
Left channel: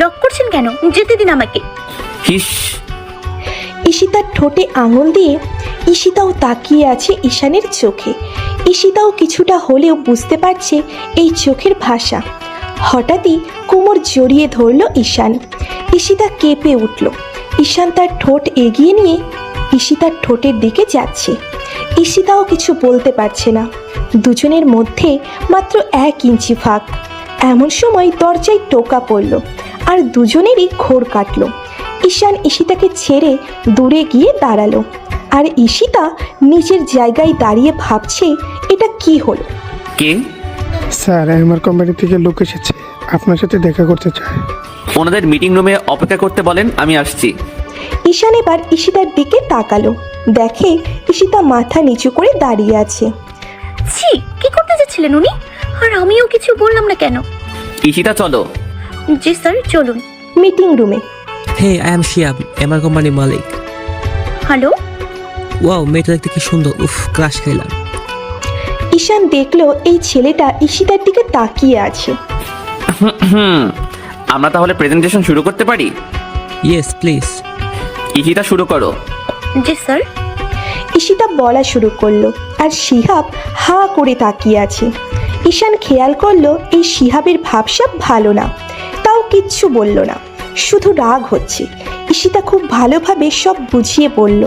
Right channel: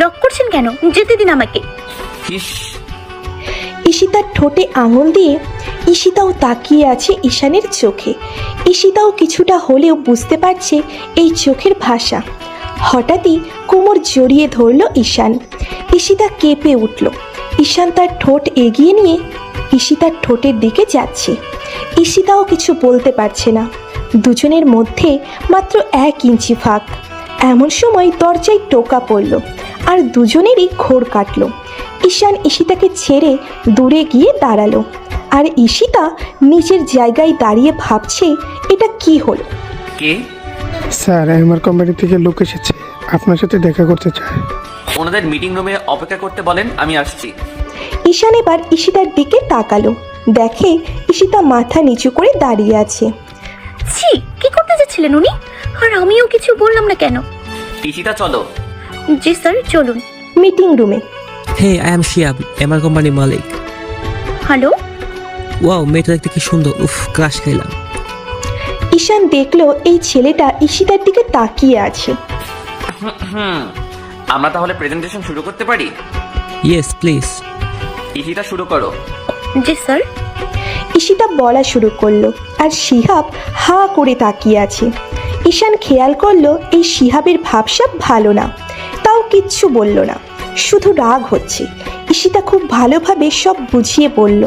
লক করছেন কেন? যেতে দিন আমাকে। হিস। ঈশিতার ঠোঁটে আঙুল দিয়ে ঈশিতাও তাকিয়ে আছে ঈশানের চোখে। ঈশিতাও কিছুটা হলেও বুঝতে পারছে এই চোখের ভাষা। হঠাৎই কোমর জড়িয়ে ধরল ঈশান। ঈশিতা কেঁপে উঠল। ঈশান তার ঠোঁট এগিয়ে নিয়ে ঈশিতার ঠোঁটের দিকে যাচ্ছে। ঈশিতাও কিছু বলতে পারছে না। দুজনের মধ্যে মাত্র 1 ইঞ্চি ফাঁক। এমন সময় দরজায় টোকা পড়ল, আর দুজনেরই ঘোর কাটল। ঈশান ঈশিতাকে ছেড়ে দূরে গিয়ে দাঁড়ালো, আর ঈশিতা নিজের জায়গায় দাঁড়িয়ে ভাবছেন এটা কি হলো। কি? স্যার, আমার কোম্পানি থেকে লোক এসেছে, আপনার সাথে দেখা করতে চায়। ওনাদের মিটিং রুমে অপেক্ষা করতে বলেন, আমি আসছি। ঈশান এবার ঈশিতার দিকে তাকালো, দেখে ঈশিতা মাথা নিচু করে দাঁড়িয়ে আছে। ছি, কি করতে যাচ্ছিলেন উনি? আর আমিও কিছু বললাম না কেন? ঈশিতা চলো। জি স্যার, চলুন। মিটিং রুমে Hey, I am Shiab, আমার কোম্পানির মালিক। হ্যালো। ওয়াও, মেয়েটা দেখতে কি সুন্দর। উফ, ক্লাস খেলাম। ঈশান দেখলো এই ছেলেটা ঈশিতার দিকে তাকিয়ে আছে। আমরা তাহলে প্রেজেন্টেশন শুরু করতে পারি? Yes please. ঈশিতা, শুরু করো। জি স্যার। ঈশিতা বলা শুরু করলো, আর শিহাব হা করে তাকিয়ে আছে। ঈশান খেয়াল করলো এই শিহাবের ভাবসাব ভালো না, তাও কিচ্ছু বলল না, শুধু রাগ হচ্ছে। ঈশিতা খুব ভালোভাবে সব বুঝিয়ে বলল।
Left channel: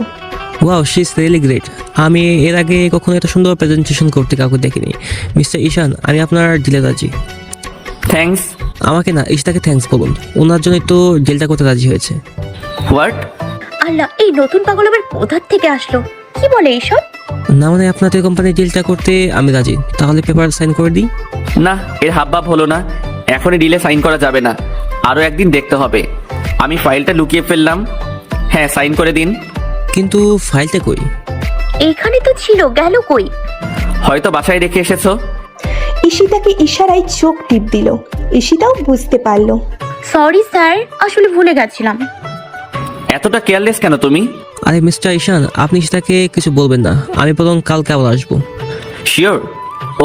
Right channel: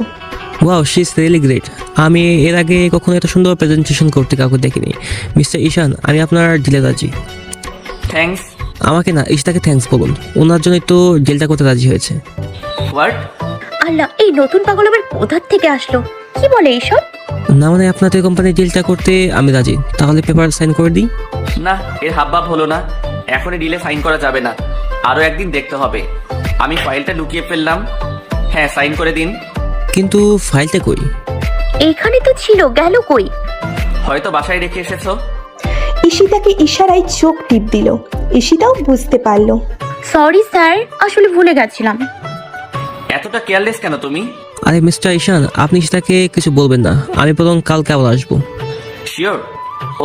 Wow, she is really great. আমি এর আগে কখনো এত সুন্দর প্রেজেন্টেশন করতে কাউকে দেখিনি। মিস্টার ঈশান, আমি আপনার ডিলে রাজি। থ্যাঙ্কস। আমাকে না, ঈশিতাকে থ্যাঙ্কস বলুন। ওনার জন্য একটু ডিলটা করতে রাজি হয়েছে। হোয়াট? আল্লাহ, এই নতুন পাগল আবার কোথা থেকে আসলো? কি বলে এইসব? না মানে, আপনাদের কোম্পানির ডিলটা করতে আমি রাজি। তাহলে পেপার সাইন করে দিই। না, এর হাবভাব হলো না। এখনই ডিলে সাইন করা যাবে না, আরো একদিন দেখতে হবে। আমি ফাইলটা লুকিয়ে ফেললাম। হ্যাঁ, সাইন করে দিন। কিন্তু ফাইলটা কই? এইখানে তো ছিল, গেল কই? হয়তো বাসায় রেখে এসেছো। ঈশিতাকে ইশারায় চোখ টিপ দিল। ঈশিতাও বুঝতে পারলো। সরি স্যার, আসলে ভুলে গেছিলাম। এতটা কেয়ারলেস কেন তুমি? আরে মিস্টার ঈশান, আপনি ঈশিতাকে কিছু বলবেন না। আমি বরং কালকে আবার আসবো। শিওর?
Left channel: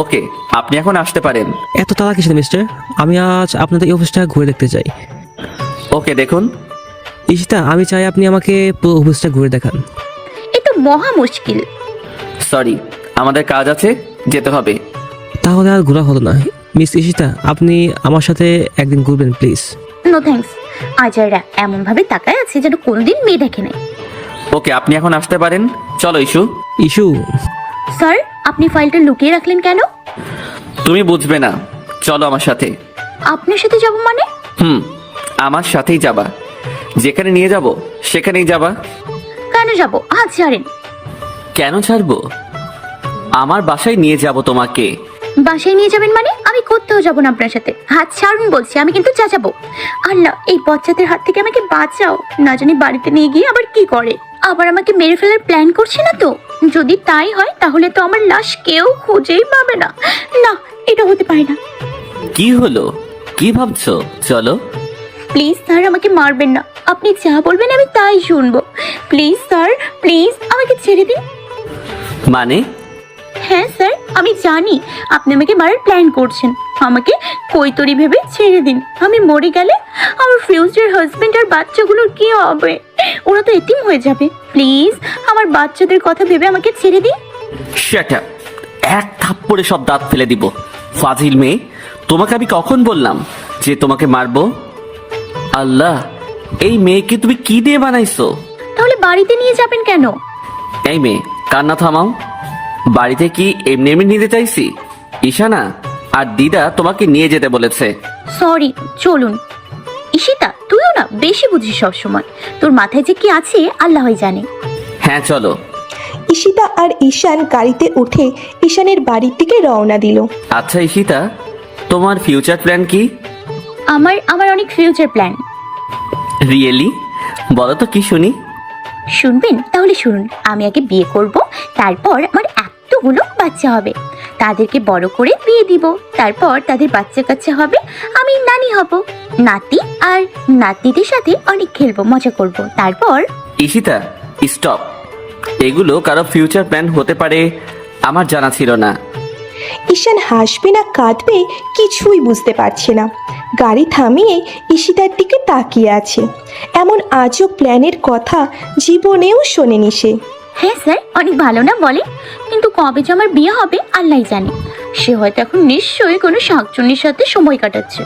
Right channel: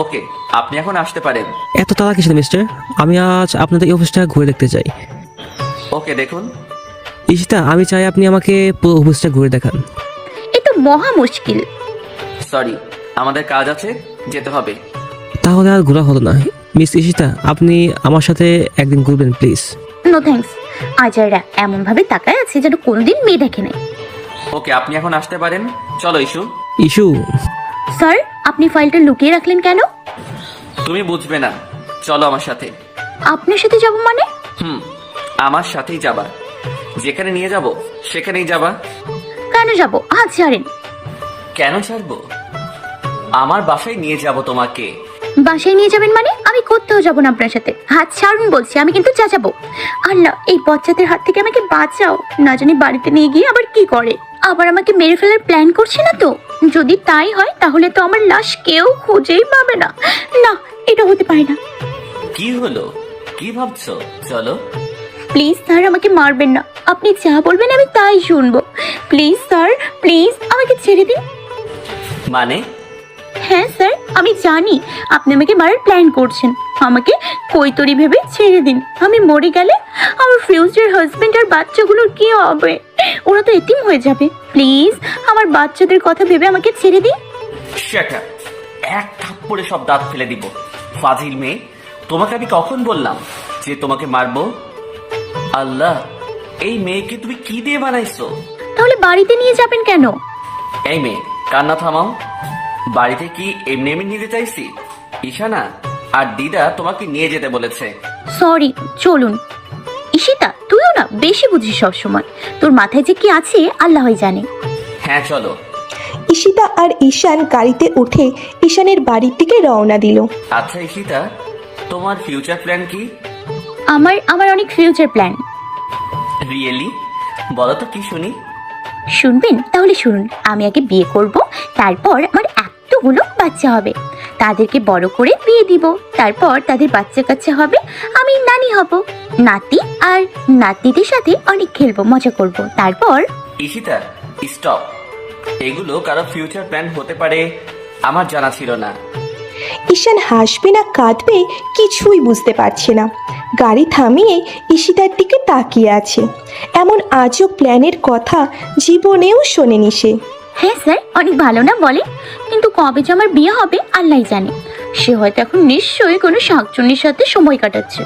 ওকে, আপনি এখন আসতে পারেন। এত তাড়া কিছু মিস্টার, আমি আজ আপনাদের এই অফিসটা ঘুরে দেখতে চাই। ওকে, দেখুন। ঈশিতা, আমি চাই আপনি আমাকে পুরো অফিসটা ঘুরে দেখান। এ তো মহা মুশকিল। সরি, আমাদের কাজ আছে, যেতে হবে। তাহলে আর ঘোরা হলো না। মিস ঈশিতা, আপনি আমার সাথে একদিন ঘুরবেন প্লিজ। No thanks. আজাইরা এমন ভাবে তাকায় আছে যেন কোনোদিন মেয়ে দেখে নেই। ওকে, আপনি এখন আসতে পারেন। চলো ইস্যু। ইস্যু? স্যার, আপনি ফাইলটা লুকিয়ে রাখলেন কেন? তুমি বুঝবে না, চলো আমার সাথে। আপনার সাথে যাব মানে? আমার সাথেই যাবা। যেখানে নিয়ে যাব সেখানেই যাবা। কেন যাব? হাত ছাড়েন। কেন ছাড়বো? আমার বাসায় নিয়ে যাব তোমাকে। বাসায় নিয়ে যাবেন মানে? আমি কোথাও যাব না আপনার সাথে। হাত ছাড়ুন বলছি, আমি কিন্তু চেঁচাবো। আল্লাহ, এই বাচ্চাদের হাত থেকে আমাকে বাঁচাও। না জানি বাড়িতে নিয়ে গিয়ে আবার কি করে। আবার আমাকে মেরে ফেলার প্ল্যান করছি না তো? যদি তাই হয় তাহলে তো আমার লাশ কেউ খুঁজেই পাবে না। না, এটা হতে পারে না। কি হলো? কি ভাবছো? চলো। প্লিজ স্যার, আমাকে মারবেন না। আপনি যা বলবেন আমি তাই শুনবো। প্লিজ স্যার, প্লিজ আমাকে ছেড়ে দিন। মানে? হ্যাঁ স্যার, আমি জানি আপনি আমাকে মারার প্ল্যান করছেন। আমাকে কৈতরি ভেবে ছেড়ে দিন। আমি মরে গেলে আমার ফিউচার হাজবেন্ড আর বাচ্চাগুলোর কি হবে? ওরা তো এতিম হয়ে যাবে। প্লিজ আমার বাচ্চাদের কথা ভেবে আমাকে ছেড়ে দিন। Shut up! এক থাপ্পড়ে সব দাঁত ফেলে দিব। ফাজিল মেয়ে, তোমাকে আমি কখন বললাম যে তোমাকে মারবো? আল্লাহ, এই মেয়েকে তুমি কি দিয়ে বানাইছো? তাহলে বাড়িতে নিয়ে যাবেন কেন? এই মেয়ে, কান্না থামাও। বাড়িতে কি এমনি এমনি নিতে চাইছি? ঈশানা আর দিদা তোমাকে নিয়ে যেতে বলেছে। সরি, চলুন। ঈশিতা, তুইও না বেশি বুঝিস সবসময়। তোর মাথায় যে কি আছে আল্লাহই জানে। হ্যাঁ চলো। ঈশিতা আর ঈশান গাড়িতে উঠে ঈশানের বাড়ির দিকে রওনা দিল। আচ্ছা ঈশিতা, তোমার ফিউচার প্ল্যান কি? আমার অনেক ফিউচার প্ল্যান। রিয়েলি? বলো তো কি শুনি। শুনবেন? তাহলে শুনুন। আমি আগে বিয়ে করব, তারপর আমার এতগুলো বাচ্চা হবে, তাদেরকে বড় করে বিয়ে দিব, তারপর তাদের বাচ্চা কাচ্চা হবে, আমি নানি হব, নাতি আর নাতিদের সাথে অনেক খেলবো, মজা করব, তারপর। ঈশিতা স্টপ। এগুলো কারো ফিউচার প্ল্যান হতে পারে আমার জানা ছিল না। ঈশান হাসবে না কাঁদবে কিছুই বুঝতে পারছে না। গাড়ি থামিয়ে ঈশিতার দিকে তাকিয়ে আছে। এমন আজব প্ল্যানের কথা জীবনেও শোনেনি সে। হ্যাঁ স্যার, অনেক ভালো না বলে, কিন্তু কবে যে আমার বিয়ে হবে আল্লাহই জানে। সে হয়তো এখন নিশ্চয়ই কোনো শাকচুন্নির সাথে সময় কাটাচ্ছে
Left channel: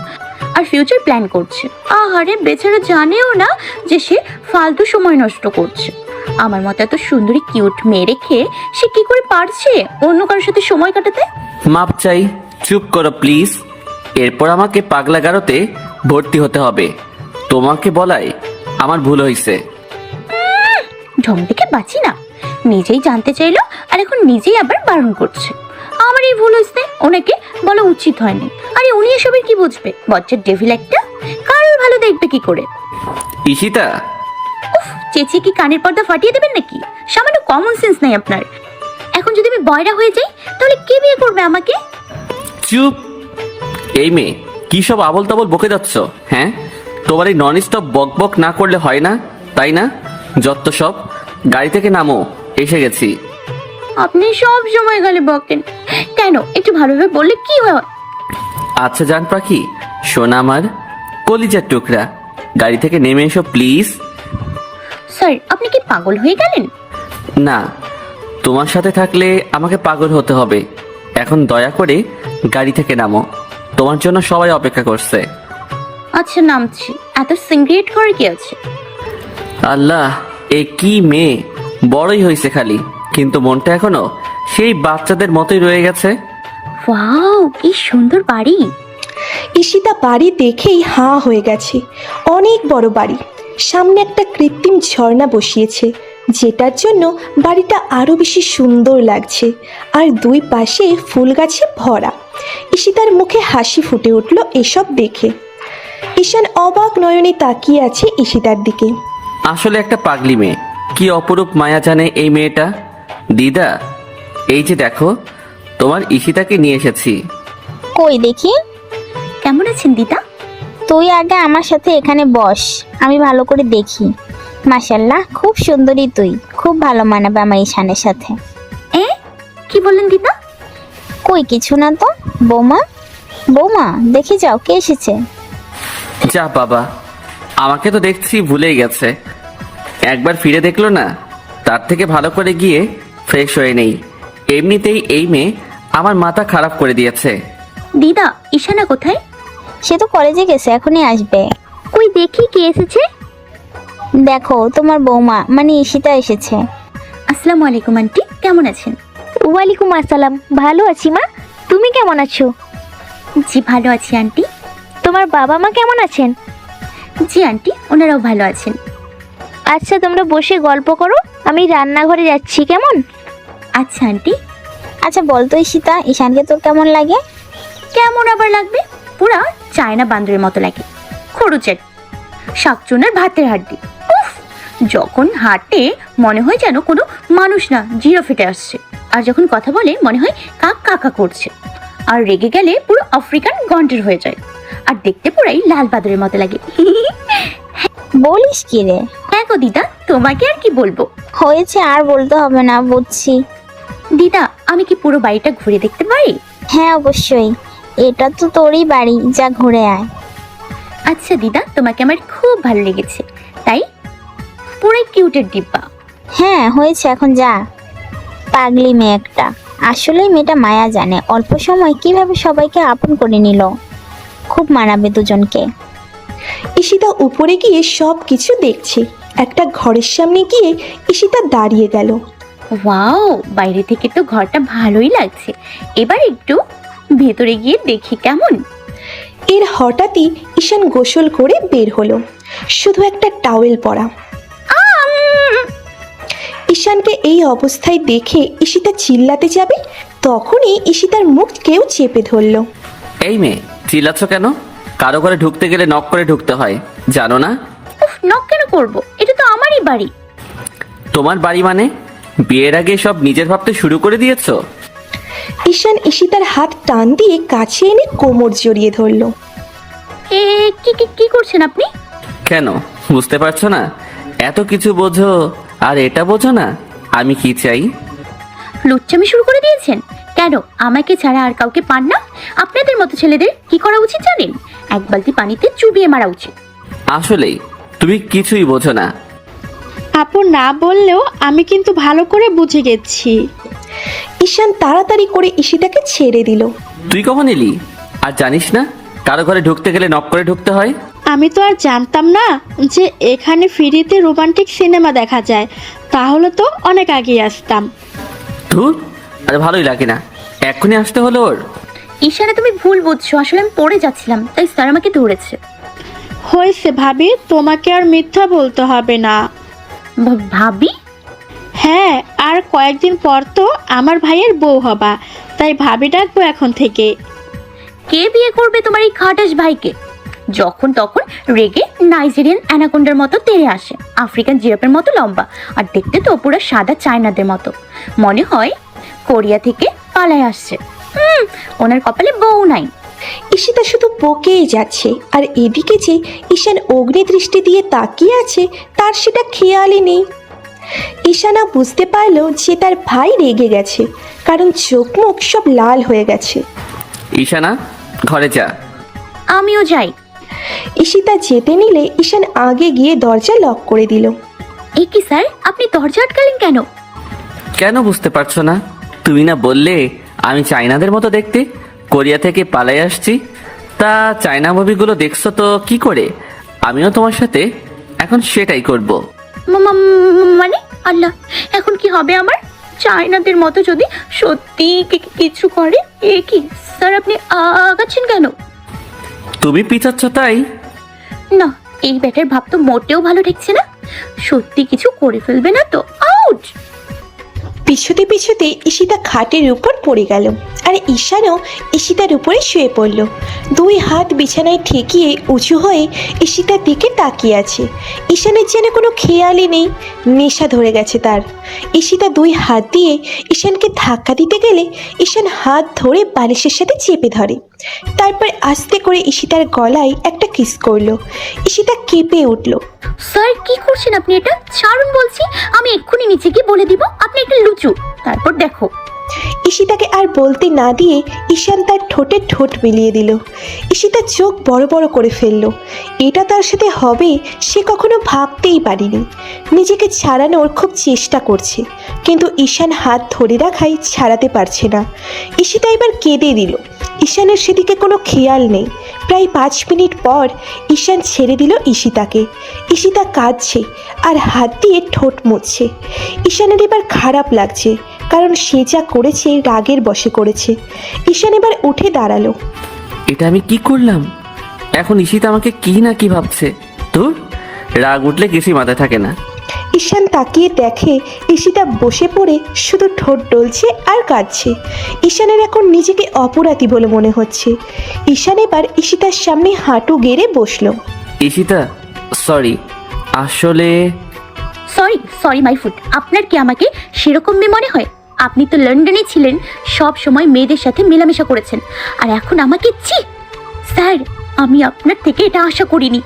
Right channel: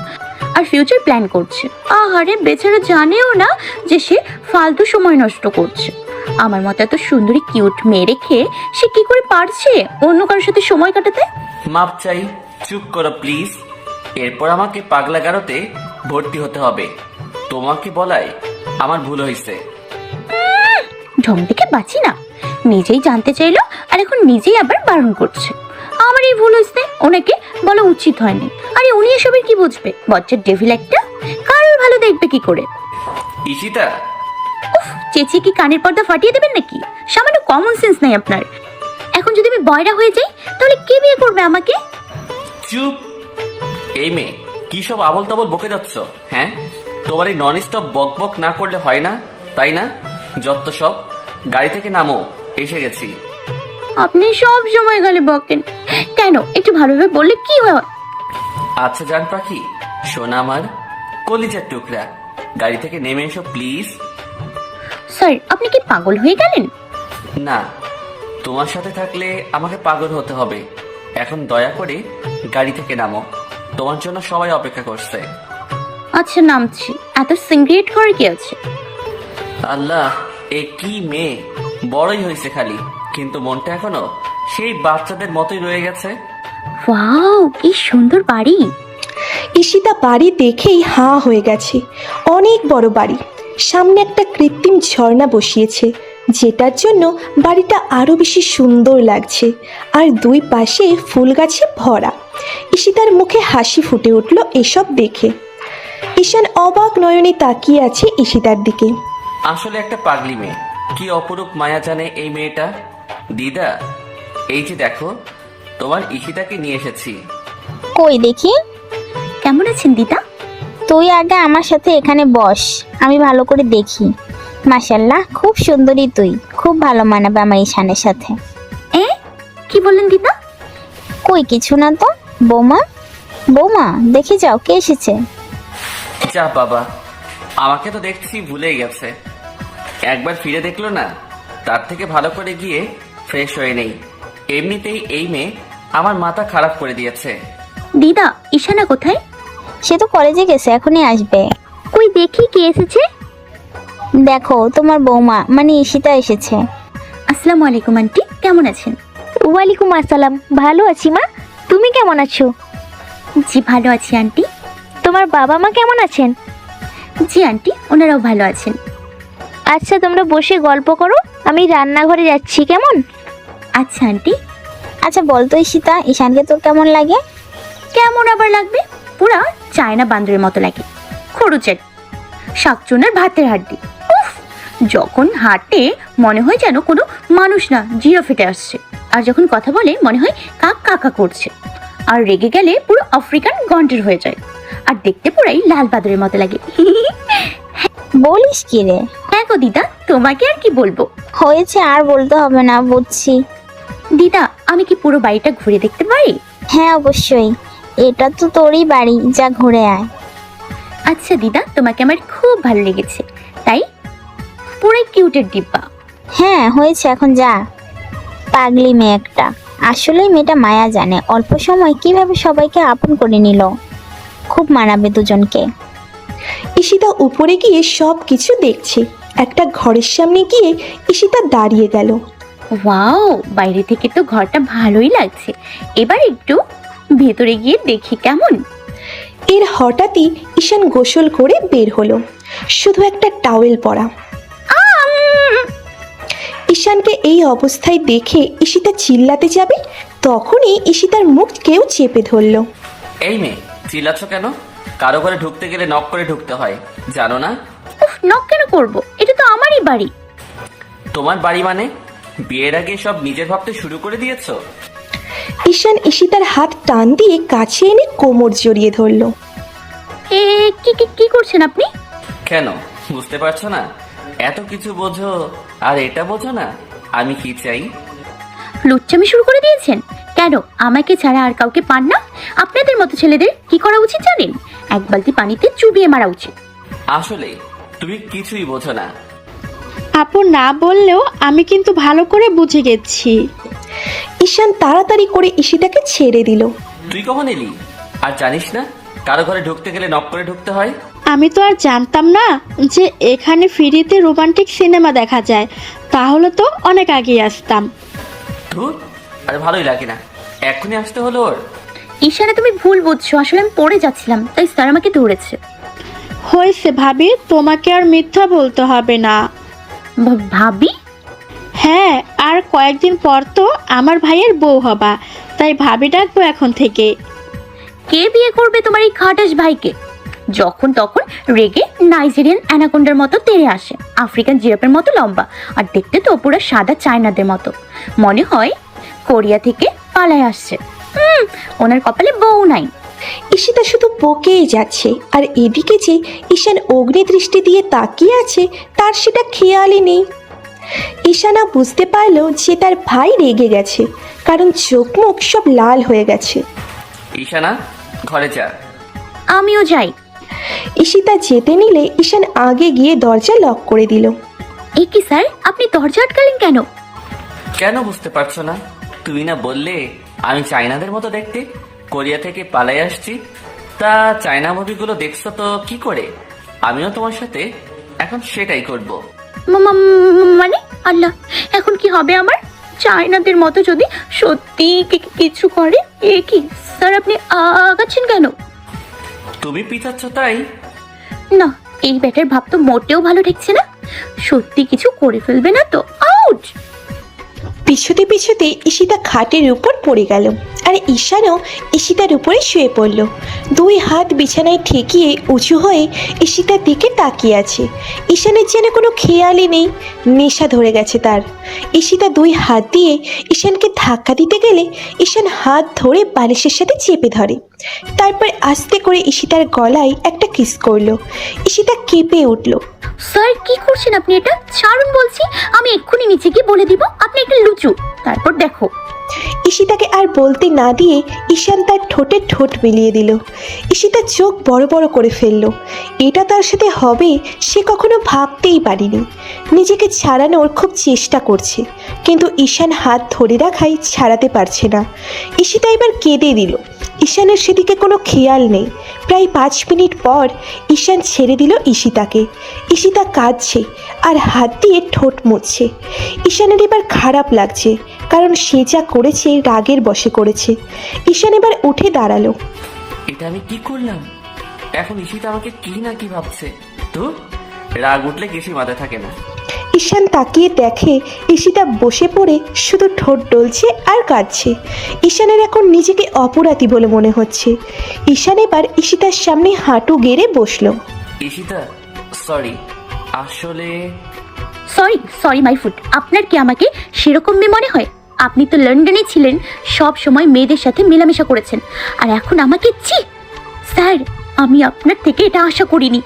আর ফিউচার প্ল্যান করছে। আহারে বেচারা জানেও না যে সে ফালতু সময় নষ্ট করছে। আমার মতো এত সুন্দরী কিউট মেয়ে রেখে সে কি করে পারছে অন্য কারোর সাথে সময় কাটাতে? মাপ চাই, চুপ করো প্লিজ। এরপর আমাকে পাগলা গারোতে ভর্তি হতে হবে। তোমাকে বলাই আমার ভুল হয়েছে। ঢং দেখে বাঁচি না, নিজেই জানতে চাইলো আর এখন নিজেই আবার বারণ করছে। আমার এই ভুল হয়েছে, ওনাকে বলা উচিত হয়নি। আরে উনি এসবে কি বুঝবে? বচ্চার ডেভিল একটা, কারোর ভালো দেখবে কি করে? ঈশিতা, চেঁচিয়ে কি কানের পর্দা ফাটিয়ে দেবেন নাকি? সামান্য কমন সেন্স নেই আপনার। এখন যদি আমি বয়রা হয়ে যাই তাহলে কে বিয়ে করবে আমাকে? চুপ। এই মেয়ে, কি সব আবল তাবল বকে যাচ্ছ? হ্যাঁ, তোমার এই নন স্টপ বক বক না করলে হয় না, তাই না? যত সব, গাড়ি থেকে নামো, এসে গেছি। আপনি সব সময় গেলে বকেন কেন? একটু ভালোভাবে বললে কি হয়? আচ্ছা জান পাখি, শোনা আমার কলিজার টুকরা, গাড়ি থেকে নেমে এসো প্লিজ। স্যার, আপনি কি পাগল হয়ে গেলেন? না, তোমার সাথে থাকলে আমাকে পাগল হতে হবে। এখন দয়া করে গাড়ি থেকে নামো, তোমার জন্য সবাই অপেক্ষা করছে। আচ্ছা নামছি। এত সিঙ্গ্রেট করে কি আছে? আল্লাহ, এ কি মেয়ে, বড়ই হয়েছে খালি, কিন্তু মনটা এখনো সেই বাচ্চাদের মতোই রয়ে গেছে। ওয়াও, কি সুন্দর বাড়ি। ঈশিতা বাড়ি দেখেই হাঁ হয়ে গেছে। অনেক বড় বাড়ি, সামনে একটা কৃত্রিম ঝর্ণা বসিয়েছে, যেটার জন্য বাড়িটা আরো বেশি সুন্দর লাগছে। আর দুই পাশে ফুল গাছে ভরা। ঈশিতার মুখে হাসি ফুটে উঠল এসব দেখে। ঈশান অবাক নয়নে তাকিয়ে আছে ঈশিতার দিকে। আসলে একটা পাগলি মেয়ে, কি অপরূপ মায়া জানে এই মেয়েটা। দিদা, এই যে দেখো, তোমার ঈশিতাকে নিয়ে এসেছি। কই দেখি। কেমন আছেন দিদা? তুই আগে আমার সাথে এখানে বস, আমি ভালো করে দেখি। মাশাআল্লাহ, খুব সুন্দরী তুই, খুব ভালো মানাবে আমার ঈশানের সাথে। কি বললেন দিদা? কই কিছু না তো। বৌমা, বৌমা দেখে যাও কে এসেছে। যা বাবা, আমাকে তো দেখছি ভুলেই গেছে। একবার ফিরে দেখলো না, তার থেকে ভালো করে গিয়ে ফ্রেশ হয়ে নেই। এমনিতেই এই মেয়ে আমার মাথা খারাপ করে দিয়েছে। দিদা, ঈশানা কোথায়? সে তো কলেজে গেছে, এখনই আসবে। কই দেখি কে এসেছে। দেখো তোমার বৌমা মানে ঈশিতা এসেছে। আসসালামু আলাইকুম আন্টি, কেমন আছেন? ওয়ালাইকুম আসসালাম, ভালো আছি মা, তুমি কেমন আছো? জি ভালো আছি আন্টি। তোমার বাবা মা কেমন আছেন? জি আন্টি, ওনারাও ভালো আছেন। আচ্ছা তোমরা বসে গল্প করো, আমি রান্নাঘরে যাচ্ছি, কেমন? আচ্ছা আন্টি। আচ্ছা বলতো ঈশিতা, ঈশানকে তোর কেমন লাগে? কেমন আবার লাগবে? পুরা চায়না বান্দরের মতো লাগে, খরুচের শাকচুনের ভাতের হাড্ডি। উফ, যখন হাঁটে মনে হয় যেন কোনো মানুষ না, জিরা ফেটে আসছে। আর যখন কথা বলে মনে হয় কাক কাকা করছে। আর রেগে গেলে পুরো আফ্রিকান গন্ডার হয়ে যায়। আর দেখতে পুরাই লাল বাদুরের মতো লাগে। বলিস কি রে? হ্যাঁ গো দিদা, তোমাকে আর কি বলবো। হয়েছে, আর বলতে হবে না, বুঝছি। দিদা, আমি কি পুরো বাড়িটা ঘুরে দেখতে পারি? হ্যাঁ অবশ্যই, এটা তো তোরই বাড়ি, যা ঘুরে আয়। আচ্ছা দিদা, তোমাকে আমার খুব ভালো লেগেছে, তাই পুরাই কিউটের ডিব্বা। হ্যাঁ হয়েছে, এখন যা। পাগলি মেয়ে একটা। আসলে মেয়েটা মায়া জানে, অল্প সময় কিভাবে সবাইকে আপন করে নিল। খুব মানাবে দুজনকে। ঈশিতা উপরে গিয়ে সব কিছু দেখছে। একটা ঘরের সামনে গিয়ে ঈশিতা দাঁড়িয়ে গেল। ওয়াও, বাইরে থেকে তো ঘরটা ভালোই লাগছে। এবার একটু ভেতরে গিয়ে দেখি কেমন। এর হঠাৎই ঈশান গোসল করে বের হলো, শুধু একটা টাওয়েল পরা। ঈশানকে এই অবস্থায় দেখে ঈশিতা চিল্লাতে যাবে, তখনই ঈশিতার মুখ কেউ চেপে ধরলো। এই মেয়ে, চিল্লাচ্ছ কেন? কারো ঘরে ঢুকতে গেলে নক করে ঢুকতে হয়, জানো না? নক কেন করব? এটা তো আমারই বাড়ি। তোমার বাড়ি মানে? বিয়ের আগে সব নিজের ভাবতে শুরু করে দিয়েছো? ঈশান ঈশিতার হাত টান দিয়ে কাছে এনে কোমর জড়িয়ে ধরলো। এ কি কি কি করছেন আপনি? কেন বুঝতে পারছো না? এত কিছু বোঝো আর এটা বোঝো না আমি কি চাই? লুচ্চামি শুরু করে দিয়েছেন কেন? আমাকে ছাড়া আর কাউকে পান না? আপনাদের মতো ছেলেদের কি করা উচিত জানেন? এক বালতি পানিতে চুবিয়ে মারা উচিত। আসলেই তুমি কিছুই বোঝো না। আপু না বললেও আমি কিন্তু ভালো করে বুঝে গেছি। ঈশান তাড়াতাড়ি করে ঈশিতাকে ছেড়ে দিল। তুই কখন এলি? আর জানিস না কারো ঘরে ঢুকতে গেলে নক করে ঢুকতে হয়? আমি তো আর জানতাম না যে এখানে ফ্রিতে রোমান্টিক সিনেমা দেখা যায়, তাহলে তো অনেক আগে আসতাম। ধুর, আরে ভালোই লাগে না, এক্ষুনি আসতে হলো ওর। ঈশ্বরে তুমি ভুল বুঝছো, আসলে আমি পড়ে যাচ্ছিলাম তাই স্যার আমাকে ধরেছে। হয়েছে ভাবে, তোমাকে আর মিথ্যা বলতে হবে না। ভাবি? হ্যাঁ, আর কয়েকদিন পর তো আমার ভাইয়ের বউ হবা, তাই ভাবি ডাকবো এখন থেকে। কে বিয়ে করবে তোমার এই খাটাস ভাইকে? যখন তখন রেগে নাইজেরিয়ান অ্যানাকোন্ডার মতো তেড়ে আসে, আফ্রিকান জিরাফের মতো লম্বা, আর দেখতে তো পুরো সাদা চায়নাদের মতো। মনে হয় কোরিয়া থেকে পালায় আসছে। ওনার কপালে বউ নাই। ঈশিতা শুধু বকেই যাচ্ছে, আর এদিকে যে ঈশান অগ্নি দৃষ্টি দিয়ে তাকিয়ে আছে তার সেটা খেয়ালই নেই। ঈশানা বুঝতে পারলো যে তার ভাই রেগে গেছে, কারণ চোখ মুখ সব লাল হয়ে গেছে। ঈশানা, ঘরে যা। আমিও যাই। ঈশিতা যেতে নিলে ঈশান আগে গিয়ে দরজা লক করে দিল। এই কি স্যার, আপনি দরজা আটকালেন কেন? কেন বুঝতে পারছো না? তুমি না বললে আমি চাইনাদের মতো দেখতে, কোরিয়া থেকে পালাই আসছি? তা চায়না মুভিগুলো দেখছো তো কি করে? আমিও তোমার সাথে এখন সেটাই করব। মানে আল্লাহ, এখন কি হবে আমার? চায়নাদের মতো যদি সত্যি কিছু করে? এ কি স্যার, আপনি আগাচ্ছেন কেন? তুমি পিছাচ্ছ তাই? না, এই ব্যাটার ভাব তো মোটেও ভালো ঠেকছে না। সত্যি কিছু করে ফেলবে না তো? আউট! পিছুতে পিছুতে ঈশিতা খাটের উপর পড়ে গেল, আর ঈশানও ঈশিতার উপরে শুয়ে পড়ল। দুই হাত বিছানায় ঠেকিয়ে উঁচু হয়ে ঈশিতার দিকে তাকিয়ে আছে। ঈশানের যেন কোনো খেয়ালই নেই, নেশা ধরে গেছে তার। ঈশিতা দুই হাত দিয়ে ঈশানকে ধাক্কা দিতে গেলে ঈশান হাত ধরে বালিশের সাথে চেপে ধরে। তারপর আস্তে করে ঈশিতার গলায় একটা কিস করলো। ঈশিতা কেঁপে উঠল। স্যার কি করছেন আপনি? এটা ছাড়ুন বলছি। আমি এক্ষুনি নিচে গিয়ে বলে দিব আপনি একটা লুচু। তারপর দেখো। ঈশিতাকে আর বলতে না দিয়ে ঈশান তার ঠোঁটে ঠোঁট মিলিয়ে দিল। ঈশিতা চোখ বড় বড় করে ফেলল। এটা তার সাথে হবেই সে কখনো ভাবতেই পারেনি। নিজেকে ছাড়ানোর খুব চেষ্টা করছে, কিন্তু ঈশান হাত ধরে রাখাই ছাড়াতে পারছে না। ঈশিতা এবার কেঁদে দিল। ঈশানের সেদিকে কোনো খেয়াল নেই। প্রায় 5 মিনিট পর ঈশান ছেড়ে দিল ঈশিতাকে। ঈশিতা কাঁদছে আর হাত দিয়ে ঠোঁট মুছছে। ঈশানের এবার খারাপ লাগছে, কারণ সে যা করেছে রাগের বশে করেছে। ঈশান এবার উঠে দাঁড়ালো। এটা আমি কি করলাম? এখন ঈশিতা আমাকে কি না কি ভাবছে। তো রাগ উঠলে কিছুই মাথায় থাকে না। ঈশান তাকিয়ে দেখে ঈশিতা বসে পড়ে শুধু ঠোঁট ডলছে আর কাঁদছে। ঈশানের এখন নিজেকে অপরাধী বলে মনে হচ্ছে। ঈশান এবার ঈশিতার সামনে হাঁটু গেড়ে বসলো। ঈশিতা, সরি। আসলে সরি মাই ফুড। আপনার কি আমাকে সেরকম মেয়ে মনে হয়? আপনি তো লন্ডনে ছিলেন, সব সময় মেয়েদের সাথে মেলামেশা করেছেন, আর এখন আমাকে স্যার, আমি আপনার থেকে এটা আশা করিনি।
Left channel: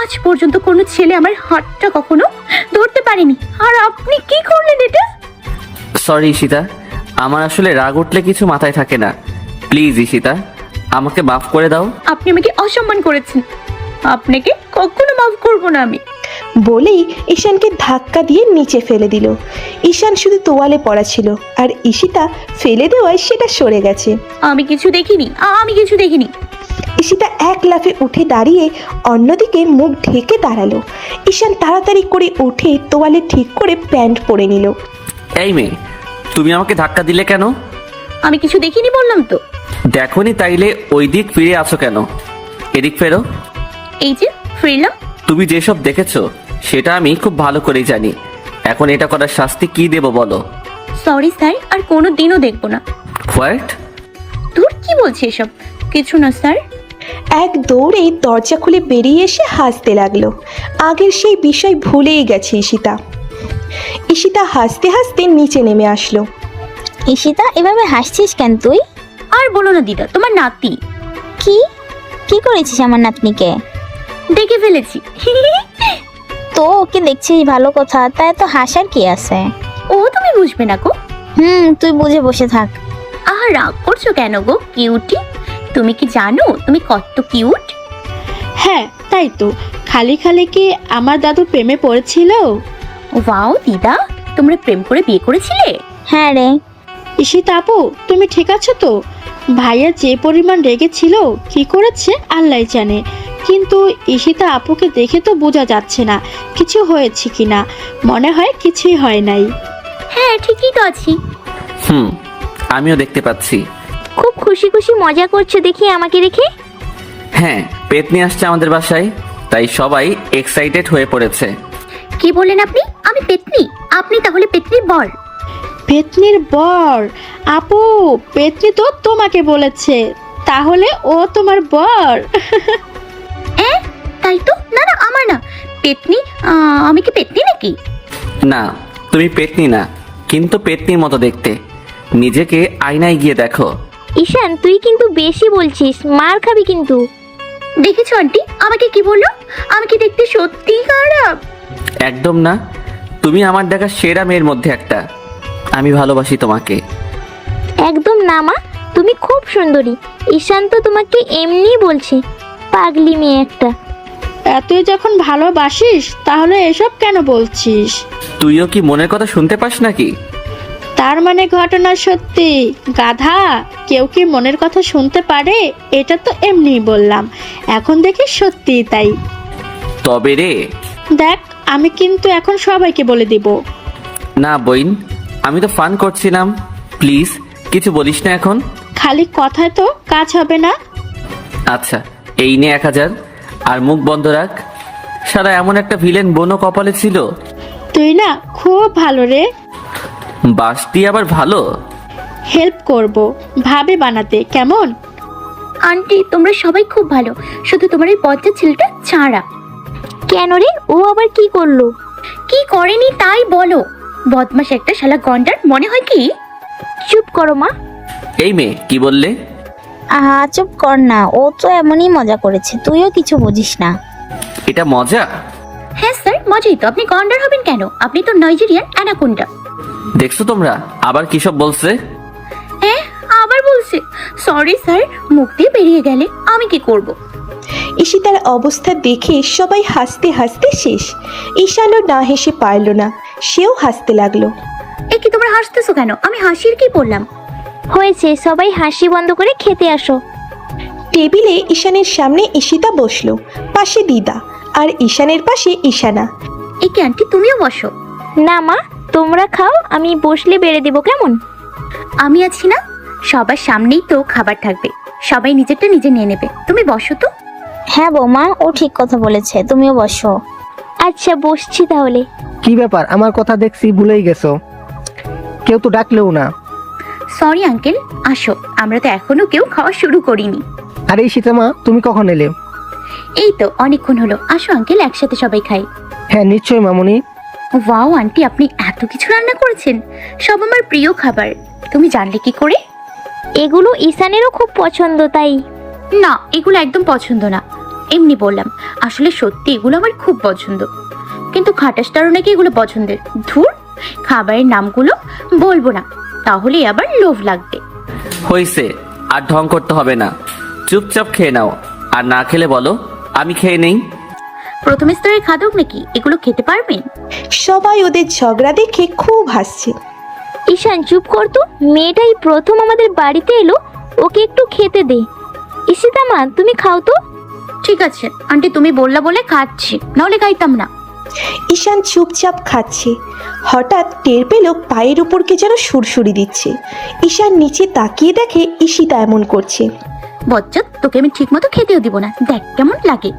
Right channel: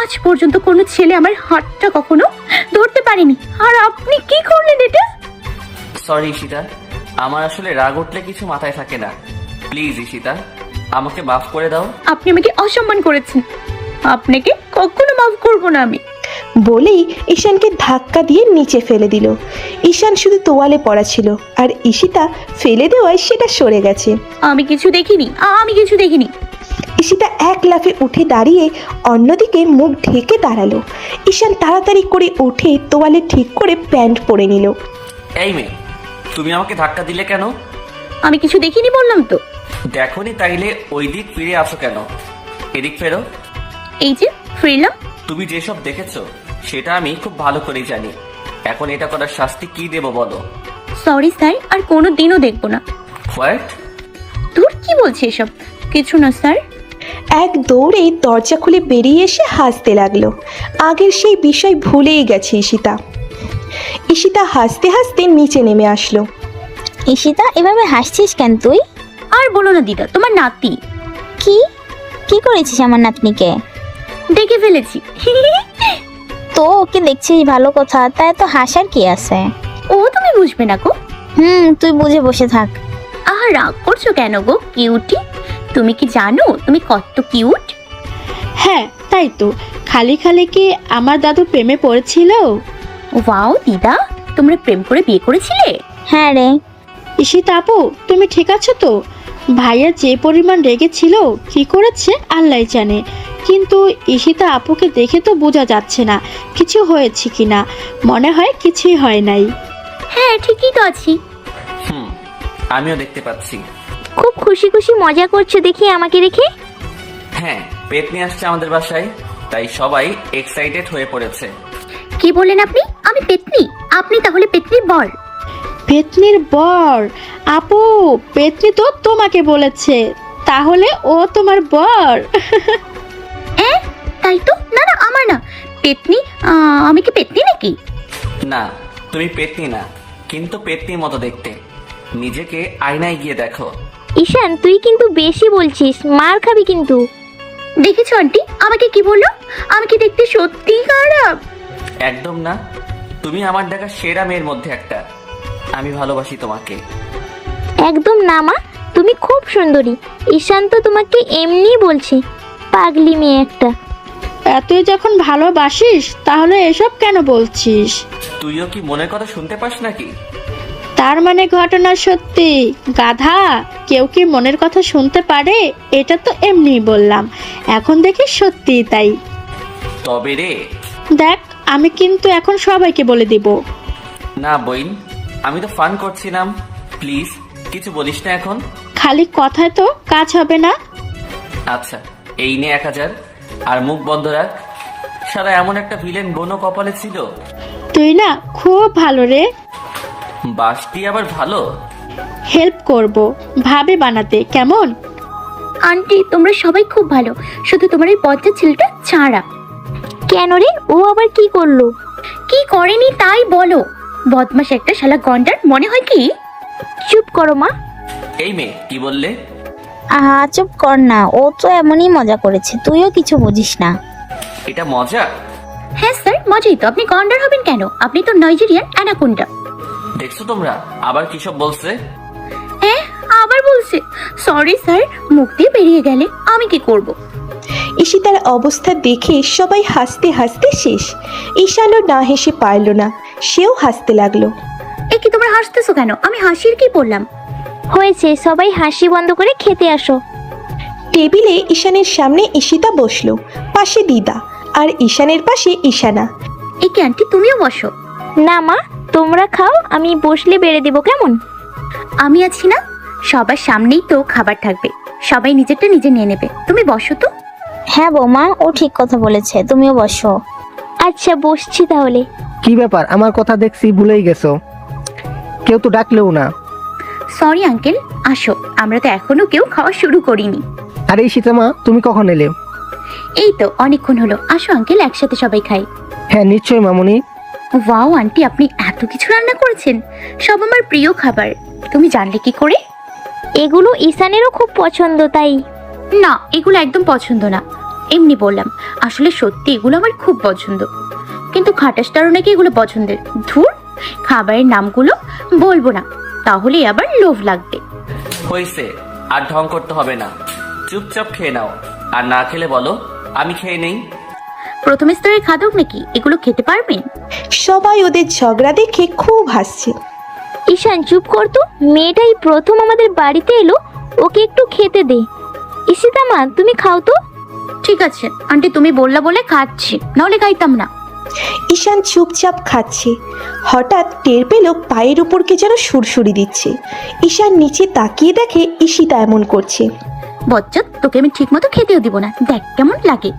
আজ পর্যন্ত কোনো ছেলে আমার হাতটা কখনো ধরতে পারেনি, আর আপনি কি করলেন এটা? সরি ঈশিতা, আমার আসলে রাগ উঠলে কিছু মাথায় থাকে না। প্লিজ ঈশিতা, আমাকে মাফ করে দাও। আপনি আমাকে অসম্মান করেছেন, আপনাকে কখনো মাফ করবো না আমি। বলেই ঈশানকে ধাক্কা দিয়ে নিচে ফেলে দিল। ঈশান শুধু তোয়ালে পড়া ছিল, আর ঈশিতা ফেলে দেওয়ায় সেটা সরে গেছে। আমি কিছু দেখিনি, আমি কিছু দেখিনি। ঈশিতা এক লাফে উঠে দাঁড়িয়ে অন্যদিকে মুখ ঢেকে দাঁড়ালো। ঈশান তাড়াতাড়ি করে উঠে তোয়ালে ঠিক করে প্যান্ট পরে নিল। এই মেয়ে, তুমি আমাকে ধাক্কা দিলে কেন? আমি কিছু দেখিনি বললাম তো। দেখোনি তাইলে ওই দিক ফিরে আসো কেন? এদিক ফেরো। এই যে ফিরলাম। তুমি যেসব দেখেছো সেটা আমি খুব ভালো করেই জানি। এখন এটা করার শাস্তি কি দেব বলো? সরি স্যার, আর কোনো দিনও দেখবো না। হোয়াট? দূর, কি বলছে এসব? কিছু না স্যার। এক দৌড়ে দরজা খুলে বেরিয়ে এসে হাসতে লাগলো। আগের সেই বিষয় ভুলেই গেছে ঈশিতা। ঈশিতা হাসতে হাসতে নিচে নেমে আসলো। ঈশিতা, এভাবে হাসছিস কেন তুই? আর বলো না দিদা, তোমার নাতি। কি কি করেছিস আমার নাতনিকে? দেখে ফেলেছি। তুই ওকে দেখছিস ভালো কথা, তাই তো হাসার কি আছে? ও তুমি বুঝবে না গো। তুই বুঝে বসে থাক। আর রাগ করছো কেন গো কিউটি? তুমি কি জানো তুমি কত কিউট? হ্যাঁ তাই তো, খালি খালি কি আমার দাদু প্রেমে পড়েছিল? ওয়াও দিদা, তোমরা প্রেম করে বিয়ে করেছিলে? হ্যাঁ রে। ঈশিতা আপু, তুমি ঠিক আছো তো? ভাইয়া যে পরিমাণ রেগেছিল, কি করেছে আল্লাহ জানে, কিন্তু ঈশিতা আপুকে দেখে তো বোঝা যাচ্ছে না কিছু হয়েছে কিনা। মনে হয় কিছুই হয় নাই। হ্যাঁ ঠিকই তো আছি। আমিও দেখতে পাচ্ছি। খুব খুশি খুশি মজা করছো দেখি আমাকে দেখে। হ্যাঁ, পেট নিয়ে আসছে আমাদের বাসায়, তাই সবাই এক্সাইটেড হয়ে পড়েছে। কি বলেন আপনি? আমি পেতনি? আপনি তাহলে পেতনির বর? পেতনির বর? আপু, পেতনি তো তোমাকে বলেছে, তাহলে ও তোমার বর? তাই তো। না না, আমার না। পেতনি? আমি কি পেতনি নাকি? না, তুমি পেতনি না, কিন্তু পেতনির মতো দেখতে। নিজেকে আয়নায় গিয়ে দেখো। ঈশান, তুই কিন্তু বেশি বলছিস, মার খাবি কিন্তু। দেখেছো আন্টি আমাকে কি বললো? আমি কি দেখতে সত্যি খারাপ? একদম না, তুমি আমার দেখা সেরা মেয়ের মধ্যে একটা। আমি ভালোবাসি তোমাকে। একদম না মা, তুমি খুব সুন্দরী। ঈশান তো তোমাকে এমনি বলছে, পাগলি মেয়ে একটা। তুই যখন ভালোবাসিস তাহলে এসব কেন বলছিস? তুইও কি মনের কথা শুনতে পাস নাকি? তার মানে ঘটনা সত্যি? গাধা, কেউ কি মনের কথা শুনতে পারে? এটা তো এমনি বললাম, এখন দেখি সত্যি তাই। তবে রে। দেখ, আমি কিন্তু এখন সবাইকে বলে দিব। না বইন, আমি তো ফান করছিলাম। প্লিজ কিছু বলিস না এখন। খালি কথায় তো কাজ হবে না। আচ্ছা, এই নে 1000, আর মুখ বন্ধ রাখ। সারা এমন একটা ভিলেন বোনও কপালে ছিল। তুই না খুব ভালো রে। বাসটি আবার ভালো। হেল্প করব ভাবি বানাতে, কেমন? আন্টি তোমরা সবাই খুব ভালো, শুধু তোমার এই বজ্জা ছেলেটা ছাড়া। কেন রে, ও আবার কি করলো? কি করেনি তাই বলো। বদমাস একটা শালা গন্ডার, মনে হয় কি? চুপ করো মা। এই মেয়ে, কি বললে? চুপ কর না, ও তো এমনই মজা করেছে, তুইও কিছু বুঝিস না। এটা মজা? হ্যাঁ স্যার, মজাই তো। আপনি গন্ডার হবেন কেন? আপনি তো নাইজেরিয়ান অ্যানাকোন্ডা। দেখছো তোমরা আবার কি সব বলছে? হ্যাঁ, আবার বলছে। সরি স্যার, মুখ দিয়ে বেরিয়ে গেলে আমি কি করব? ঈশিতার অবস্থা দেখে সবাই হাসতে হাসতে শেষ। ঈশানও না হেসে পারল না, সেও হাসতে লাগলো। এ কি তোমরা হাসতেছো কেন? আমি হাসির কি বললাম? হয়েছে, সবাই হাসি বন্ধ করে খেতে আসো। টেবিলে ঈশানের সামনে ঈশিতা বসলো, পাশে দিদা, আর ঈশানের পাশে ঈশানা। এ কি আন্টি, তুমিও বসো। না মা, তোমরা খাও, আমি বসলে বেড়ে দিব, কেমন? আমি আছি না, সবার সামনেই তো খাবার থাকবে, সবাই নিজেরটা নিজে নিয়ে নেবে। তুমি বসো তো। হ্যাঁ বৌমা, ও ঠিক কথা বলেছে, তুমিও বসো। আচ্ছা বসছি তাহলে। কি ব্যাপার, আমার কথা দেখছি ভুলেই গেছো? কেউ তো ডাকলেও না। সরি আঙ্কেল, আসো, আমরা তো এখনো কেউ খাওয়া শুরু করিনি। আরে শীতমা, তুমি কখন এলে? এই তো অনেকক্ষণ হলো। আসো আঙ্কেল, একসাথে সবাই খাই। হ্যাঁ নিশ্চয়ই মামুনি। ওয়াও আন্টি, আপনি এত কিছু রান্না করেছেন, সব আমার প্রিয় খাবার। তুমি জানলে কি করে? এগুলো ঈশানেরও খুব পছন্দ, তাই। না, এগুলো একদম পছন্দ না, এমনি বললাম। আসলে সত্যি এগুলো আমার খুব পছন্দ, কিন্তু খাটাসটারও নাকি এগুলো পছন্দের। ধুর, খাবারের নামগুলো বলবো না, তাহলে আবার লোভ লাগবে। হইছে, আর ঢং করতে হবে না, চুপচাপ খেয়ে নাও। আর না খেলে বলো, আমি খেয়ে নেই। প্রথম স্তরের খাদক নাকি, এগুলো খেতে পারবেন? সবাই ওদের ঝগড়া দেখে খুব হাসছে। ঈশান চুপ কর তো, মেয়েটাই প্রথম আমাদের বাড়িতে এলো, ওকে একটু খেতে দে। ঈশিতা মা তুমি খাও তো। ঠিক আছে আন্টি, তুমি বললা বলে খাচ্ছি, নাহলে খাইতাম না। ঈশান চুপচাপ খাচ্ছে। হঠাৎ টের পেল পায়ের উপর কে যেন সুরসুরি দিচ্ছে। ঈশান নিচে তাকিয়ে দেখে ঈশিতা এমন করছে। বজ্জাত, তোকে আমি ঠিক মতো খেতেও দিব না, দেখ কেমন লাগে।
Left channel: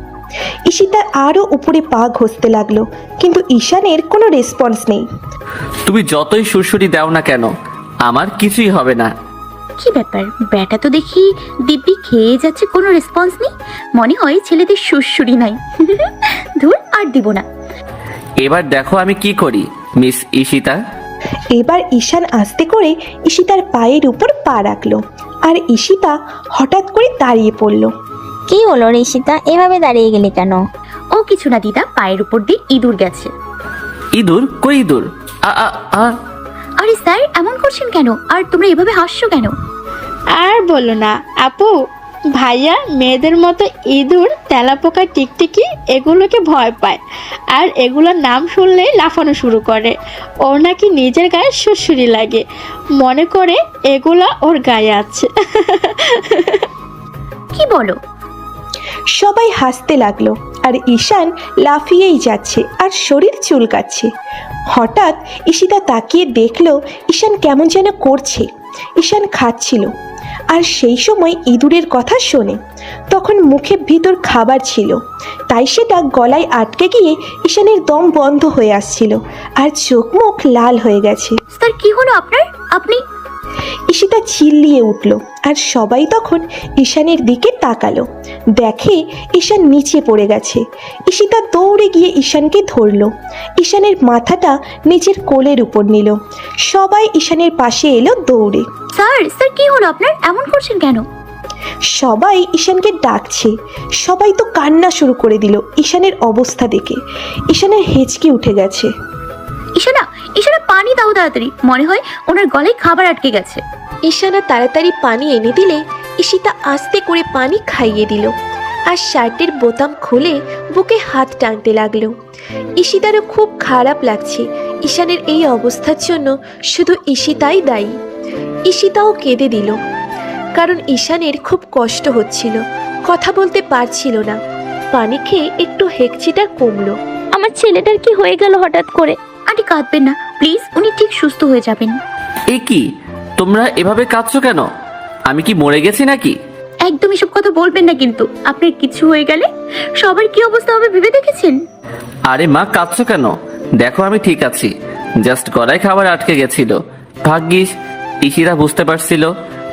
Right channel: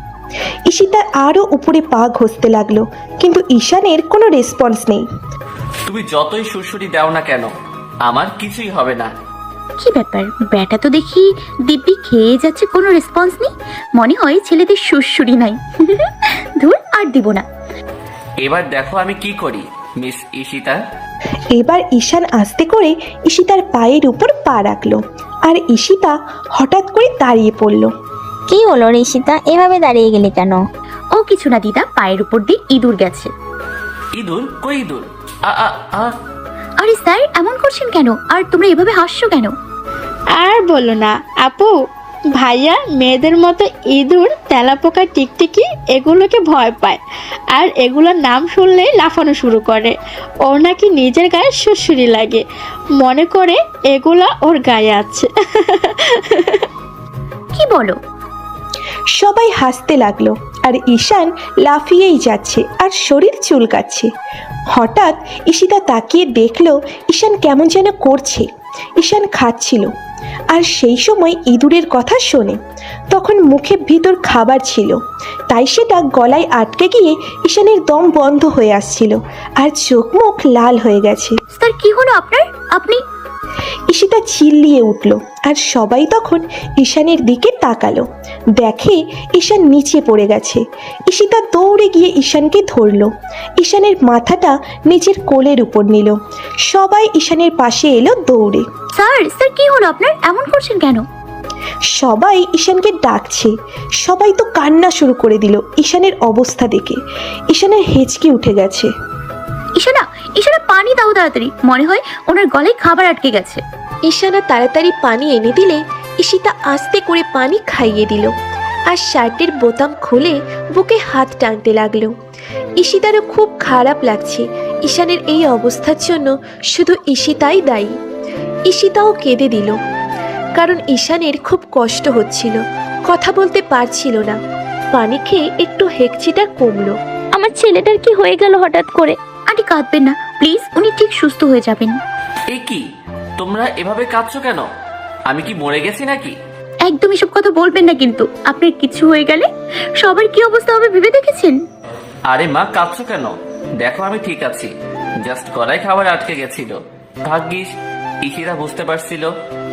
ঈশিতা আরো উপরে পা ঘষতে লাগলো, কিন্তু ঈশানের কোনো রেসপন্স নেই। তুমি যতই সুরসুরি দাও না কেন, আমার কিছুই হবে না। কি ব্যাপার, ব্যাটা তো দেখি দিব্যি খেয়ে যাচ্ছে, কোনো রেসপন্স নেই। মনে হয় ছেলেদের সুরসুরি নাই। ধুর, আর দিব না। এবার দেখো আমি কি করি মিস ঈশিতা। এবার ঈশান আস্তে করে ঈশিতার পায়ের উপর পা রাখলো, আর ঈশিতা হঠাৎ করে দাঁড়িয়ে পড়লো। কি হলো ঈশিতা, এভাবে দাঁড়িয়ে গেলে কেন? ও কিছু না দিদা, পায়ের উপর দিয়ে ইঁদুর গেছে। ইঁদুর? কই ইঁদুর? আ আ আ আরে স্যার, এমন করছেন কেন? আর তোমরা এভাবে হাসছো কেন? আর বলো না আপু, ভাইয়া মেয়েদের মতো ইঁদুর, তেলাপোকা, টিকটিকি এগুলোকে ভয় পায়, আর এগুলোর নাম শুনলেই লাফানো শুরু করে। ওর নাকি নিজের গায়ে সুরসুরি লাগে, মনে করে এগুলা ওর গায়ে আছে। কি বলো? সবাই হাসতে লাগলো, আর ঈশান লাফিয়েই যাচ্ছে আর শরীর চুলকাচ্ছে। হঠাৎ ঈশিতা তাকিয়ে দেখলো ঈশান কেমন যেন করছে। ঈশান খাচ্ছিল, আর সেই সময় ইঁদুরের কথা শোনে। তখন মুখে ভিতর খাবার ছিল, তাই সেটা গলায় আটকে গিয়ে ঈশানের দম বন্ধ হয়ে আসছিল, আর চোখ মুখ লাল হয়ে গেছে। স্যার কি হলো আপনার? আপনি ঈশিতা চিল্লিয়ে উঠল, আর সবাই তখন ঈশানের দিকে তাকালো। দেখে ঈশান নিচে পড়ে গেছে। ঈশিতা দৌড়ে গিয়ে ঈশানকে ধরলো, ঈশানের মাথাটা নিজের কোলের উপর নিল। সবাই ঈশানের পাশে এলো দৌড়ে। স্যার, স্যার কি হলো আপনার? এমন করছেন কেন? সবাই ঈশানকে ডাকছে। সবাই তো কান্না শুরু করে দিল ঈশানের অবস্থা দেখে। ঈশানের হিচকি উঠে গেছে। ঈশানা, ঈশানা পানি দাও তাড়াতাড়ি, মনে হয় ওনার গলায় খাবার আটকে গেছে। ঈশানা তাড়াতাড়ি পানি এনে দিলে ঈশিতা আস্তে করে পানি খাইয়ে দিল, আর শার্টের বোতাম খুলে বুকে হাত টানতে লাগলো। ঈশিতারও খুব খারাপ লাগছে। ঈশানের এই অবস্থার জন্য শুধু ঈশিতাই দায়ী। ঈশিতাও কেঁদে দিল, কারণ ঈশানের খুব কষ্ট হচ্ছিল, কথা বলতে পারছিল না। পানি খেয়ে একটু হেঁকচিটে কমলো। আমার ছেলেটার কি হয়ে গেল হঠাৎ করে? আন্টি কাঁদবেন না প্লিজ, উনি ঠিক সুস্থ হয়ে যাবেন। এ কি, তোমরা এভাবে কাঁদছো কেন? আমি কি মরে গেছি নাকি? একদম এসব কথা বলবেন না, কিন্তু আপনার কিছু হয়ে গেলে সবার কি অবস্থা হবে ভেবে দেখেছেন? আরে মা, কাঁদছো কেন? দেখো আমি ঠিক আছি, জাস্ট গলায় খাবার আটকে গেছিল। ভাগ্যিস ঈশিতা বুঝতে পারছিল,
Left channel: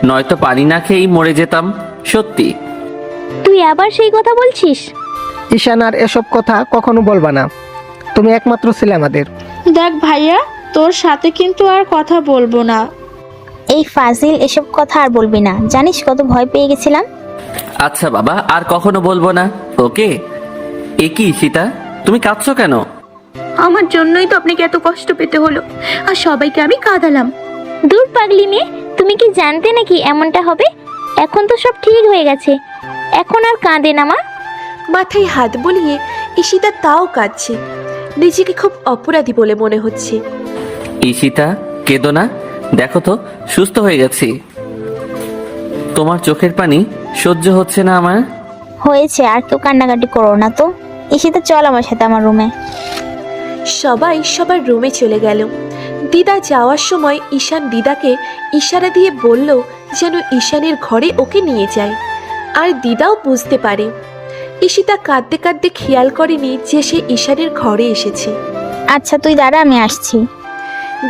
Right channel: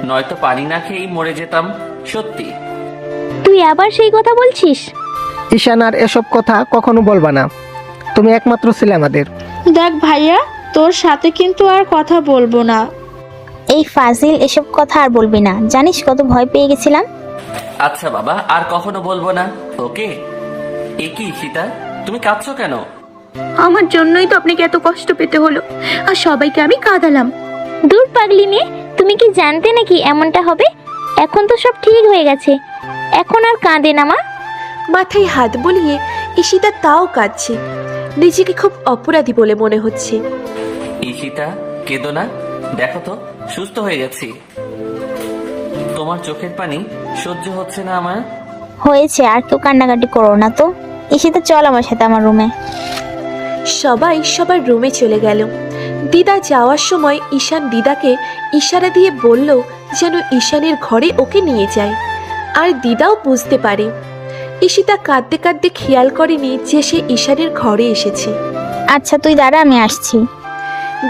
নয়তো পানি না খেয়েই মরে যেতাম। সত্যি। তুই আবার সেই কথা বলছিস? ঈশান আর এসব কথা কখনো বলবা না, তুমি একমাত্র ছিলে আমাদের। দেখ ভাইয়া, তোর সাথে কিন্তু আর কথা বলবো না। এই ফাজিল, এসব কথা আর বলবি না, জানিস কত ভয় পেয়ে গেছিলাম। আচ্ছা বাবা, আর কখনো বলবো না, ওকে? এ কি ঈশিতা, তুমি কাঁদছো কেন? আমার জন্যই তো আপনাকে এত কষ্ট পেতে হলো, আর সবাইকে আমি কাঁদালাম। দূর পাগলি মেয়ে, তুমি কি জানতে নাকি এমনটা হবে? এখন তো সব ঠিক হয়ে গেছে, এখন আর কাঁদে না মা। মাথায় হাত বুলিয়ে ঈশিতা তাও কাঁদছে। নিজেকে খুব অপরাধী বলে মনে হচ্ছে। ঈশিতা, কেঁদো না, দেখো তো সুস্থ হয়ে গেছি। তোমার চোখের পানি সহ্য হচ্ছে না আমার। হয়েছে, আর তো কান্নাকাটি করো না তো। ঈশিতা চল আমার সাথে আমার রুমে। সবাই সবার রুমে চলে গেল। দিদা যাওয়ার সময় ঈশান দিদাকে ইশারা দিয়ে বলল যেন ঈশানের ঘরে ওকে নিয়ে যায়, আর দিদাও বুঝতে পারে। ঈশিতা কাঁদতে কাঁদতে খেয়াল করেনি যে সে ঈশানের ঘরে এসেছে। আচ্ছা তুই দাঁড়া, আমি আসছি।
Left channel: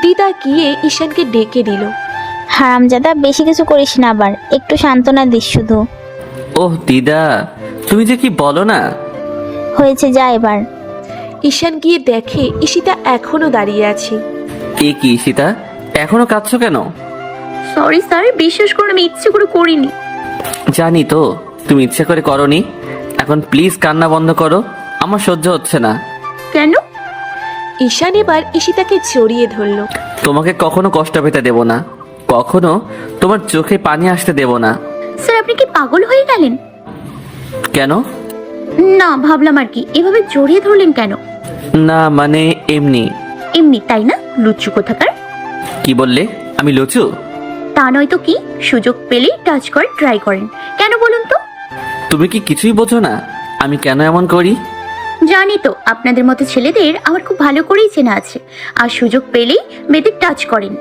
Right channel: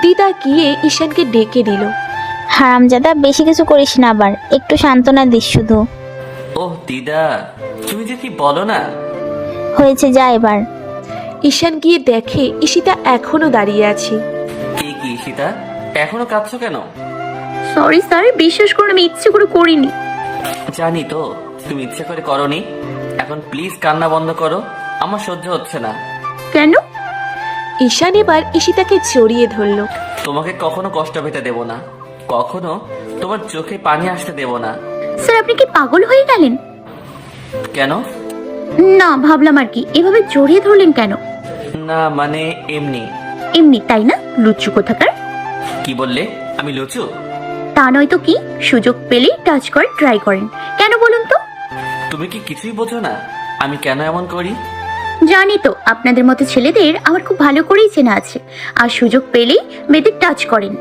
দিদা গিয়ে ঈশানকে ডেকে দিল। হারামজাদা, বেশি কিছু করিস না, আবার একটু সান্ত্বনা দিস শুধু। ওহ দিদা, তুমি যে কি বলো না। হয়েছে, যা এবার। ঈশান গিয়ে দেখে ঈশিতা এখনো দাঁড়িয়ে আছে। এ কি ঈশিতা, এখনো কাঁদছো কেন? সরি স্যার, বিশ্বাস করুন আমি ইচ্ছে করে করিনি। জানি তো তুমি ইচ্ছে করে করনি। এখন প্লিজ কান্না বন্ধ করো, আমার সহ্য হচ্ছে না। কেন? ঈশান এবার ঈশিতাকে জড়িয়ে ধরল। তোমাকে কখনো কষ্ট পেতে দেব না, কখনো তোমার চোখে পানি আসতে দেব না। স্যার আপনি কি পাগল হয়ে গেলেন? কেন? না, ভাবলাম আর কি। এভাবে জড়িয়ে ধরলেন কেন? না মানে এমনি। এমনি তাই না, লুচ্চু কোথাকার। কি বললে? আমি লুচু? তা নয় তো কি, সুযোগ পেলেই টাচ করে ট্রাই করেন কেন বলুন তো? তুমি কি কিছুই বোঝো না আমি কেন এমন করি? জানি তো, আপনাদের মতো ছেলেদের আমার খুব ভালো করেই চেনা আছে, আর সুযোগ পেলেই মেয়েদের টাচ করেন।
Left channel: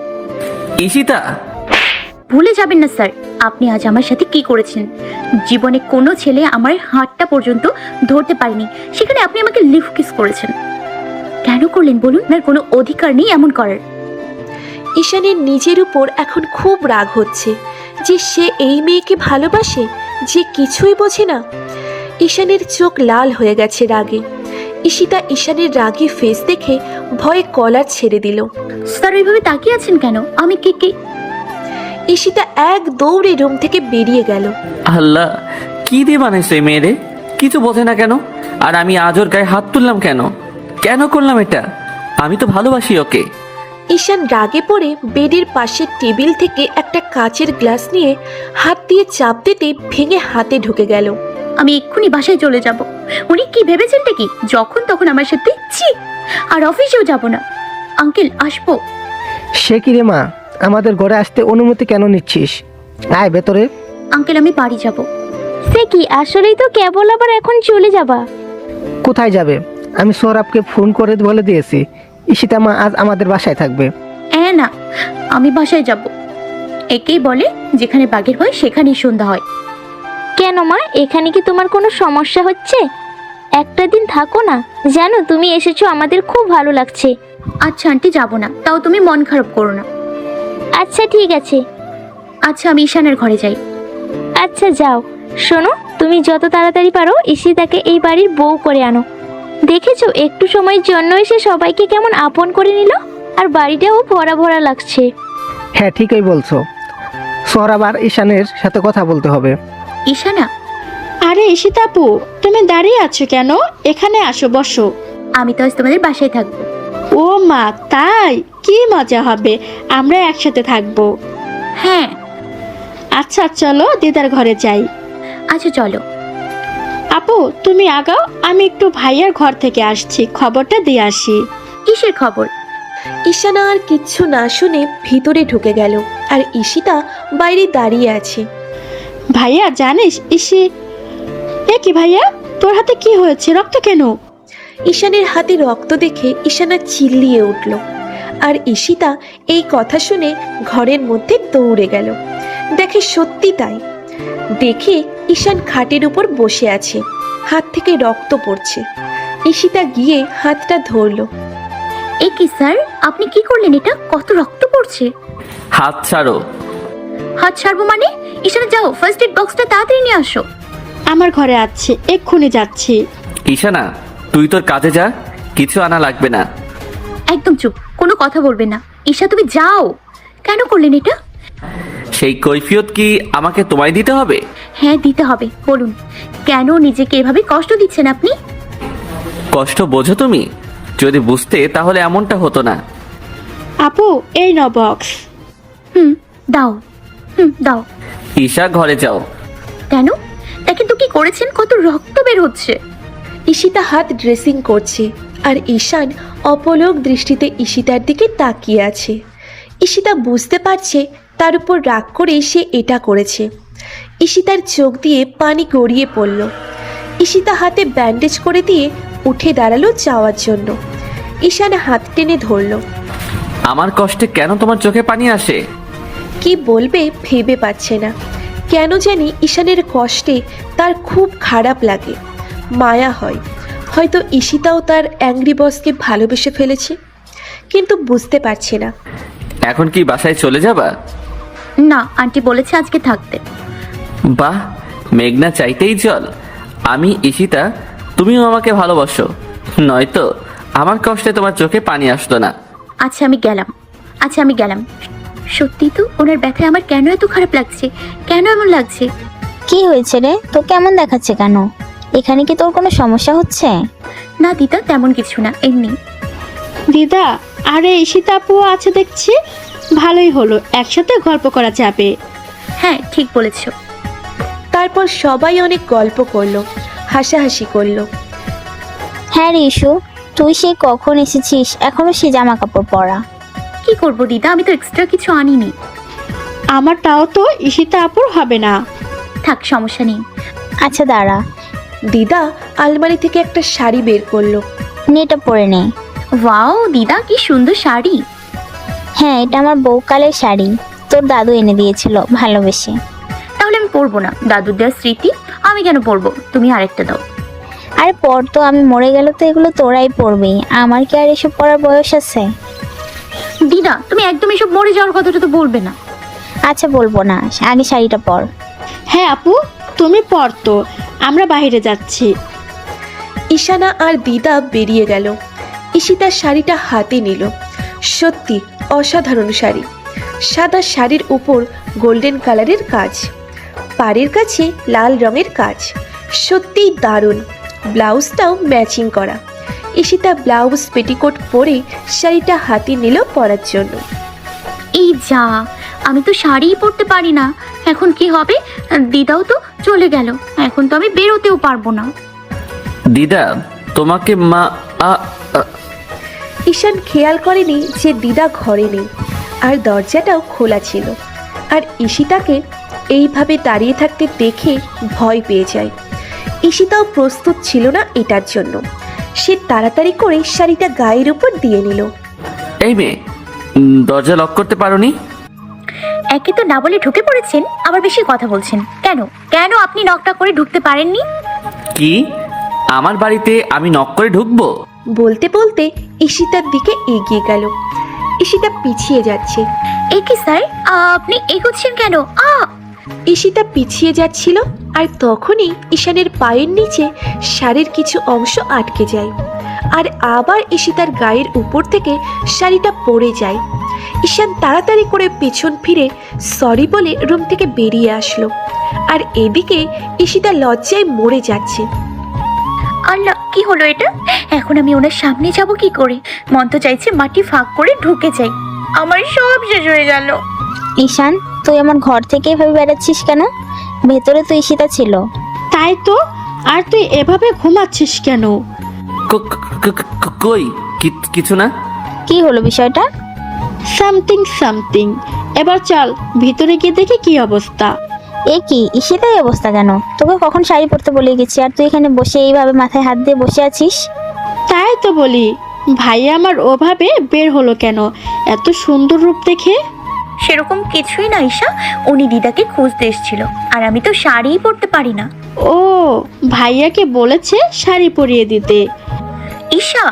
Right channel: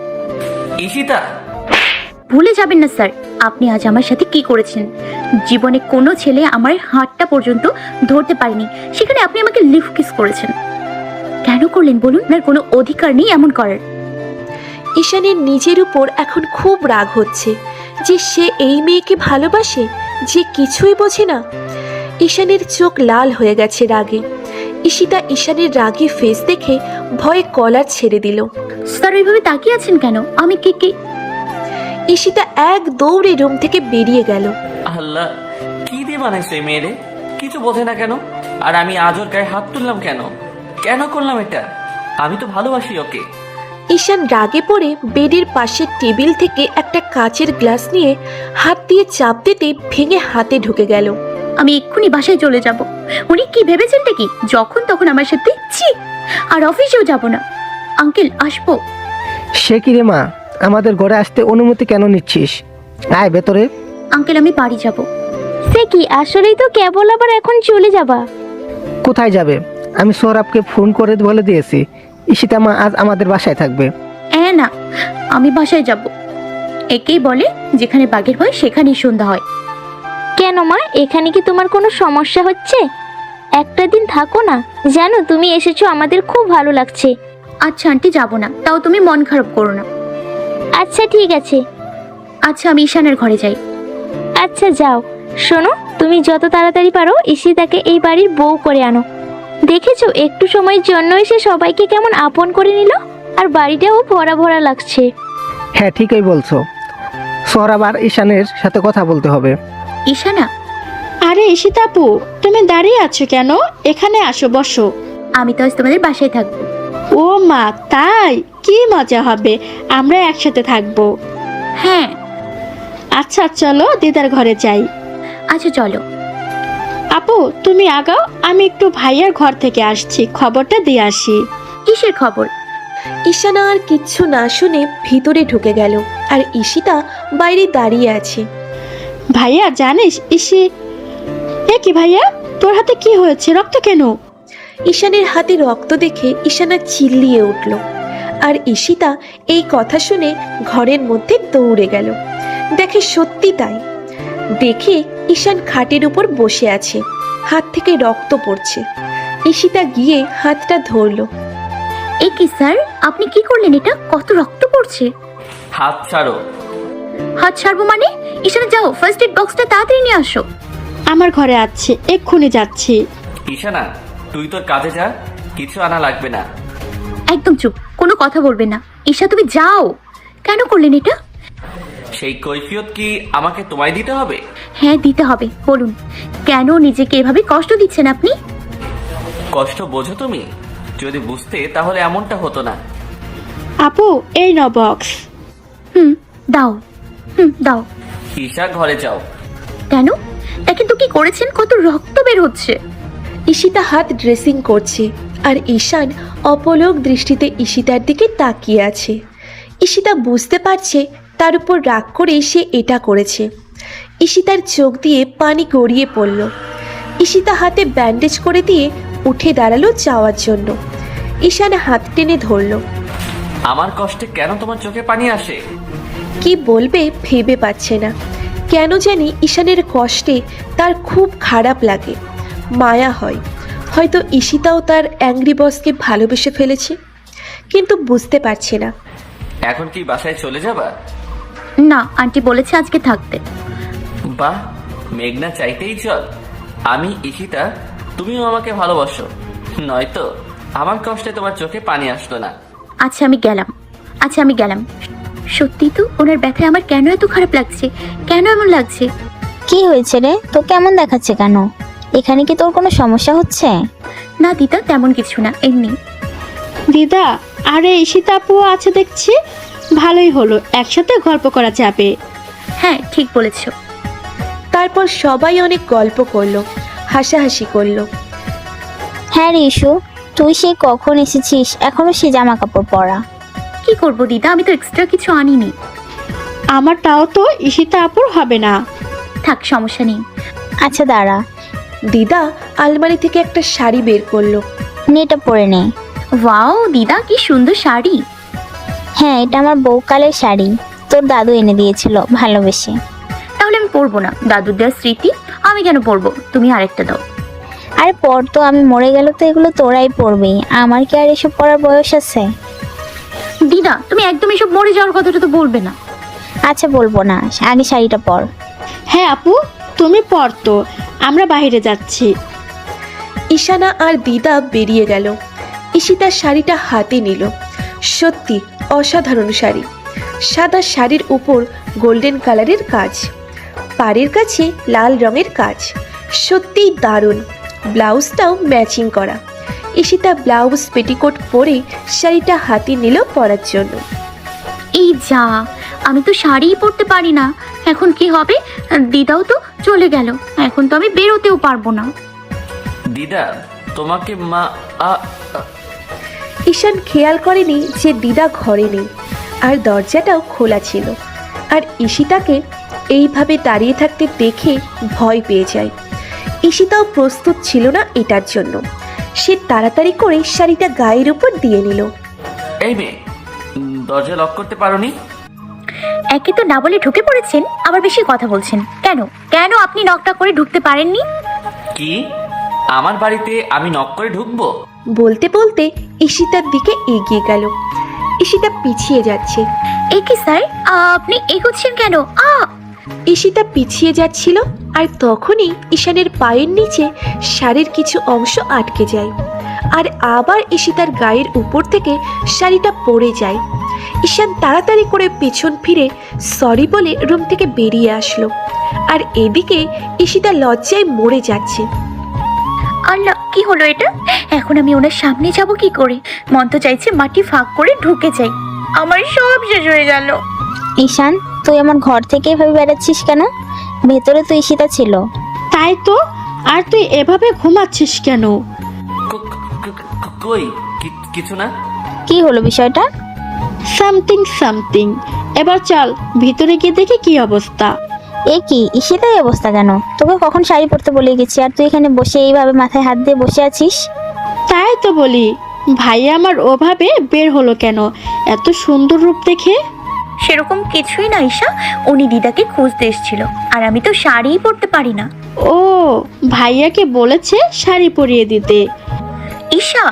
ঈশিতা, ভুলে যাবেন না স্যার, আপনি আজ আমার সাথে কি করেছেন। জীবনে কোনো ছেলে আমার হাতটা পর্যন্ত ধরতে পারেনি, সেখানে আপনি আমাকে লিফট কিস করেছেন। কেন করলেন বলুন? আপনার কোনো অধিকার নেই এমন করার। ঈশানের নিজের উপর এখন খুব রাগ হচ্ছে যে সে এই মেয়েকে ভালোবাসে, যে কিছুই বোঝে না। ঈশানের চোখ লাল হয়ে গেছে রাগে। ঈশিতা ঈশানের রাগী ফেস দেখে ভয়ে কলার ছেড়ে দিল। স্যার এইভাবে তাকিয়ে আছেন কেন? আমি কে? ঈশিতা এক দৌড়ে রুম থেকে বেরিয়ে গেল। আল্লাহ, কি দিয়ে বানাইছো এই মেয়েরে? কিছু বোঝে না কেন? আর আমি আজ ওর গায়ে হাত তুললাম কেন? কেন করলাম এটা? আমি তো ভালোবাসি ওকে। ঈশান রাগে পড়ে বেডের পাশের টেবিল থেকে একটা কাচের গ্লাস নিয়ে হাত দিয়ে চাপ দিতে ভেঙে হাতে ঢুকে গেল। আমি এক্ষুনি বাসায় চলে যাব। উনি কি ভেবেছেন কি যখন তখন আমার সাথে? ছি! আর অফিসেও যাব না। আঙ্কেল, আসবো? সে কি রে মা, আমাদের ঘরে আসতে অনুমতি কেন নিচ্ছিস? আয় ভেতরে। আঙ্কেল, আমি বাড়ি যাব। সে কি, আসলেই তো কেবল আবার এখন চলে যাবা? কোথায় যাবে? আমি সৌরভকে ফোন করে বলে দিয়েছি ঈশিতা মা আজ আমাদের বাসায় থাকবে। না, আমি বাসায় যাব। একেই বলে যেখানে বাঘের হয় সেখানেই সন্ধ্যা হয়। কেন মা, এখানে কি তোমার কোনো সমস্যা হচ্ছে? একটা দিন থাকো না। জানো, তুমি এসেছো আমাদের খুব ভালো লাগছে। আচ্ছা আন্টি, যাব না, তাও তুমি মন খারাপ করো না। আচ্ছা ঠিক আছে। আচ্ছা, আমি ঈশানের ঘরে যাই। আচ্ছা যাও। শোনো, তুমি যত তাড়াতাড়ি পারো ঈশিতাকে এই বাড়ির বউ করে আনো। দেখেছো, একটু সময়ের জন্য এসে সবাইকে কেমন আপন করে নিল, আর বাড়িটাও ভরা ভরা লাগছে। হ্যাঁ ঠিকই বলছো। সৌরভ আর ঈশানের সাথে কথা বলতে হবে। ঈশানা, আরে ঈশিতা আপু, তুমি দাঁড়িয়ে আছো কেন? এখানে আসো, বসো। আমি তো আজ তোমাদের বাসায় থাকবো। ও মা, তাই? কি মজা হবে, আমরা একসাথে থাকবো। হ্যাঁ। আচ্ছা চলো দিদার ঘরে যাই। আচ্ছা চলো। আপু তুমি আগাও, আমি একটু ভাইয়ার ঘর থেকে আসছি, খবরটা দিয়ে আসি। কিসের খবর? ঈশানা আর কিচ্ছু না শুনে ভিতরে ঢুকে গেল, আর ঈশিতা বাইরে দাঁড়িয়ে আছে। ভাইয়া জানিস এ কি ভাইয়া, তোর হাতে কি হয়েছে? রক্ত কেন? ঈশানের হাতে রক্ত দেখে ঈশানা চিল্লিয়ে উঠল, আর ঈশিতা এই কথা শুনে ঘরের মধ্যে দৌড়ে গেল। দেখে সত্যি তাই। দেখি ঈশান খাটের উপর বসে আছে, হাত থেকে রক্ত পড়ছে। ঈশিতা গিয়ে হাতটা ধরলো। এ কি স্যার, আপনি কি করলেন? এটা কত রক্ত পড়ছে। হাত ছাড়ো। হাত ছাড়বো মানে? ঈশানা, যাও ফার্স্ট এড বক্সটা তাড়াতাড়ি নিয়ে আসো। আমার ঘরে আছে, এক্ষুনি যাচ্ছি। ঈশানা, তুই তোর কাজে যা, কিছু আনা লাগবে না। একদম চুপ, কোনো কথা বলবে না। ঈশা, তুমি যাও। কেন করলেন এটা? সেই কৈফিয়ত কি আমাকে তোমায় দিতে হবে? হ্যাঁ দিতে হবে। বলুন, কেন নিজেকে এভাবে কষ্ট দিচ্ছেন আপনি? কষ্ট বোঝো তুমি? যদি বুঝতে তাহলে এমনটা হতো না। আপু এই নাও বক্স। দাও। দাও। ঈশা, ঘরে যাও। কেন? দেখেন তো কি করেছেন, কত রক্ত বের হচ্ছে। ঈশিতা হাত ড্রেসিং করছে, আর ঈশান অপলক দৃষ্টিতে ঈশিতার দিকে তাকিয়ে আছে। ঈশিতা বুঝতে পারছে তার উপর রাগ করে সে এটা করেছে। ঈশিতার চোখ দিয়ে পানি গড়িয়ে পড়ল। ঈশিতা হাতে ব্যান্ডেজ করে দিয়ে উঠে দাঁড়ালো যাওয়ার জন্য। ঈশান হাত টেনে ধরল। আমার কষ্টে কেন তোমার চোখে পানি আসে? কি বলবে ভেবে পাচ্ছে না। কেন জানি ঈশানের কষ্টে তার খুব খারাপ লাগে, মায়া হয়। হয়তো ঈশিতাও তার অ্যাংরি বসকে ভালোবেসে ফেলেছে, কিন্তু বুঝতে পারছে না। এখন কি বাসায় চলে যাবা? না, আন্টি বলেছে আজকে থাকতে। বাহ, মেঘনা চাইতেই জল। আমি ঈশিতা, তুমিও আমাকে ভালোবাসো, নয়তো আমার কষ্টে তোমার চোখে পানি আসতো না। আচ্ছা আমি গেলাম। সত্যি তো, ওনার ব্যথায় আমার কেন এত খারাপ লাগছে? কেন এমন লাগছে? কি হয়েছে রে, তোকে এমন দেখাচ্ছে কেন? এখানে কি তোর কোনো সমস্যা হচ্ছে? না দিদা, তেমন কিছু না, এমনি। দিদা, আরে ঈশিতা আপু আছে দেখছি। ভালোই হলো, একসাথে গল্প করা যাবে। হ্যাঁ ঠিক বলেছো। তারপর সবাই অনেক গল্প করলো, হাসাহাসি করলো। হ্যাঁ রে ইস্যু, তুই সেই কখন এসেছিস, এখনো সে জামা কাপড় পরা। কি করব দিদা, আমি তো এক্সট্রা কিছু আনিনি। আমারটাও তো ঈশিতা আপুর হবে না। থাক, সমস্যা নেই। আচ্ছা দাঁড়া, দিদা আলমারি থেকে একটা শাড়ি বের করলো। এটা পরে নে। ওয়াও দিদা, কি সুন্দর শাড়ি। হ্যাঁ, এটা আমার বউকালের শাড়ি, তোর দাদু এনে দিয়েছিল ভালোবেসে। তাহলে আমি পরবো না, দাদুর দেওয়ার স্মৃতি আমি কেন পরবো, তুমি আরেকটা দাও। আরে পর তো, আমি মরে গেল তো এগুলো তোরাই পরবি, আমার কি আর এসব পড়ার বয়স আছে? দিদা তুমি একদম এসব মরে যাওয়ার কথাটা তো বলবে না। আচ্ছা বলবো না, আগে শাড়িটা পর। হ্যাঁ আপু, তুমি পড়তো, আমরা বাইরে যাচ্ছি। ঈশানা আর দিদা বেরিয়ে গেল। ঈশিতার শাড়িটা হাতে নিল। সত্যি অসাধারণ শাড়ি। সাদা শাড়ির ওপর গোল্ডেন কালারের কাজ, পাড়ের কাছে লাল রঙের কাজ, সত্যিই দারুণ। ব্লাউজটাও ম্যাচিং করা। ঈশিতা ব্লাউজ পেটিকোট পরে শাড়িটা হাতে নিল পরার জন্য। এই যা, আমি তো শাড়িই পরতে পারি না, এখন কি হবে? দিদাও তো চলে গেল, এখন তো আমি বেরোতেও পারবো না। দিদা, তোমাকে মা ঈশান খেয়াল করেনি যে দিদা ঘরে নেই, আর দরজাটাও খোলা ছিল। আর ঈশিতাকে এইভাবে দাঁড়িয়ে থাকতে দেখে ভয় পেয়ে যায়। ঈশিতাও প্রস্তুত ছিল না এটার জন্য। সে তাড়াতাড়ি করে শাড়িটা গায়ের উপর দিয়ে নিল। এই মেয়ে, দরজা লক করতে পারোনি? একে তো না বলে ঢুকে পড়েছেন, আবার বেশি কথা বলছেন। কেন কেন আপনি নকটা করে ঢুকতে পারেননি? কি, আমার বাড়িতে আমি নক করে ঢুকবো? বলতে বলতে ঈশিতার দিকে এগিয়ে গেল। ঈশিতা পিছিয়ে যাচ্ছে। একে স্যার, আপনি এগোচ্ছেন কেন? ঈশিতা পিছিয়ে যাচ্ছিল, আর তখনই ঈশানের পায়ের নিচে শাড়ির কিছু অংশ আটকে যায়, আর আবার ঈশিতার গায়ের উপর থেকে শাড়িটা পড়ে যায়। ঈশান তাড়াতাড়ি করে পেছন ফিরে সরি বলে রুম থেকে বেরিয়ে আসলো। আর এদিকে ঈশিতা লজ্জায় মরে যাচ্ছে। এখন আমি ওনার সামনে যাবো কি করে? মন তো চাইছে মাটি ফাঁক করে ঢুকে যাই, আমার সব শেষ হয়ে গেল। ঈশান, তুই আমার ঘর থেকে এভাবে বেড়াচ্ছিস কেন? ভেতরে তো ঈশিতা ছিল। তাই তো, আর তুই এভাবে ঘুমাচ্ছিস কেন? কই, কিছু না। কি হলো বিষয়টা? সামথিং। এবার চল ভিতরে গিয়ে দেখি কি অবস্থা। এ কি, ঈশিতার এই অবস্থা কেন? তোকে কখন শাড়ি পরতে বলে গেছি, আর তুই এখানে বসে এইভাবে মাথায় হাত দিয়ে বসে আছিস? তাই তো বলি, ভাই আমার ওভাবে বের হলো কেন এত সুন্দর রূপ দেখে? সেরকম কিছুই না ঈশা, উনি দিদাকে খুঁজতে এসেছিল, আর আমি তো শাড়িই পরতে পারি না। ও, ভাইয়াকে বলেছে শাড়ি পরিয়ে দিতে। ঈশা,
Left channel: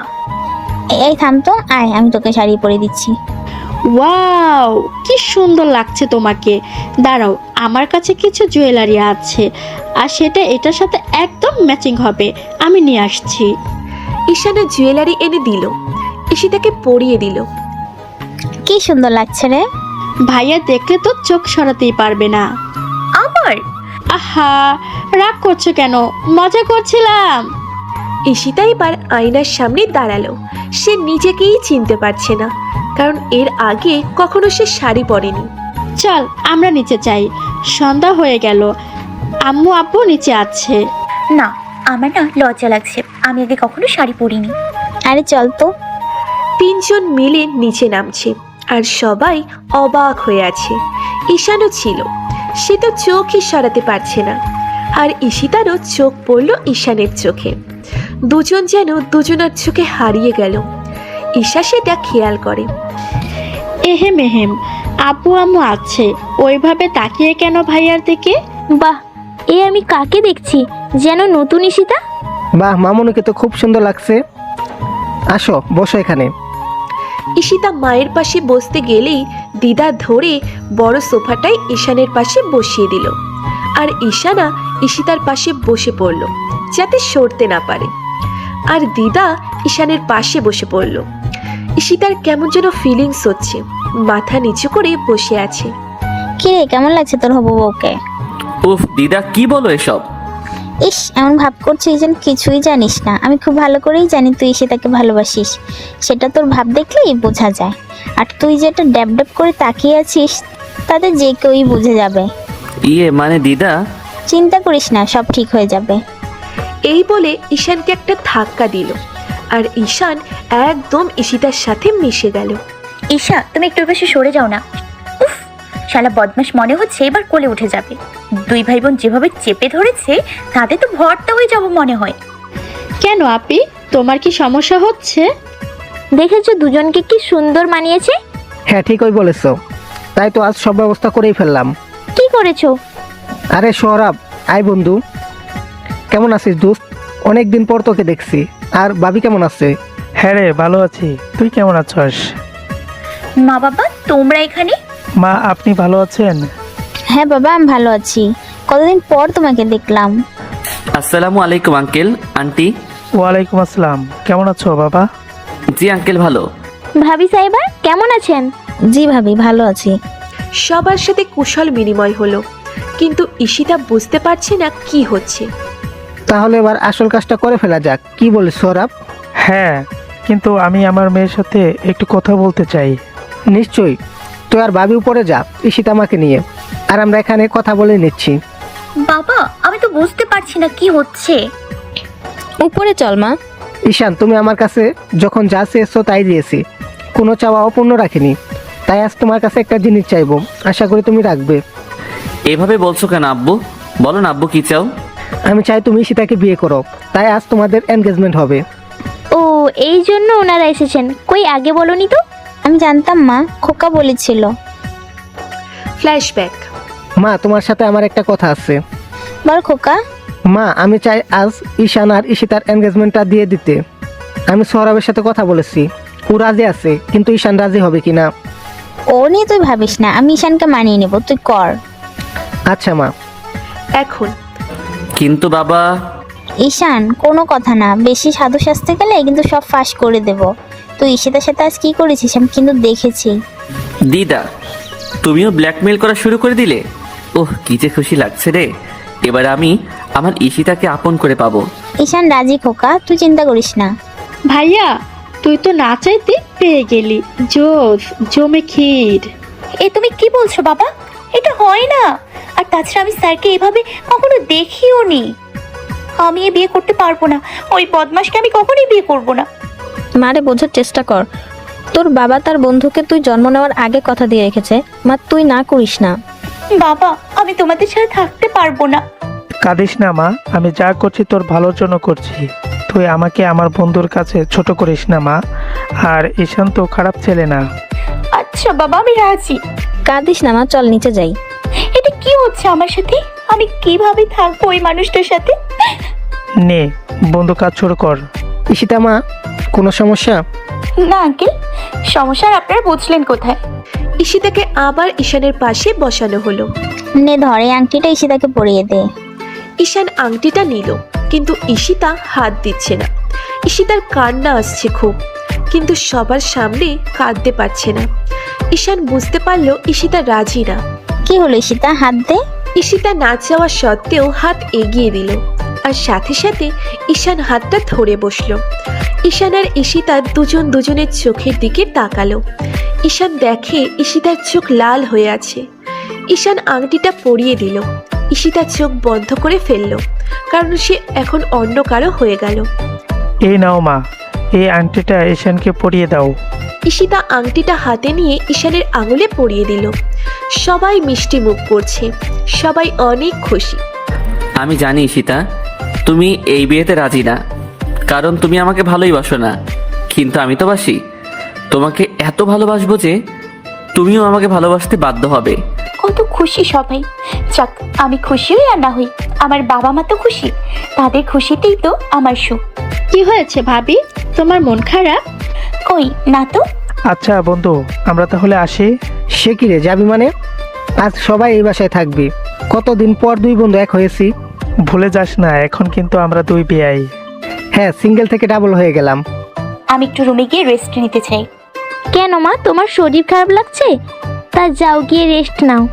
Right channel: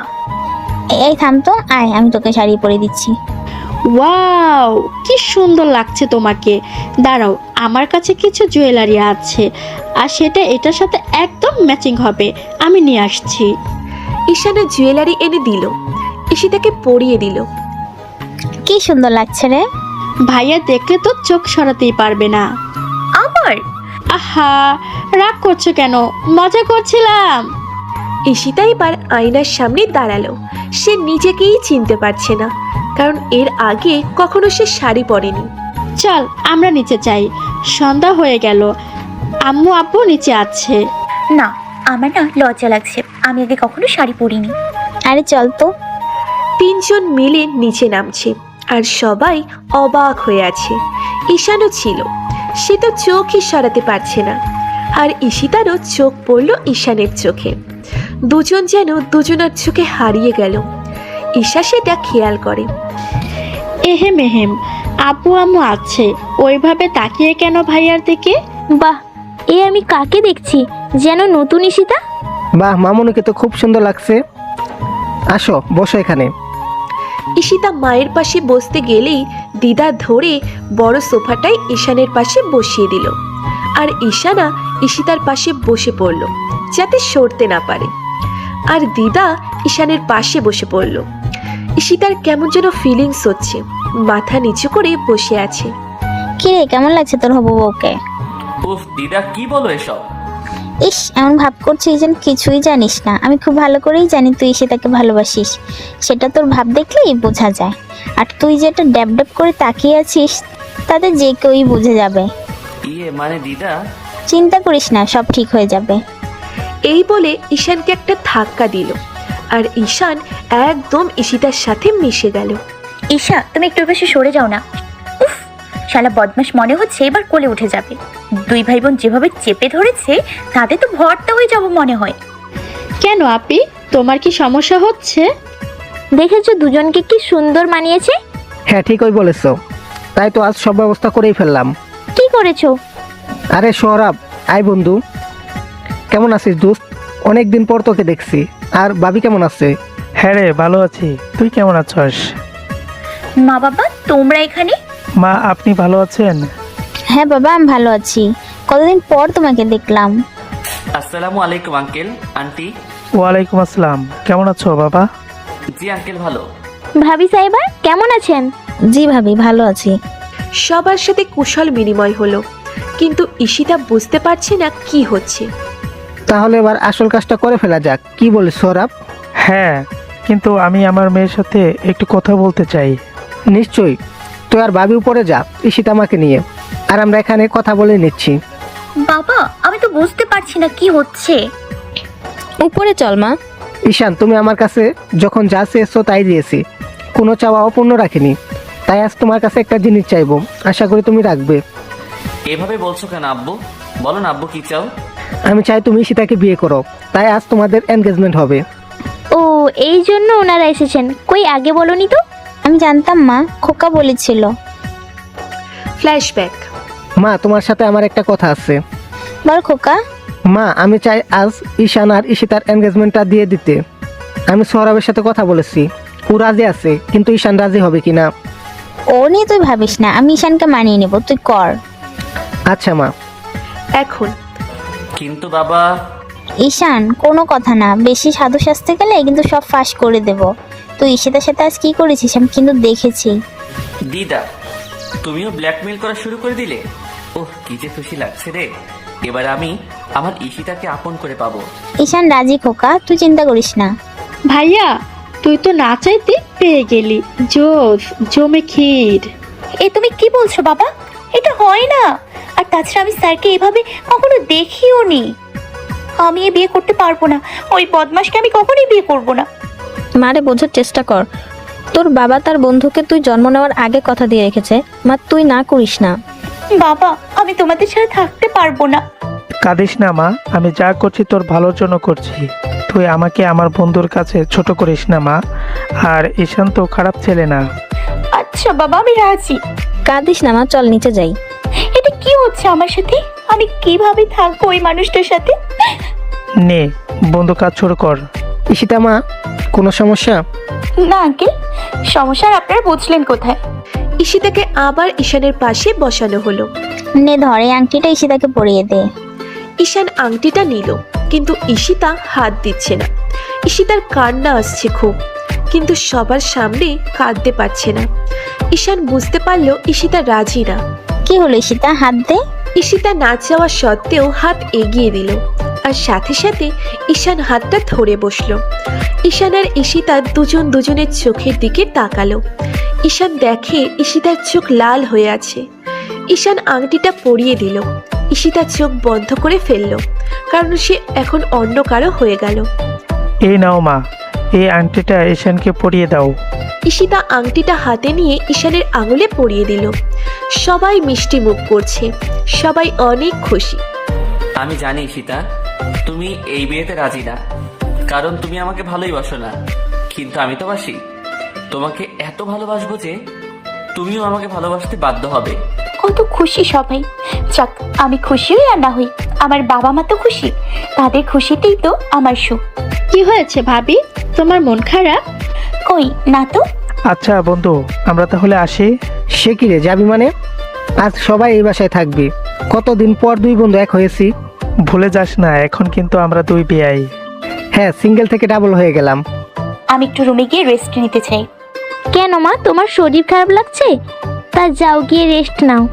এই থাম তো, আয় আমি তোকে শাড়ি পরিয়ে দিচ্ছি। ওয়াও, কি সুন্দর লাগছে তোমাকে। দাঁড়াও, আমার কাছে কিছু জুয়েলারি আছে, আর সেটা এটার সাথে একদম ম্যাচিং হবে, আমি নিয়ে আসছি। ঈশানা জুয়েলারি এনে দিল, ঈশিতাকে পরিয়ে দিল। কি সুন্দর লাগছে রে। ভাইয়া দেখলে তো চোখ সরাতেই পারবে না। আবার আহা, রাগ করছে কেন? মজা করছিলাম। ঈশিতা এবার আয়নার সামনে দাঁড়ালো। সে নিজেকেই চিনতে পারছে না, কারণ এর আগে কখনো সে শাড়ি পরেনি। চল আমরা নিচে যাই, সন্ধ্যা হয়ে গেল। আম্মু আপু নিচে আছে। না, আমার না লজ্জা লাগছে, আমি আগে কখনো শাড়ি পরিনি। তিনজন মিলে নিচে নামছে, আর সবাই অবাক হয়ে আছে। ঈশানা ছিল, সে তো চোখই সরাতে পারছে না। আর ঈশিতারও চোখ পড়ল ঈশানের চোখে। দুজন যেন দুজনার চোখে হারিয়ে গেল। ঈশা সেটা খেয়াল করে। এহেম এহেম, আপু আম্মু আছে, ওইভাবে তাকিয়ে কেন ভাইয়ার দিকে? বাহ, এ আমি কাকে দেখছি, যেন নতুন ঈশিতা। বাহ, মামুনিকে তো খুব সুন্দর লাগছে। আসো বসো এখানে। ঈশিতা মায়ের পাশে বসতে গেলেই দিদা ধরে বড় সোফাটাই ঈশানের পাশে বসিয়ে দিল। আর ঈশানা ঈশিতার পাশে বসে পড়ল, যাতে সরতে না পারে। আর দিদা ঈশানের পাশে বসে পড়ল। ঈশিতার কেমন যেন ফিলিংস হচ্ছে, মাথা নিচু করে বসে আছে। কি রে, কেমন লাগছে তোর হবু বউকে? উফ দিদা, কি বলো এসব? ইস, এমন ভাব করছিস যেন কিছুই জানিস না। আমি খুব ভালো করেই জানি তুই ঈশিতাকে ভালোবাসিস, সেটা তোর ভাব দেখলেই বোঝা যায়। আর তুই যেটা ড্যাব ড্যাব করে তাকিয়ে আছিস, তাতে যে কেউই বুঝে যাবে। মানে দিদা, চিন্তা করিস না, সব ঠিক হয়ে যাবে। এই বলে ঈশানকে একটা ধাক্কা দিল, আর ঈশান একদম ঈশিতার সাথে মিশে গেল। ঈশা, তুমি একটু বেশি সরে যাও না। উফ, শালা বদমাস মনে হচ্ছে এবার কোলে উঠে যাবে। দুই ভাই বোন যেভাবে চেপে ধরেছে তাতে তো ভর্তা হয়ে যাবো মনে হয়। কেন আপি, তোমার কি সমস্যা হচ্ছে? দেখেছো দুজনকে কি সুন্দর মানিয়েছে? হ্যাঁ, ঠিকই বলেছো। তাই তো আজ সব ব্যবস্থা করেই ফেললাম। কি করেছো? আরে সৌরভ, আয় বন্ধু। কেমন আছিস দোস্ত? অনেকদিন পর তোকে দেখছি। আর ভাবি কেমন আছে? হ্যাঁ রে, ভালো আছি। তুই কেমন আছিস? মা বাবা তোমরা এখানে? মা, আপনি ভালো আছেন? হ্যাঁ বাবা, আমি ভালো আছি। কতদিন পর তোমাকে দেখলাম। আসসালামু আলাইকুম আঙ্কেল, আন্টি। ওয়ালাইকুম আসসালাম। কেমন আছো বাবা? জি আঙ্কেল, ভালো। ভাবি সাইবা কেমন আছেন? জি ভাবি, ভালো আছি। সবার সাথে কুশল বিনিময় হলো, কিন্তু ঈশিতা বুঝতে পারছে না কি হচ্ছে। তাহলে এবার আসল কাজটা করে ফেলা যাক, কি বলিস সৌরভ? হ্যাঁ, কিন্তু আমি আমার মেয়ের সাথে একটু কথা বলতে চাই। নিশ্চয়ই। তুই আর ভাবি উপরে যা ঈশিতা আমাকে নিয়ে, আর আমরা এখানে কথা বলে নিচ্ছি। বাবা, আমি তো বুঝতে পারছি না কি হচ্ছে। উপরে চল মা। ঈশান, তুমি আমার কাছে যখন যা চেয়েছো তাই দিয়েছি, কোনো চাওয়া অপূর্ণ রাখিনি। তাই আজ তোমার কাছে একটা জিনিস চাইবো, আশা করি তুমি রাখবে। এভাবে বলছো কেন আব্বু? বলো না আব্বু, কি চাও? আমি চাই তুমি ঈশিতাকে বিয়ে করো, তাই আজ তোমাদের এনগেজমেন্ট হবে। ও, এই জন্য ওনারা এসেছেন। কই আগে বলনি তো? আমি জানতাম মা, খোকা বলেছিল। ফ্ল্যাশব্যাক। মা, তোমার সাথে আমার একটা কথা আছে। বল খোকা। মা, আমি চাই আজ ঈশান আর ঈশিতার এনগেজমেন্টটা দিয়ে দিতে। আমি সৌরভের সাথে কথা বলেছি, ও রাজি আছে, কিন্তু ঈশান রাজি হবে কিনা। ও নিয়ে তুই ভাবিস না, আমি ঈশানকে মানিয়ে নেব, তুই কর। আচ্ছা মা। এখন কিন্তু বাবা। ঈশান, কোনো কথা না, বেশি সাধু সাজতে গেলে কিন্তু সব ফাঁস করে দেব। তুই ঈশিতার সাথে আজ কি করেছিস আমি কিন্তু দেখেছি। দিদা, তুমিও ব্ল্যাকমেল করা শুরু করে দিলে? ওহ, কি যে খুশি লাগছে রে। এবার আমি আমার ঈশিতাকে আপন করে পাবো। ঈশান রাজি খোকা, তুই চিন্তা করিস না। ভাইয়া, তুই তো না চাইতে পেয়ে গেলি। জোস জমে ক্ষীর। এ তুমি কি বলছো বাবা? এটা হয় না। আর তাছাড়া আমি স্যারকে এইভাবে কখনো দেখিও নি। আমি এ বিয়ে করতে পারবো না। ওই বদমাশকে আমি কখনোই বিয়ে করবো না। মারে বোঝার চেষ্টা কর। তোর বাবা তার বন্ধুকে তুই জন্ম নেওয়ার আগে কথা দিয়ে রেখেছে, মা তুই না করিস না। বাবা, আমি তোমাদের সাথে থাকতে পারবো না। কাঁদিস না মা, আমি যা করছি তোর ভালোর জন্য করছি। তুই আমাকে আমার বন্ধুর কাছে ছোট করিস না মা। আর ঈশান তো খারাপ ছেলে না। আচ্ছা বাবা, আমি রাজি। কাঁদিস না মা, চল নিচে যাই। এটা কি হচ্ছে আমার সাথে? আমি কিভাবে থাকবো ওই মানুষটার সাথে? নে, বন্ধু কাজ শুরু কর। ঈশিতা মা, কোনো সমস্যা? না আঙ্কেল, সমস্যা আপনারা বুঝলেন কোথায়? ঈশিতাকে আবার ঈশানের পাশে বসানো হলো। নে ধরে আংটিটা ঈশিতাকে পরিয়ে দে। ঈশান আংটিটা নিল, কিন্তু ঈশিতা হাত দিচ্ছে না। ঈশিতার কান্না আসছে খুব, কিন্তু সবার সামনে কাঁদতে পারছে না। ঈশান বুঝতে পারলো ঈশিতা রাজি না। কি হলো ঈশিতা, হাত দে। ঈশিতা না চাওয়া সত্ত্বেও হাত এগিয়ে দিল, আর সাথে সাথে ঈশান হাতটা ধরে বসলো। ঈশান আর ঈশিতা দুজন দুজনের চোখের দিকে তাকালো। ঈশান দেখে ঈশিতার চোখ লাল হয়ে আছে। ঈশান আংটিটা পরিয়ে দিল। ঈশিতা চোখ বন্ধ করে ফেলল, কারণ সে এখন অন্য কারো হয়ে গেল। এই নাও মা, এই আংটিটা ঈশানকে পরিয়ে দাও। ঈশিতা আংটিটা হাতে নিয়ে ঈশানের আঙুলে পরিয়ে দিল। সবাই মিষ্টি মুখ করছে, সবাই অনেক খুশি। আমি জানি ঈশিতা, তুমি এই বিয়েতে রাজি না, কারণ তুমি আমাকে ভালোই বাসো না। কিন্তু আমি তো বাসি। তোমাকে এত ভালোবাসবো যে তুমিও আমাকে ভালোবাসতে বাধ্য হবে। কত খুশি সবাই। যাক, আমি খুশি হই আর না হই, আমার বাবা মা তো খুশি। তাদের খুশিতেই তো আমার সুখ। কি হয়েছে ভাবি, তোমার মন খারাপ? কই না তো। আচ্ছা বন্ধু, আমরা তাহলে আসি। সে কি রে, যাবি মানে? আজ সবাই এই বাসায় থাকবে। কতদিন পর দুই বন্ধু এক হয়েছি। ভুলে যাস না, এখন কিন্তু আমরা দুই বেয়াই। হ্যাঁ, সিঙ্গেল থেকে ডাবল হয়ে গেলাম। আমি একটু রুমে গিয়ে রেস্ট নিতে চাই। কেন মা, তোমার শরীর খারাপ লাগছে? তা যাও গিয়ে রেস্ট নাও।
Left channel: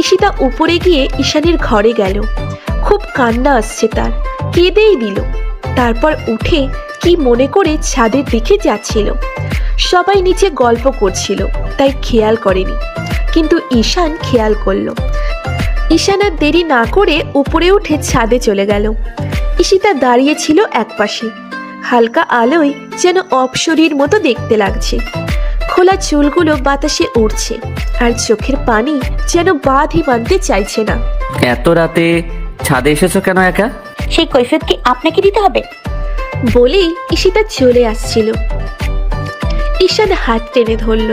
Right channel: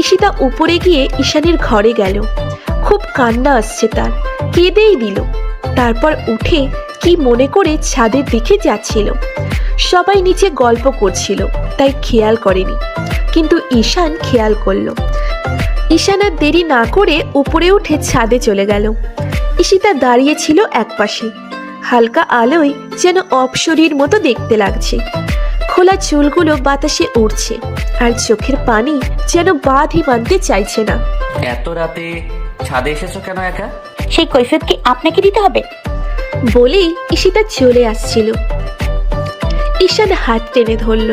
ঈশিতা উপরে গিয়ে ঈশানের ঘরে গেল। খুব কান্না আসছে তার, কেঁদেই দিল। তারপর উঠে কি মনে করে ছাদের দিকে যাচ্ছিল। সবাই নিচে গল্প করছিল, তাই খেয়াল করেনি, কিন্তু ঈশান খেয়াল করলো। ঈশান আর দেরি না করে উপরে উঠে ছাদে চলে গেল। ঈশিতা দাঁড়িয়ে ছিল একপাশে, হালকা আলোয় যেন অপসরীর মতো দেখতে লাগছে। খোলা চুলগুলো বাতাসে উড়ছে, আর চোখের পানি যেন বাঁধই বাঁধতে চাইছে না। এত রাতে ছাদে এসেছো কেন একা? সেই কৈফিয়ত কি আপনাকে দিতে হবে? বলেই ঈশিতা চলে আসছিল। ঈশান হাত টেনে ধরল।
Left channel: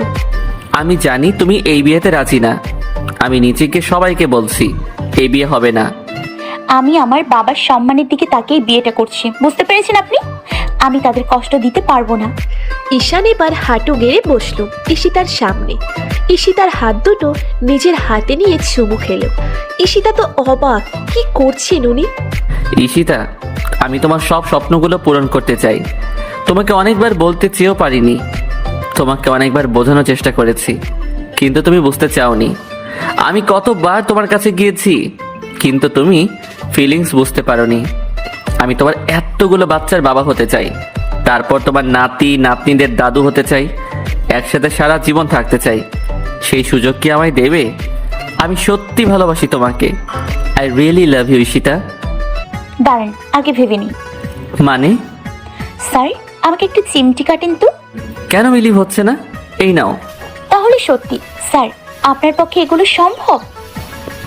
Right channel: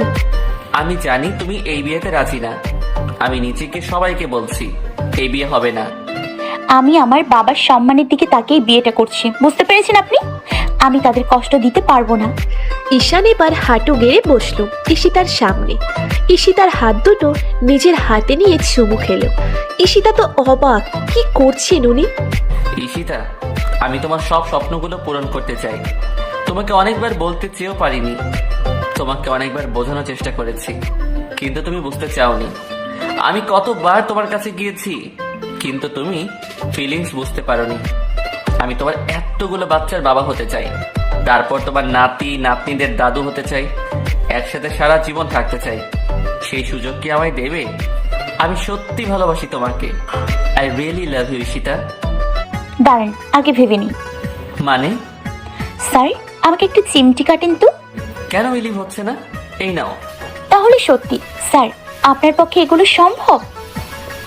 আমি জানি তুমি এই বিয়েতে রাজি না। আমি নিচে গিয়ে সবাইকে বলছি এই বিয়ে হবে না। আমি আমার বাবার সম্মানের দিকে তাকিয়ে বিয়েটা করছি, বুঝতে পেরেছেন আপনি? আমি তাদের কষ্ট দিতে পারবো না। ঈশান এবার হাঁটু গেড়ে বসলো ঈশিতার সামনে। ঈশিতার হাত দুটো নিজের হাতে নিয়ে চুমু খেলো। ঈশিতা তো অবাক, কি করছেন উনি? ঈশিতা, আমি তোমার সব স্বপ্নগুলো পূরণ করতে চাই। তোমাকে অনেকবার বলতে চেয়েও পারিনি, তোমাকে অনেকবার বোঝানোর চেষ্টা করেছি, কিন্তু তুমি বুঝতে চাওনি। আমি কতবার তোমার কাছে গিয়েছি, কিন্তু তুমি ফিলিংস বুঝতে পারোনি। আমি তোমার এতগুলো বাচ্চার বাবা হতে চাই, তারপর তোমার নাতি নাতনিদের দাদু হতে চাই, একসাথে সারা জীবন থাকতে চাই। সেই সুযোগ কি আমায় দেবে? আমি সত্যি ভালোবাসি তোমাকে। I really love you Ishita. দাঁড়ান, আগে ভেবে নি। মানে? স্যার, আমাকে একটু চিমটি কাটেন তো। কেন বিলিভ হচ্ছে না? এই নাও। তাহলে সত্যি স্যার, আপনার পক্ষে এগুলো সম্ভব?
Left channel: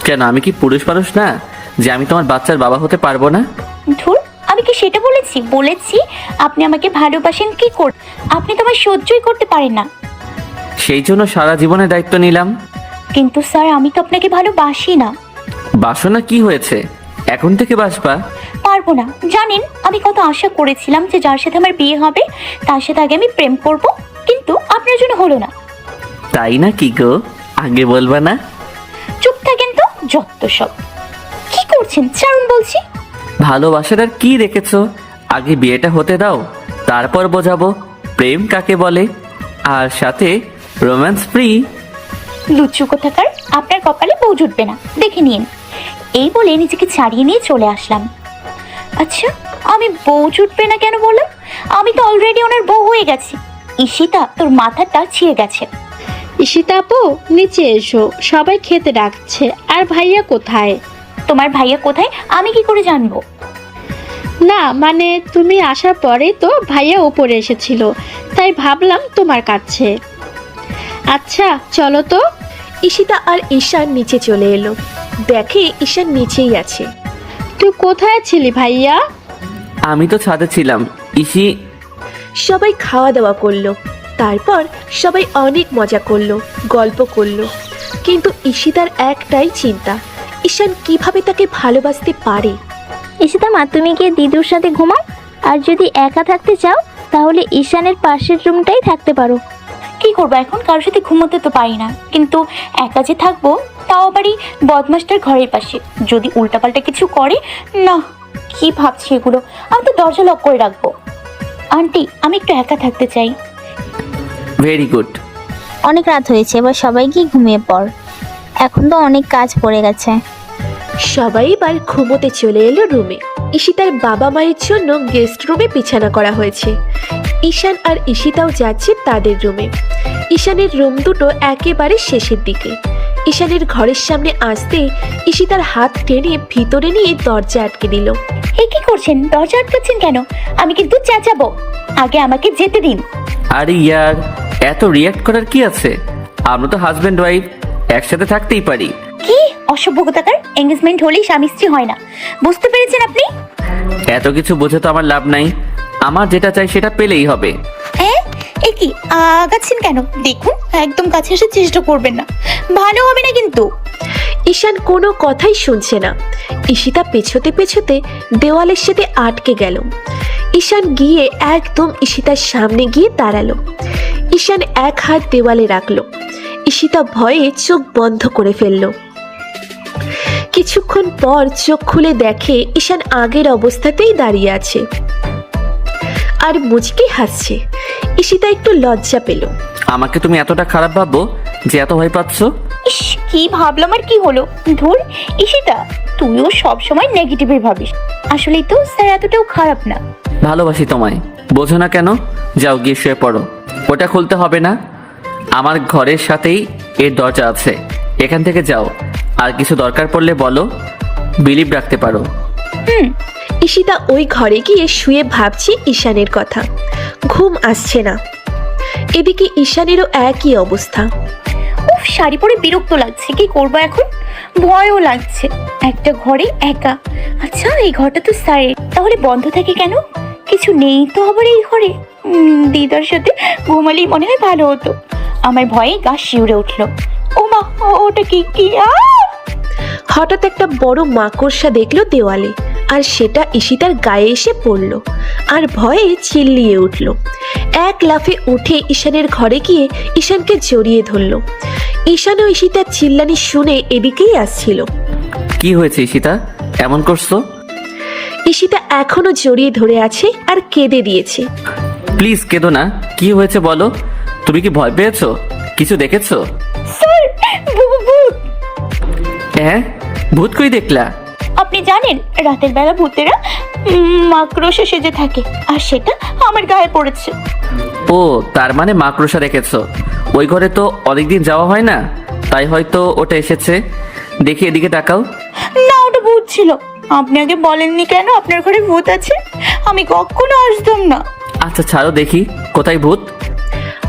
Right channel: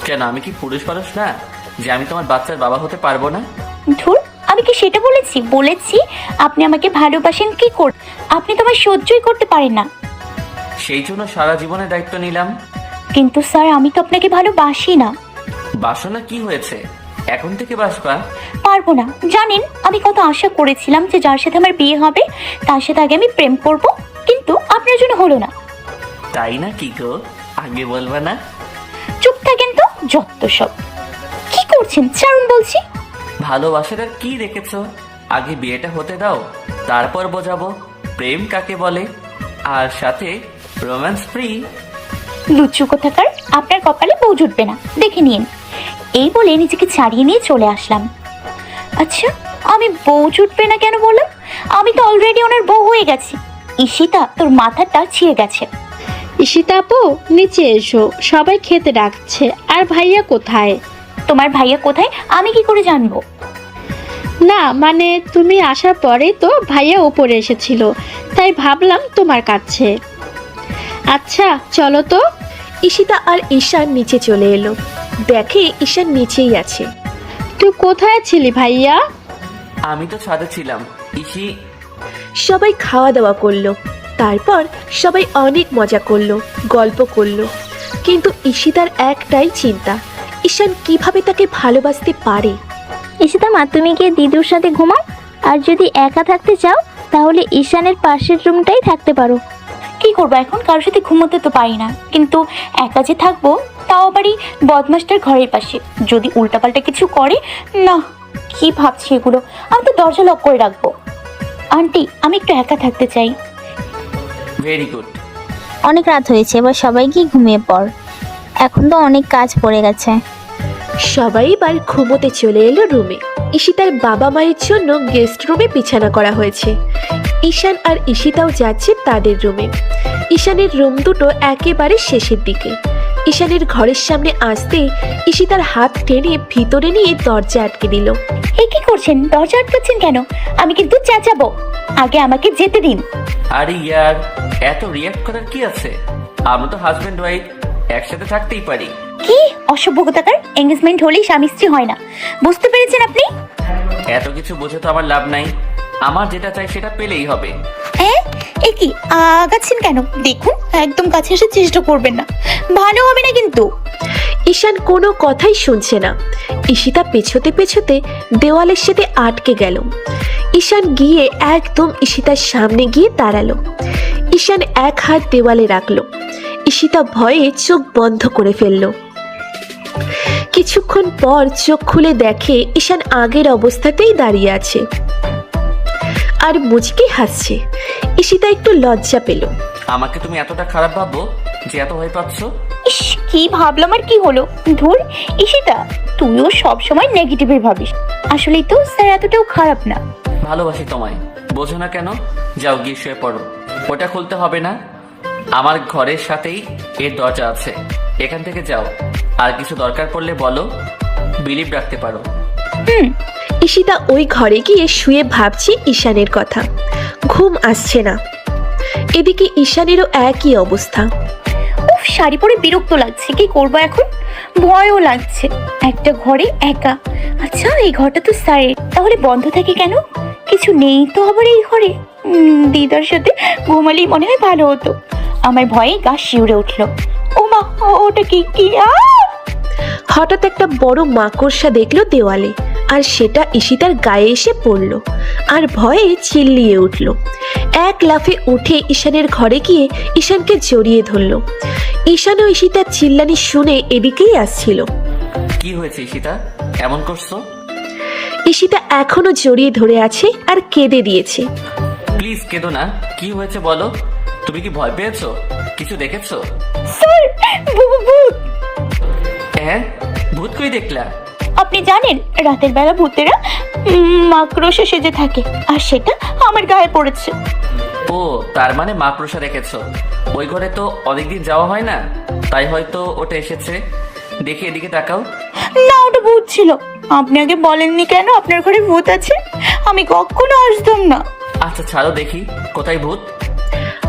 কেন, আমি কি পুরুষ মানুষ না যে আমি তোমার বাচ্চার বাবা হতে পারবো না? ধুর, আমি কি সেটা বলেছি? বলেছি আপনি আমাকে ভালোবাসেন কি করে। আপনি তো আমার সহ্যই করতে পারেন না। সেই জন্য সারা জীবনের দায়িত্ব নিলাম। কিন্তু স্যার, আমি তো আপনাকে ভালোবাসি না। বাসনা কি হয়েছে? এখন থেকে বাসবা। পারবো না। জানেন, আমি কত আশা করেছিলাম যে যার সাথে আমার বিয়ে হবে তার সাথে আগে আমি প্রেম করব, কিন্তু আপনার জন্য হলো না। তাই না কি গো? আগে বলবা না? চুপ থাকেন তো, যত সব। কি করছেন? ছাড়ুন বলছি। ভালোবাসার আর কি রেখেছো? আগে বিয়েটা হতে দাও, তারপর বোঝাবো প্রেম কাকে বলে, আর সাথে রোম্যান্স ফ্রি। লুচু কোথাকার, আপনার কপালে বউ জুটবে না, দেখে নিন। এই বলে নিজেকে ছাড়িয়ে নিয়ে চলে আসলাম। আচ্ছা, আমি বউ জুটবে না কেন বললাম? আমি তো অলরেডি ওনার বউ হয়ে গেছি। ঈশিতা, তোর মাথাটা ছিঁড়ে গেছে। ঈশিতা আপু, নিচে এসো, সবাই খেতে ডাকছে। আর ভাইয়া কোথায়? তোমার ভাইয়া কোথায় আমি কি করে জানবো? না মানে তুমি আসার পরেই তো ভাইয়া উপরে এসেছিল, তাই ভাবলাম তোমার কাছে। আচ্ছা চলো তো। ঈশিতা আর ঈশান নিচে চলে এলো, দেখে ঈশান নিচেই আছে। তুই কোথায় ছিলি ভাইয়া? আমি তো ছাদে ছিলাম। ইসি। সবাই খাওয়া দাওয়া করলো, তারপর সবাই অনেক মজা করলো, গল্প করলো। কিন্তু ঈশিতার একটাই চিন্তা, ঈশান কিভাবে তাকে ভালোবাসতে পারে। ঈশিতা মা, তুমি গিয়ে দিদুর সাথে ঘুমাও। আর যদি একা থাকতে চাও তাহলে ঈশানের পাশের রুমটাই থাকতে পারো। কি করবো এখন? কারোর সাথে ঘুমোতে তো পারি না, কিন্তু একা যে থাকবো তাও আবারই বদমাসটার ঘরের পাশে। যদি উল্টাপাল্টা কিছু করে না। কি ভাবছি এগুলো? আমি তো দরজা লক করে রাখবো। আন্টি, আমি একটু একা থাকতে চাই। Very good. অনেক রাত হয়েছে, এবার সবাই গিয়ে ঘুমিয়ে পড়। এখন তো অনেক কাজ পড়ে গেছে। সবাই এবার ঘুমোতে চলে এলো রুমে। ঈশিতার বাবা মায়ের জন্য গেস্ট রুমে বিছানা করা হয়েছে। ঈশান আর ঈশিতাও যাচ্ছে তাদের রুমে। ঈশানের রুম দুটো একেবারে শেষের দিকে। ঈশানের ঘরের সামনে আসতেই ঈশিতার হাত টেনে ভিতরে নিয়ে দরজা আটকে দিল। এই কি করছেন? দরজা আটকাচ্ছেন কেন? আমি কিন্তু চেঁচাবো। আগে আমাকে যেতে দিন। আরে ইয়ার, এত রিয়াক্ট করার কি আছে? আমরা তো হাজব্যান্ড ওয়াইফ, একসাথে থাকতেই পারি। কি অসভ্য কোথাকার! এঙ্গেজমেন্ট হলেই স্বামী স্ত্রী হয় না, বুঝতে পেরেছেন আপনি? এত কিছু বোঝে তো আমার লাভ নাই। আমার যেটা চাই সেটা পেলেই হবে। এ কি আগাচ্ছেন কেন? দেখুন, একদম কাছে এসে চেষ্টা করবেন না, ভালো হবে না কিন্তু। ঈশান কোনো কথাই শুনছে না। ঈশিতা পেছোতে পেছোতে দেওয়ালের সাথে আটকে গেল। ঈশান গিয়ে একদম ঈশিতার সামনে গিয়ে দাঁড়ালো। ঈশান এক হাত দেওয়ালে রাখলো। ঈশিতা ভয়ে চোখ বন্ধ করে ফেললো। কিছুক্ষণ পর চোখ খুলে দেখে ঈশান আগের অবস্থাতেই দাঁড়িয়ে আছে আর মুচকি হাসছে। ঈশিতা একটু লজ্জা পেল। আমাকে তুমি এতটা খারাপ ভাবো যে এত ভয় পাচ্ছ? ইস, কি ভাবলাম আর কি হলো? ধর ঈশিতা, তুইও সবসময় নেগেটিভই ভাবিস। আসলেই তো স্যার এতটাও খারাপ না। ভালোবাসি তোমায়, বোঝো না কেন? যাও গিয়ে শুয়ে পড়ো। ওটা খুলতে হবে না, আমার ঘরের সাথেই এর দরজা আছে, এখান থেকে যাও। আর কিছু দরকার পড়লে বলো, বিলিভ রাখতে পারো। ঈশিতা ওই ঘরে গিয়ে শুয়ে ভাবছে ঈশানের কথা। ঘুম আসছে না। এদিকে ঈশানেরও একই অবস্থা। উফ, শাড়ি পরে বিরক্ত লাগছে, কি করবো এখন? ভয়ও লাগছে, একটা ঘরে একা। আচ্ছা, এই ঘরটা তো স্যারের, তাহলে বন্ধ থাকে কেন? কিছু নেই তো আবার এই ঘরে। দিদার সাথে ঘুমালেই মনে হয় ভালো হতো। আমার ভয়ে গা শিউরে উঠলো। ও মা, ওটা কি কি হঠাৎ একটা বড় মাকড়সা দেখলো দেওয়ালে, আর সেটা ঈশিতার গায়ে এসে পড়লো আর ভয়ে চিল্লিয়ে উঠলো। এক লাফে উঠে ঈশানের ঘরে গিয়ে ঈশানকে জড়িয়ে ধরলো। ঈশান ও ঈশিতার চিল্লানি শুনে এদিকেই আসছিল। কি হয়েছে ঈশিতা, এমন করছো? ঈশিতা এখনো জড়িয়ে ধরে আছে আর কেঁদে দিয়েছে। প্লিজ কেঁদো না, কি হয়েছে বলো। তুমি কি ভয় পেয়েছো? কিছু দেখেছো? হ্যাঁ, ভূত কই দেখলা? আপনি জানেন, রাতের বেলা ভূতেরা মাকড়সা সেজে থাকে, আর সেটা আমার গায়ে পড়েছে। ও, তার মানে মাকড়সা দেখেছো। ওই ঘরে তো অনেকদিন যাওয়া হয় না, তাই হয়তো ওটা এসেছে। দেখি এদিকে তাকাও। না, ওটা ভূত ছিল। আপনি আগে বলেননি কেন আপনার ঘরে ভূত আছে? আমি কখনো আসতাম না। আচ্ছা ছাড়ো দেখি, কোথায় ভূত?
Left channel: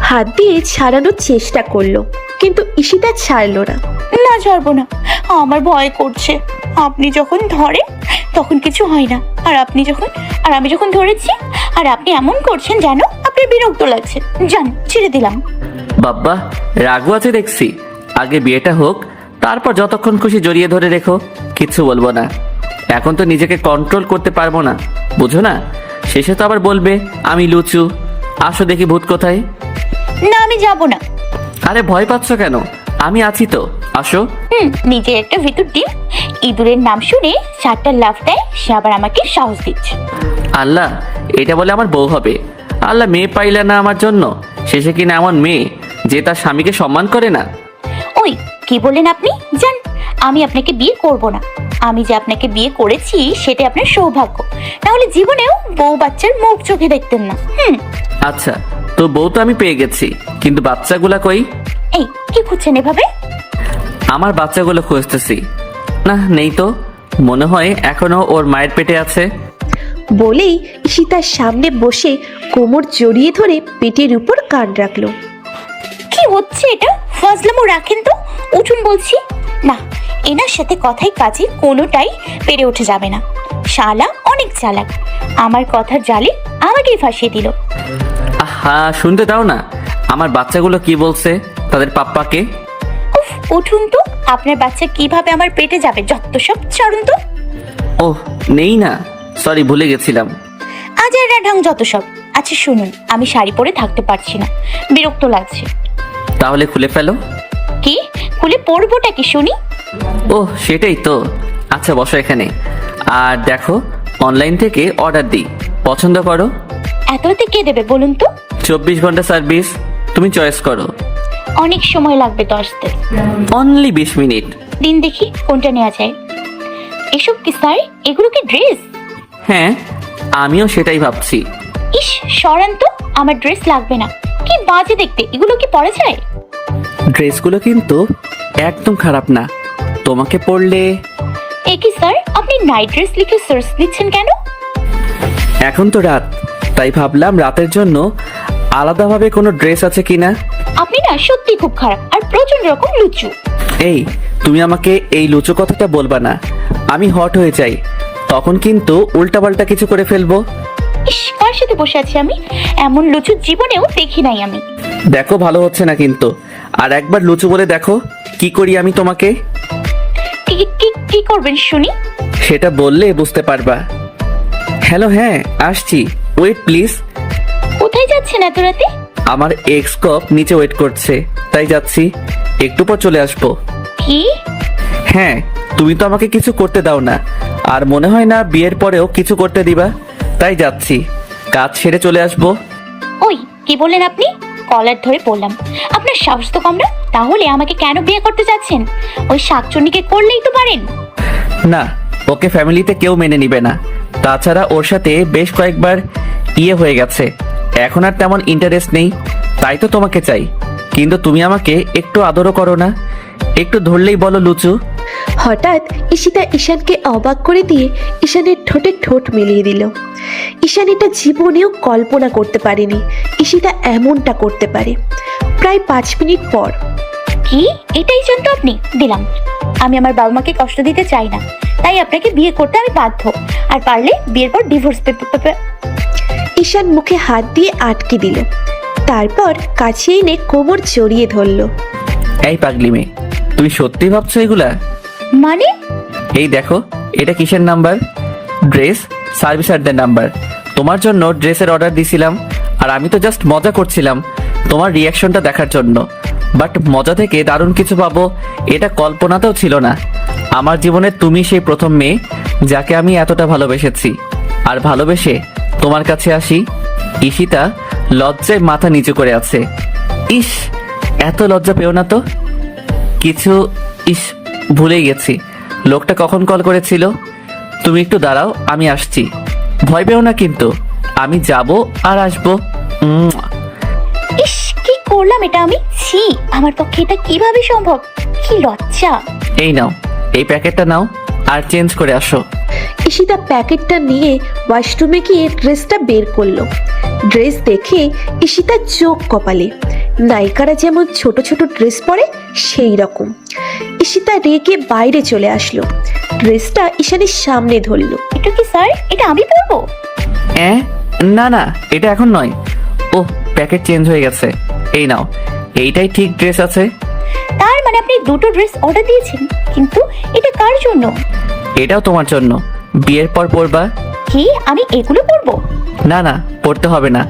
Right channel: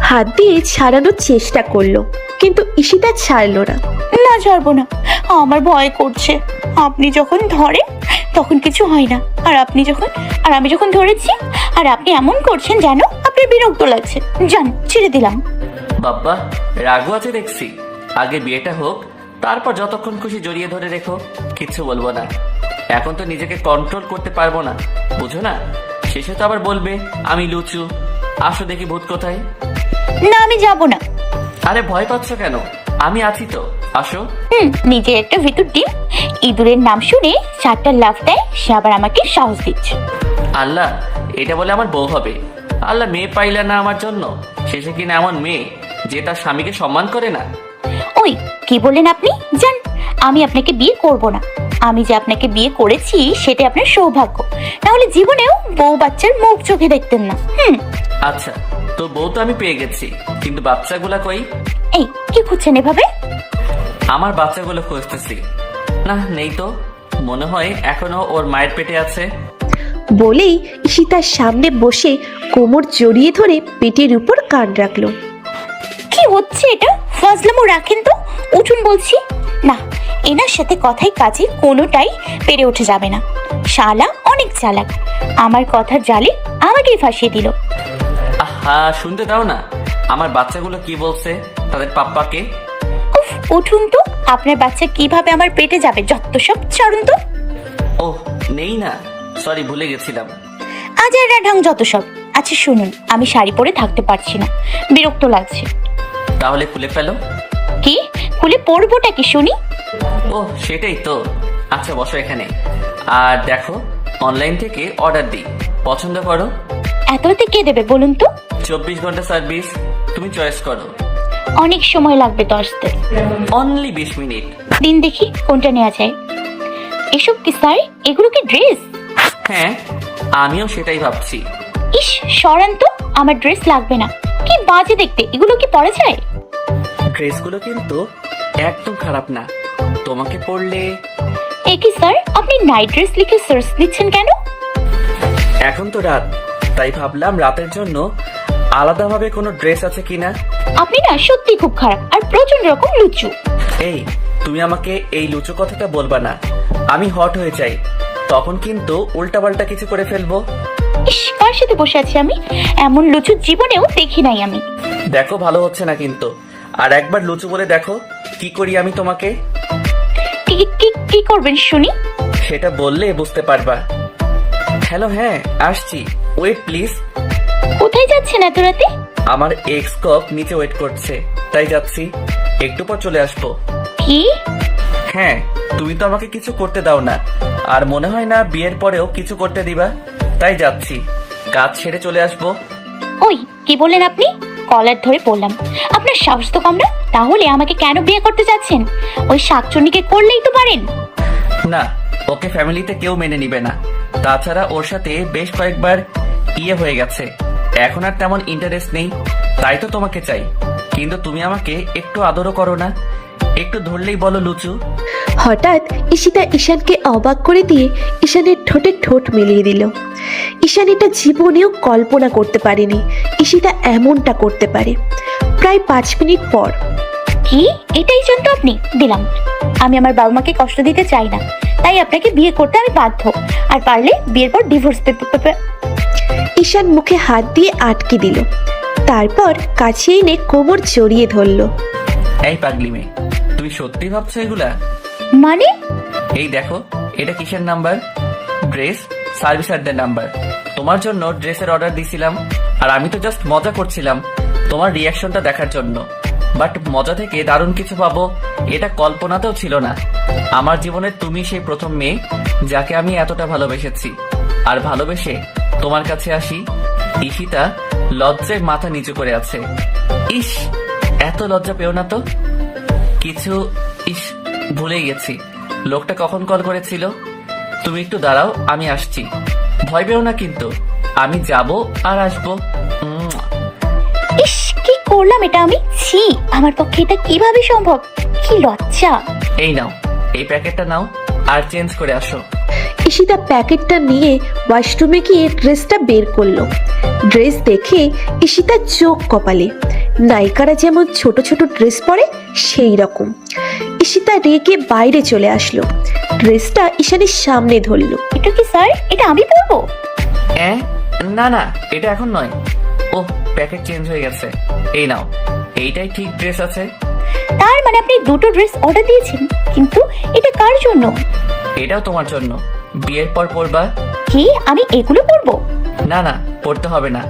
হাত দিয়ে ছাড়ানোর চেষ্টা করলো, কিন্তু ঈশিতা ছাড়লো না। না, ছাড়বো না, আমার ভয় করছে। আপনি যখন ধরে তখন কিছু হয় না, আর আমি যখন ধরেছি আর আপনি এমন করছেন যেন আপনার বিরক্ত লাগছে। জান, ছেড়ে দিলাম। বাবা, রাগও আছে দেখছি। আগে বিয়েটা হোক, তারপর যতক্ষণ খুশি জড়িয়ে ধরে রেখো, কিচ্ছু বলবো না। এখন তো নিজেকে কন্ট্রোল করতে পারবো না, বুঝো না? শেষে তো আবার বলবে আমি লুচু। আসো দেখি ভূত কোথায়। না, আমি যাব না। আরে ভয় পাচ্ছ কেন? আমি আছি তো, আসো। নিজের একটা ভিতরকে ইঁদুরের নাম শুনে 4টা লাফ দেয়, সে আবার আমাকে সাহস দিচ্ছে। আল্লাহ, এটা বলে আমার বউ হবে? আল্লাহ, মেয়ে পাইলে না আমার জন্য, শেষে কিনা এমন মেয়ে যে তার স্বামীকে সম্মান করে না। ওই, কি বলেন আপনি? জান, আমি আপনাকে বিয়ে করব না। আমি যে আপনাকে বিয়ে করেছি সেটা আপনার সৌভাগ্য, তাহলে জীবনেও বউ বাচ্চার মুখ চোখে দেখতেন না। আচ্ছা, তো বউ তো আমি পেয়ে গেছি, কিন্তু বাচ্চাগুলা কই? এই, কি করছেন এভাবে? আমার বাচ্চাগুলো খুঁজতেছি। না, নেই তো। মনে হয় এখনো ওর মায়ের পেটে আছে। বলেই ঈশিতার সামনে বসে কোমর জড়িয়ে ধরে পেটের উপর কান রাখলো। কি হচ্ছে এটা? ফাজলামো রাখেন তো, উঠুন বলছি। না, এনার সাথে কথাই কাজে কোনোটাই পেরে উঠে যাবে না। শালা অনেক চালাক, আমার কথার জালে আমাকে ফাঁসিয়ে দিল। আহা, শুনতে দাও না, আমার বাচ্চাগুলো কি বলছে তাদের পাপ্পাকে। উফ, উঠুন তো। আপনার বাচ্চা কিভাবে আমার পেটে যাবে? যত সব, ছাড়ুন তো। ওহ, নেই না, সরি, ভুলে গেছিলাম। আজের ঢং যত সব। আচ্ছা শুনুন, আমি শাড়ি পরে থাকতে পারছি না, বিরক্ত লাগছে। তাহলে খুলে ফেলো। কি খুলে পরবোটা কি শুনি? ওহ, সেটাই তো। আচ্ছা বসো এখানে, আর দেখো অনলাইন থেকে অর্ডার দিই, পছন্দ করো। এত রাতে কে দেবে বলুন তো? 24 ঘন্টা সার্ভিস, তুমি চয়েস করো। অনেক সময় লাগবে, 10 দিন। Only 20 minute. দিন দেখি কোনটা নেওয়া যায়। এসব কি স্যার? এগুলো কি ড্রেস? হ্যাঁ, আমিও সেটাই ভাবছি। ইস, সরেন তো, আমার ড্রেস লাগবে না। কি বাজে দেখতে, এগুলো কি পরা যায়? ড্রেসগুলো কিন্তু একদম খারাপ না, তোমাকে পরলে। এ কি স্যার, আপনি নাইট ড্রেস লিখে সার্চ দিচ্ছেন কেন? এখন তো রাত, তাই ভাবলাম রাতের জন্য আলাদাভাবে কোনো ড্রেস আছে কিনা। আপনি না সত্যি খুব খারাপ আর প্রচন্ড রকম লুচু। এই, তুমি আমাকে এই লুচো কথাটা বলবা না। আমি হট হয়ে যাই, তখন কিন্তু উল্টাপাল্টা কিছু করে ফেলবো। ইস, কার সাথে বসে আছি আমি? এমন লুচু জীবনেও দেখি নাই আমি। দেখো, ভালো হচ্ছে না কিন্তু। আর একবার লুচু বলে দেখো কি করি আমি তোমাকে। কি করবেন শুনি? সেটা বললে বুঝতে পারবা। হ্যালো, হ্যাঁ আসছি, ওয়েট প্লিজ। কোথায় যাচ্ছেন এত রাতে? আমার এক্স কপ নিচে ওয়েট করছে, তাই যাচ্ছি, একটু পর চলে আসবো। কি? হ্যাঁ, তুমি তো আমাকে কিছু করতে দাও না, আর মনে হয় না বিয়ের পরেও কিছু করতে দিবা, তাই যাচ্ছি, কাজ সেরে চলে আসবো। ওই, কি বললেন আপনি? কলার ধরে বললাম, আপনার সাহস তো কম না। তাহলে আমাকে কেন বিয়ে করতে চাচ্ছেন? ওই শাকচুন্নিকে করলেই তো পারেন। না, ওকে ফ্যামিলিতে কেউ মেনে নিবে না। তাছাড়া ওর সাথে বেশ কয়েকবার বিয়ে হয়ে গেছে, এখন আর তেমন ইন্টারেস্ট নেই, তাই তো তোমাকে চাই। কিন্তু তুমি আমাকে একটু আদরও করো না, একটু ধরলেই বলো লুচু। হঠাৎ ঈশিতা ঈশানকে অবাক করে দিয়ে ঈশানের ঠোঁটে ঠোঁট মিলিয়ে দিল। ঈশান এটা জীবনেও কল্পনা করতে পারেনি ঈশিতা এমনটা করতে পারে। প্রায় 5 মিনিট পর, কি এটাই জন্য আপনি দিলাম? আমি আমার বাবা মাকে কষ্ট দিতে চাই না, তাই আপনাকে বিয়ে করতে আমি বাধ্য। আর পারলে বিয়ের পর ডিভোর্স পেপার। ঈশান মুখে হাত দিয়ে আটকে দিল, তারপর কাছে এনে কোমর জড়িয়ে ধরল। এই পাগলি মেয়ে, তুমি সত্যি ভাবছো এগুলা? মানে? এই দেখো, এটা কিসের নাম্বার? Dress সার্ভিসারদের number. তোমার জন্য ড্রেসের অর্ডার দিছিলাম, আর আমি তো জাস্ট মজা করছিলাম তোমার রিয়াকশনটা দেখার জন্য। বাট মজা থেকে দারুণ কিছু পাবো এটা কল্পনাতেও ছিল না। আমার জীবনে তুমি সেই প্রথম মেয়ে যাকে আমি এতটা ভালোবেসেছি। আর ভালোবেসে তোমার কাছে আসি। ঈশিতা লজ্জায় মাথা নিচু করে আছে। ইস, এত লজ্জা পেও না তো। কিছু ভুলেই গেছি লোকটা কখন কল করেছিল। তুমি একটু দাঁড়াও, আমি আসছি। ভয় পেও না কিন্তু, আমি যাব আর আসবো। ইস, কি করলাম এটা আমি? ছি, আমার পক্ষে এটা কিভাবে সম্ভব? কি লজ্জা। এই নাও, এই প্যাকেটটা নাও আর চেঞ্জ করে আসো। ঈশিতা প্যাকেটটা নিয়ে ওয়াশরুমে গিয়ে ড্রেসটা বের করলো। ড্রেস দেখে ঈশিতা চোখ কপালে। নায়িকারা যেমন ছোট ছোট ড্রেস পরে সেই রকম। ঈশিতা রেগে বাইরে চলে আসলো, ড্রেসটা ঈশানের সামনে ধরলো। এটা কি স্যার? এটা আমি পরবো? না না, এটা এখন নয়। ও, প্যাকেট চেঞ্জ হয়ে গেছে। এই নাও, এইটাই ঠিক ড্রেস আছে। তার মানে আপনি দুটো ড্রেস অর্ডার দিয়েছেন, কিন্তু এটা কার জন্য? এটাও তোমার জন্য, বিয়ের পর পরবা। কি আমি এগুলো পরবো? না না, পরতে হবে না,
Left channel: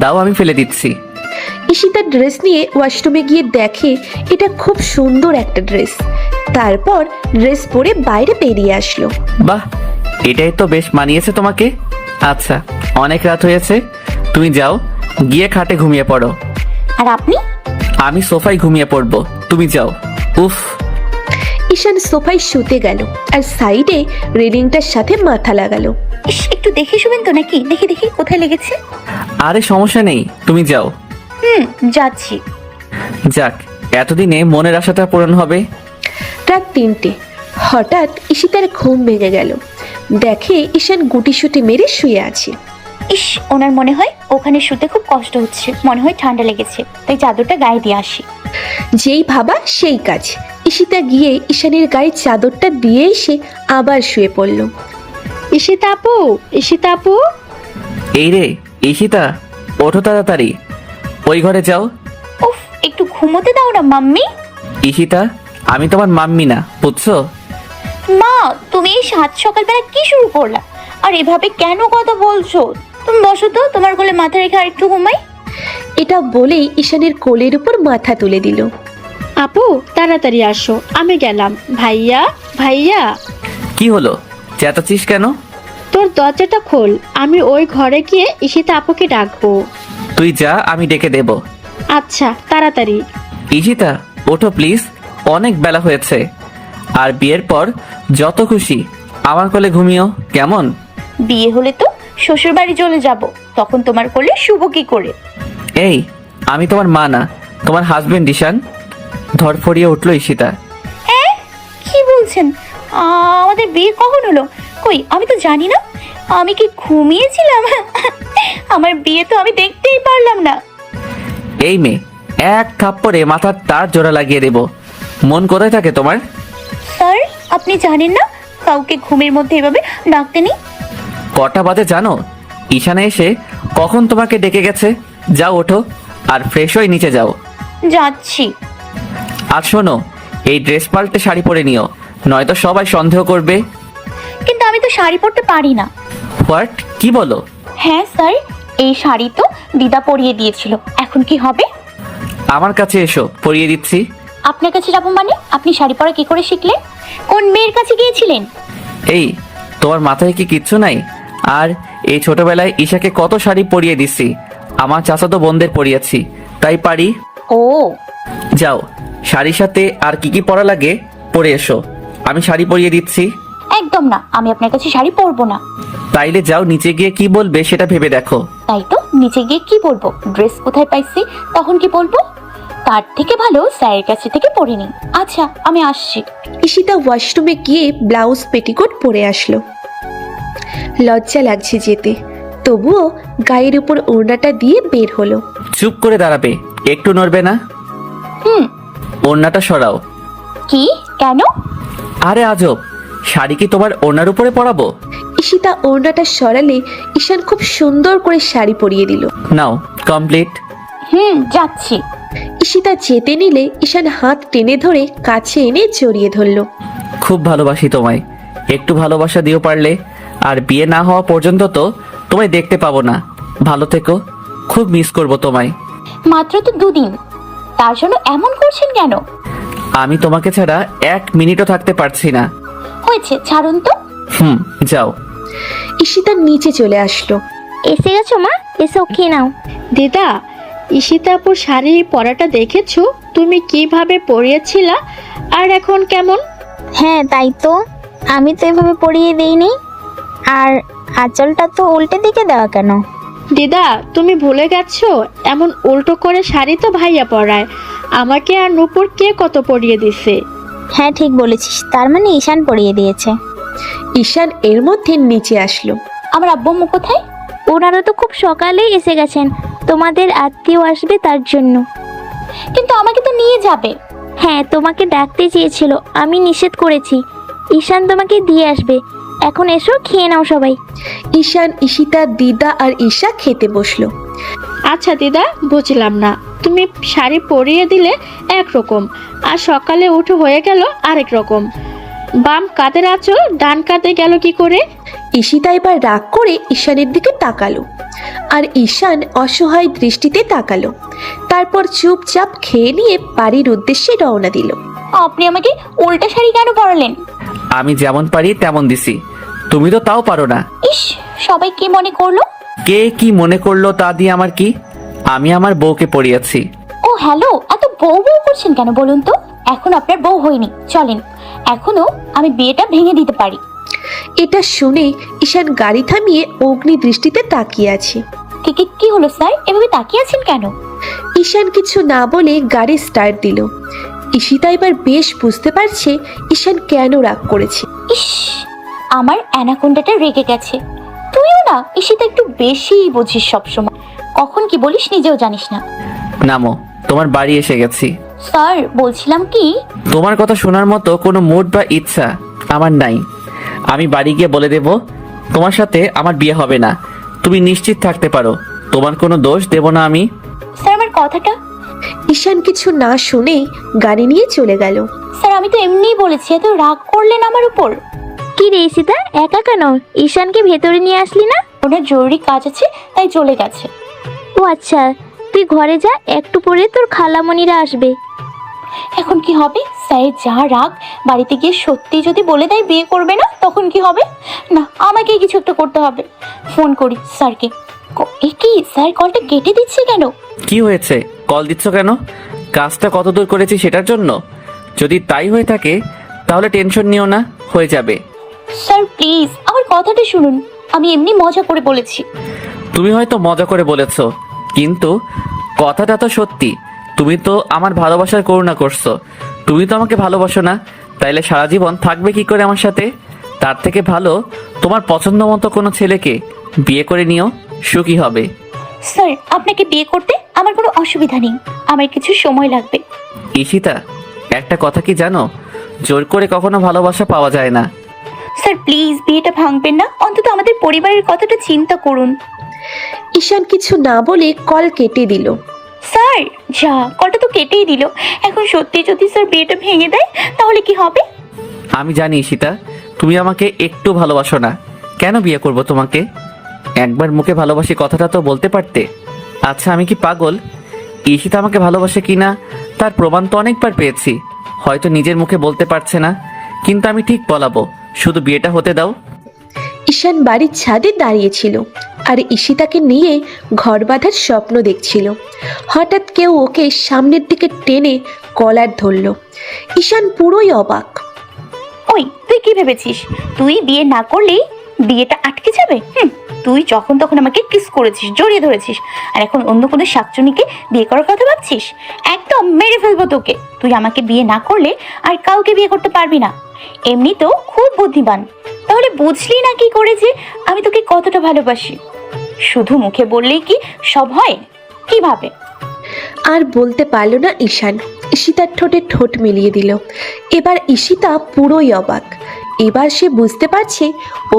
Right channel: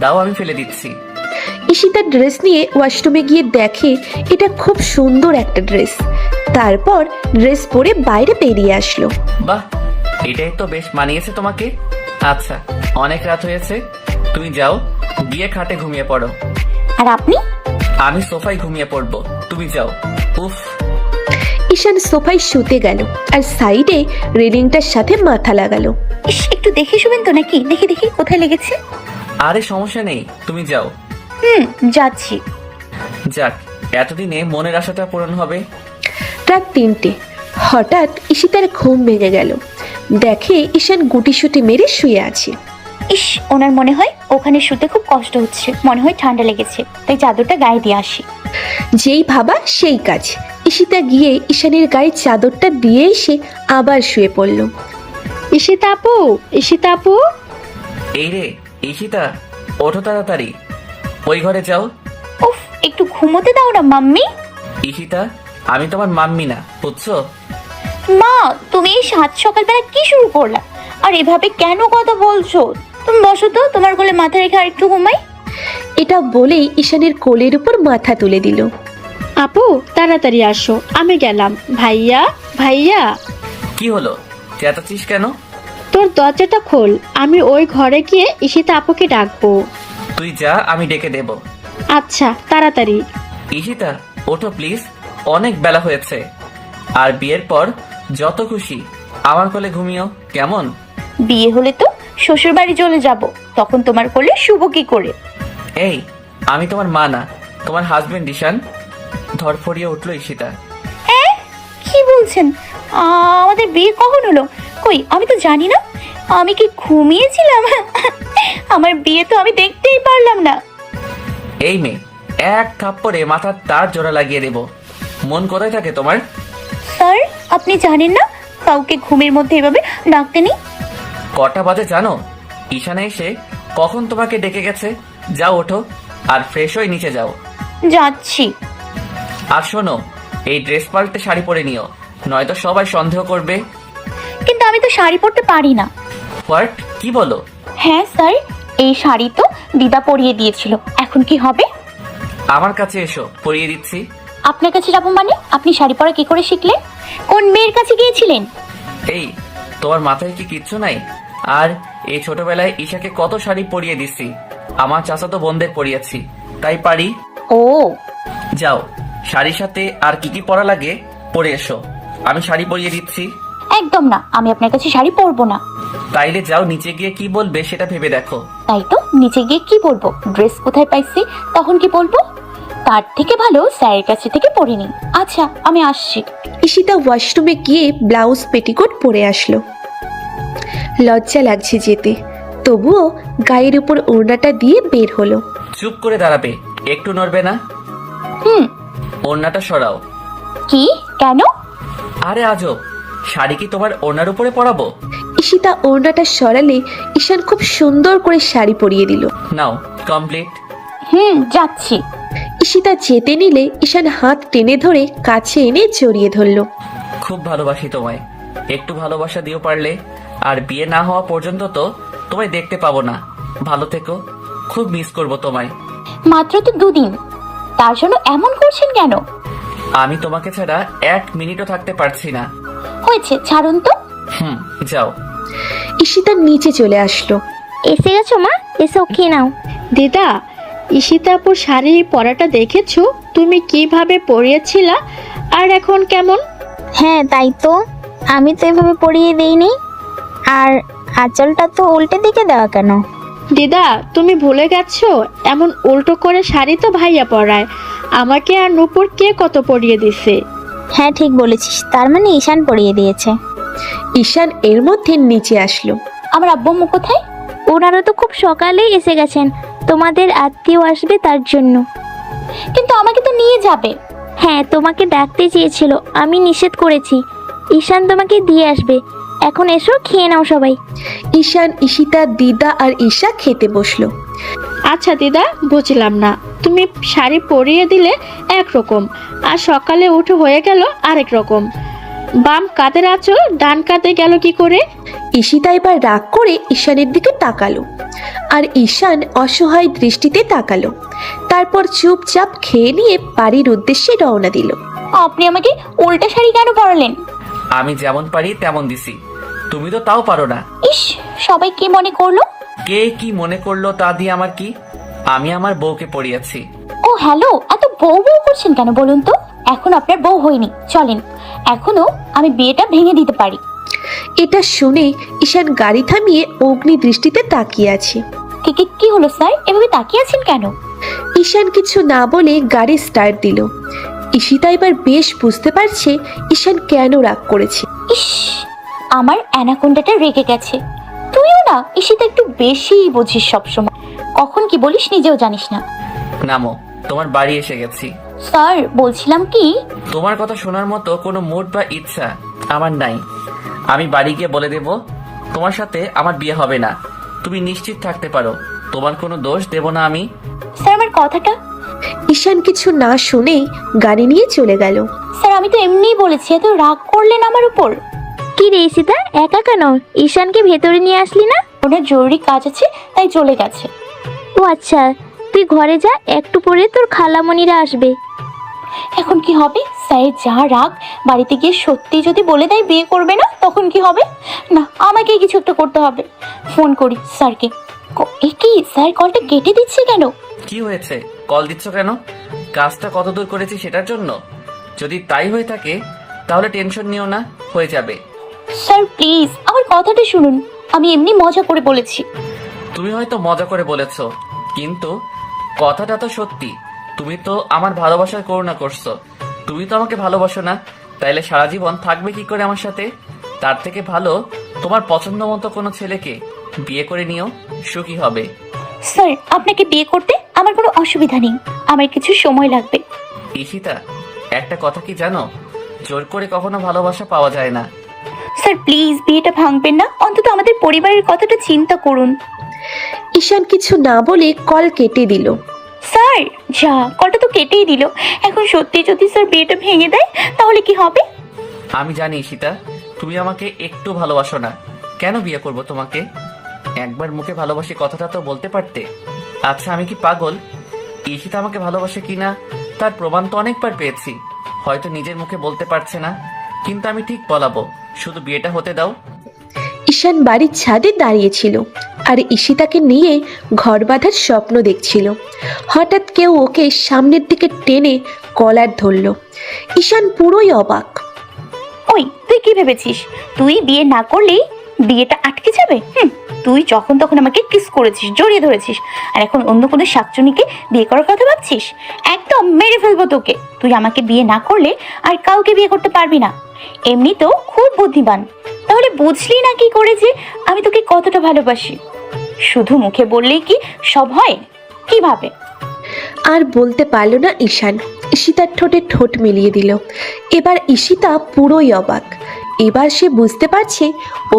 দাও আমি ফেলে দিচ্ছি। ঈশিতা ড্রেস নিয়ে ওয়াশরুমে গিয়ে দেখে এটা খুব সুন্দর একটা ড্রেস। তারপর ড্রেস পরে বাইরে বেরিয়ে আসলো। বাহ, এটাই তো বেশ মানিয়েছে তোমাকে। আচ্ছা, অনেক রাত হয়েছে, তুমি যাও গিয়ে খাটে ঘুমিয়ে পড়ো। আর আপনি? আমি সোফায় ঘুমিয়ে পড়বো, তুমি যাও। উফ। ঈশান সোফায় শুতে গেল আর সাইডে রেলিংটার সাথে মাথা লাগালো। ইস, একটু দেখে শুবেন তো নাকি? দেখি দেখি কোথায় লেগেছে। আরে সমস্যা নেই, তুমি যাও। যাচ্ছি। যাক, এতদিনে মনের আশাটা পূরণ হবে। রাত 3টে। হঠাৎ ঈশিতার ঘুম ভেঙে গেল। দেখে ঈশান গুটিসুটি মেরে শুয়ে আছে। ইস, ওনার মনে হয় ওখানে শুতে খুব কষ্ট হচ্ছে, মনে হয় ঠান্ডা লেগেছে, তাই চাদরটা গায়ে দিয়ে আসি। যেই ভাবা সেই কাজ। ঈশিতা গিয়ে ঈশানের গায়ে চাদরটা দিয়ে এসে আবার শুয়ে পড়ল। ঈশিতা আপু, ঈশিতা আপু। এই রে ঈশিতা, ওঠো তাড়াতাড়ি, ওই ঘরে যাও। উফ, একটু ঘুমোতে দাও না মাম্মি। ঈশিতা, আমি তোমার মাম্মি না, বুঝছো? মা, তুমি এই সাত সকালবেলা কি শুরু করলা? আর এভাবে কেন কথা বলছো? তুমি বসো তো, তোমার কোলে মাথা রেখে আর একটু ঘুমাই। এটা বলেই ঈশানের কোলের উপর মাথা তুলে দিল। আপু তাড়াতাড়ি আসো, আমি গেলাম। ভাইয়া, ভাইয়া। কি হলো, চেঁচাচ্ছিস কেন? তোর দরজাটা খোল, আমি ওই ঘরে গিয়ে ঈশিতা আপুকে ডাকবো। তুই যা, আমি ডেকে দেব। আচ্ছা, তাড়াতাড়ি। ঈশিতা, ওঠো প্লিজ, অনেক বেলা হয়েছে। আর বিয়ের পর যত খুশি আমার কোলে ঘুমিও, কেমন? বিয়ে হলে তো শ্বশুর বাড়ি চলে যাব, তখন তোমার কোলে শুভ কি করে? এই, আমি তোমার মা না, তোমার হাজবেন্ড ঈশান। ধরফড়িয়ে উঠলো ঈশিতা। হ্যাঁ, কি বলছেন? আমাদের বিয়ে কখন হলো? কই, আমি তো জানি না। আমি কি ঘুমিয়েছিলাম? আমার বিয়ে তো আমি দেখতেই পারলাম না। এই মেয়ে, এক থাপ্পড়ে মাথার তার জোড়া লাগিয়ে দেব। মন কোথায় থাকে তোমার? স্যার, আপনি জানেন না কাউকে ঘুমের মধ্যে এভাবে ডাকতে নেই? কটা বাজে জানো? ঈশানে এসে কখন তোমাকে ডেকে গেছে। যাও ওঠো আর ফ্রেশ হয়ে নিচে যাও। যাচ্ছি। আর শোনো, এই ড্রেস পাল্টে শাড়ি পরে নিও, নয়তো সবাই সন্দেহ করবে। কিন্তু আমি তো শাড়ি পরতে পারি না। হোয়াট? কি বলো? হ্যাঁ স্যার, এই শাড়ি তো দিদা পরিয়ে দিয়েছিল, এখন কি হবে? আমার কাছে এসো, পরিয়ে দিচ্ছি। আপনার কাছে যাবো মানে? আপনি শাড়ি পরা কি করে শিখলেন? কোন মেয়ের কাছে গিয়েছিলেন? এই, তোমার মাথায় কি কিচ্ছু নাই? আর এই ছোটবেলায় ঈশাকে কত শাড়ি পরিয়ে দিছি, আমার চাচাতো বোনদের পরিয়েছি, তাই পারি। ও, যাও, শাড়ির সাথে আর কি কি পরা লাগে পরে এসো, আমি শাড়ি পরিয়ে দিচ্ছি। একদম না, আমি আপনার কাছে শাড়ি পরবো না। তাইলে যাও, নিচে গিয়ে কি বলবে সেটা ভেবে দেখো। তাই তো, নিচে গিয়ে কি পরবো? ড্রেস কোথায় পাইছি, তখন কি বলবো? তার থেকে ভালো স্যারের কাছে থেকে পড়ে নিই। আচ্ছা আমি আসছি। ঈশিতা ওয়াশরুমে গিয়ে ব্লাউজ পেটিকোট পরে আসলো। লজ্জা লাগছে যেতে, তবুও গায়ের উপর ওড়নাটা দিয়ে বের হলো। চুপ করে দাঁড়াবে, একটু নড়বে না। ওড়নাটা সরাও। কি? কেন? আরে আজব, শাড়ি কি তোমার ওড়নার উপরে পরাবো? ঈশিতা ওড়নাটা সরালে ঈশান খুব সুন্দর করে শাড়ি পরিয়ে দিল। নাও কমপ্লিট। যাচ্ছি। ঈশিতা যেতে নিলে ঈশান হাত টেনে ধরে কাছে এনে জড়িয়ে ধরলো। খুব ভালোবাসি তোমায়, একটু ভালোবাসা দিও পারলে। আর বিয়ে না হওয়া পর্যন্ত তো তোমায় দেখতে পাবো না। ভালো থেকো, খুব মিস করব তোমায়। মাত্র তো 2 দিন, তার জন্য এমন করছেন কেন? আমি তোমাকে ছাড়া 1 মিনিটও থাকতে পারছি না। হয়েছে, ছাড়ুন তো। যাও। ঈশিতা নিচে চলে আসলো। এসে গেছো মা, এসব খেয়ে নাও। দিদা, ঈশিতা আপুর শাড়ি পরাটা দেখেছো? তুমি কিভাবে পরিয়েছিলা আর এখন কেমন? হ্যাঁ তাই তো, আমি তো এভাবে পরিয়ে দেইনি। আর আঁচলটা তো উল্টে দিকে দেওয়া কেন? দিদা, তুমি ভুলে গেছো এমন উল্টো করে শাড়ি তো ভাইয়া পরায়। আমাকে আর নূপুর কে কত পরিয়ে দিছে। হ্যাঁ ঠিক বলেছিস, তার মানে ঈশান পরিয়ে দিয়েছে। ঈশান এর মধ্যে নিচে আসলো। আমার আব্বু আম্মু কোথায়? ওনারা তো খুব সকালেই এসে গেছেন, তোমাদের আত্মীয় আসবে তার জন্য। কিন্তু আমাকে তো নিয়ে যাবে। হ্যাঁ তোমাকে ডাকতে চেয়েছিল, আমি নিষেধ করেছি। ঈশান তোমাকে দিয়ে আসবে। এখন এসো, খেয়ে নাও সবাই। ঈশান, ঈশিতা, দিদা আর ঈশা খেতে বসলো। আচ্ছা দিদা, বুঝলাম না, তুমি শাড়ি পরিয়ে দিলে একরকম আর সকালে উঠে হয়ে গেল আরেক রকম। বাম কাঁধের আঁচল ডান কাঁধে গেল কি করে? ঈশিতা এবার রাগ করে ঈশানের দিকে তাকালো, আর ঈশান অসহায় দৃষ্টিতে তাকালো। তারপর চুপচাপ খেয়ে নিয়ে বাড়ির উদ্দেশ্যে রওনা দিল। আপনি আমাকে উল্টা শাড়ি কেন পরালেন? আমি যেমন পারি তেমন দিছি, তুমি তো তাও পারো না। ইস, সবাই কি মনে করলো? কে কি মনে করলো তা দিয়ে আমার কি? আমি আমার বউকে পরিয়েছি। ও হ্যালো, এত বউ বউ করছেন কেন বলুন তো? এখন আপনার বউ হয়নি, চলেন এখনো আমি বিয়েটা ভেঙে দিতে পারি। এটা শুনেই ঈশান গাড়ি থামিয়ে অগ্নি দৃষ্টিতে তাকিয়ে আছে। কি হলো স্যার, এভাবে তাকিয়ে আছেন কেন? ঈশান কিছু না বলে গাড়ি স্টার্ট দিল। ঈশিতা এবার বেশ বুঝতে পারছে ঈশান কেন রাগ করেছে। ইস, আমার অ্যানাকোন্ডাটা রেগে গেছে। তুইও না ঈশিতা একটু বেশি বুঝিস সবসময়, কখন কি বলিস নিজেও জানিস না। নামো, তোমার বাড়ি এসে গেছি। স্যার বলছিলাম কি, তোমার কথা শোনার মতো কোনো মুড বা ইচ্ছা আমার নাই। আমি বাড়ি গিয়ে বলে দেব তোমার সাথে আমার বিয়ে হবে না। তুমি নিশ্চিত থাকতে পারো, তোমার কোনো দোষ দেব না আমি। স্যার আমার কথাটা। ঈশান কিছু না শুনেই গাড়ি নিয়ে চলে গেল। স্যার আমি তো এমনিই বলেছি, এত রাগ করলেন আমার উপর। কি রে ঈশিতা, একা কেন? ঈশানকে ভেতরে নিয়ে আসলি না? ওনার জরুরি কাজ আছে তাই চলে গেছে। ও আচ্ছা, তুই ঘরে যা, একটু পরে তোর খালামণিরা আসবে। এখন কি হবে? স্যার যা রাগ, বাড়িতে গিয়ে সত্যি যদি বলে দেয় বিয়ে করবে না, তখন কি হবে? না, আমাকে কিছু একটা করতে হবে। ফোন করি স্যারকে। এ কি স্যার, কলটা কেটে দিচ্ছে কেন? কি হয়েছে, কল দিচ্ছ কেন? কাজটা কত দূর করেছি সেটার জন্য? যদি তাই হয়ে থাকে তাহলে টেনশন নিও না, হয়ে যাবে। স্যার প্লিজ আমার কথাটা শুনুন, আমি এমনি মজা করে বলেছি। তুমি হয়তো মজা করে বলেছো, কিন্তু কথাটা তো সত্যি। তুমি তো আমার ভালোবাসার করুণা করছো। তুমি তো আমাকে ভালোবাসো না, তাইলে সারা জীবন থাকবে কি করে আমার সাথে? তার থেকে ভালো তোমার পছন্দ মতো কোনো ছেলেকে বিয়ে করে নিও, সুখী হবে। স্যার আপনাকে বিয়ে করতে আমার কোনো অসুবিধা নেই, আমার কিছু সময় লাগবে। ঈশিতা, একটা কথা কি জানো? জোর করে কখনো ভালোবাসা পাওয়া যায় না। স্যার প্লিজ বিয়েটা ভাঙবেন না, অন্তত আমাদের পরিবারের কথাটা চিন্তা করুন। ঈশান কিছু না বলে কল কেটে দিল। স্যার যা, কলটা তো কেটেই দিল। এখন সত্যি যদি স্যার বিয়েটা ভেঙে দেয় তাহলে কি হবে? আমি জানি ঈশিতা, তুমি আমাকে একটু ভালোবাসো না। কেন বিয়ে করব তোমাকে? একবার মুখে ভালোবাসি কথাটা তো বলতে পারতে। আচ্ছা আমি কি পাগল? ঈশিতা আমাকে ভালোবাসে কিনা তার প্রমাণ তো অনেকবার পেয়েছি। হয়তো নিজের মুখে বলতে পারছে না, কিন্তু আমি ঠিক বলাবো, শুধু বিয়েটা হতে দাও। ঈশান বাড়ির ছাদে দাঁড়িয়েছিল আর ঈশিতাকে নিয়ে ঘর বাঁধার স্বপ্ন দেখছিল। হঠাৎ কেউ ওকে সামনের দিকে টেনে কলার ধরল। ঈশান পুরোই অবাক। ওই তুই কি ভেবেছিস তুই বিয়ে না করলে বিয়েটা আটকে যাবে? তুই তুই যখন তখন আমাকে কিস করেছিস, জড়িয়ে ধরেছিস, আর এখন অন্য কোনো শাকচুনিকে বিয়ে করার কথা ভাবছিস? একদম মেরে ফেলবো তোকে। তুই আমাকে বিয়ে না করলে আর কাউকে বিয়ে করতে পারবি না। এমনিতেও খুব বুদ্ধিমান, তাহলে বুঝলি না কি করে যে আমি তোকে কতটা ভালোবাসি? শুধু মুখে বললেই কি সব হয়? কিভাবে? আর বলতে পারল না ঈশান। ঈশিতার ঠোঁটে ঠোঁট মিলিয়ে দিল। এবার ঈশিতা পুরোই অবাক। এবার সে বুঝতে পারছে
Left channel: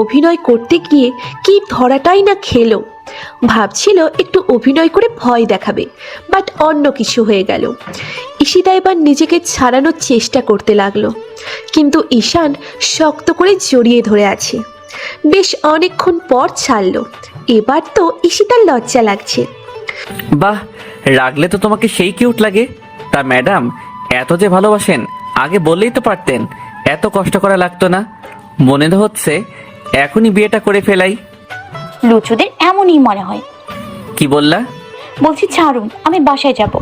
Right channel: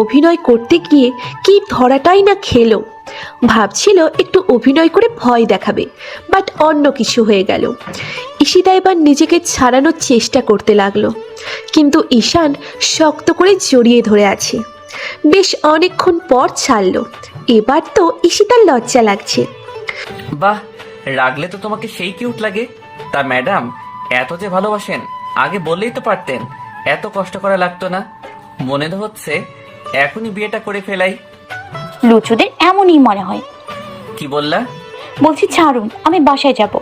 অভিনয় করতে গিয়ে কি ধরাটাই না খেলো। ভাবছিল একটু অভিনয় করে ভয় দেখাবে, বাট অন্য কিছু হয়ে গেল। ঈশিতা এবার নিজেকে ছাড়ানোর চেষ্টা করতে লাগলো, কিন্তু ঈশান শক্ত করে জড়িয়ে ধরে আছে। বেশ অনেকক্ষণ পর ছাড়লো। এবার তো ঈশিতার লজ্জা লাগছে। বাহ, রাগলে তো তোমাকে সেই কিউট লাগে। তা ম্যাডাম, এত যে ভালোবাসেন, আগে বললেই তো পারতেন, এত কষ্ট করা লাগতো না। মনে তো হচ্ছে এখনই বিয়েটা করে ফেলাই। লুচুদের এমনই মনে হয়। কি বললা? বলছি ছাড়ুন, আমি বাসায় যাব।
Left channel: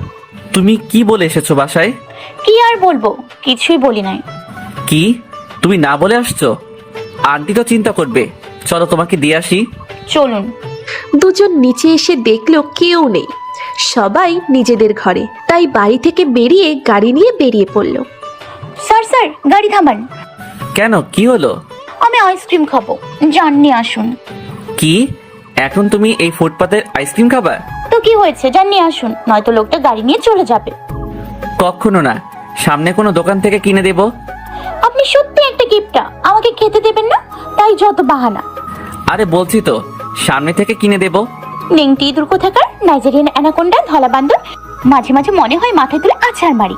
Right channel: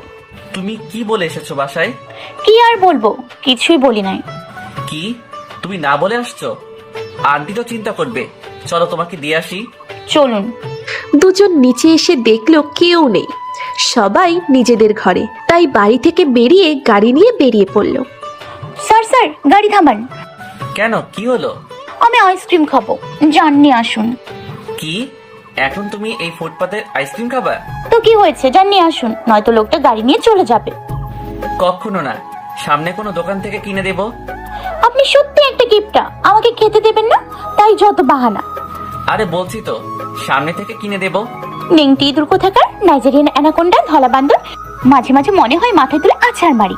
তুমি কি বলে এসেছো বাসায়? কি আর বলবো, কিছুই বলি নাই। কি তুমি না বলে আসছো? আন্টি তো চিন্তা করবে। চলো তোমাকে দিয়ে আসি। চলুন। দুজন নিচে এসে দেখলো কেউ নেই, সবাই নিজেদের ঘরে। তাই বাড়ি থেকে বেরিয়ে গাড়ি নিয়ে বেরিয়ে পড়লো। স্যার স্যার, গাড়ি থামান। কেন, কি হলো? আমি আইসক্রিম খাবো, জাননি আসুন। কি এখন তুমি এই ফুটপাতের আইসক্রিম খাবা? তো কি হয়েছে, জাননি আসুন, নয়তো লোকটা গাড়ি নিয়ে চলে যাবে। কখনো না, সামনে কোনো দোকান থেকে কিনে দেব। আপনি সত্যি একটা গিফটটা আমাকে খেতে দেবেন না, তাই যত বাহানা। আরে বলছি তো, সামনে থেকে কিনে দেব। নিংটি ইঁদুর কোথাকার, নাইজেরিয়ান অ্যানাকোন্ডা, ধলা বান্দর, মাঝে মাঝে মনে হয় মাথায় তুলে আছাড় মারি।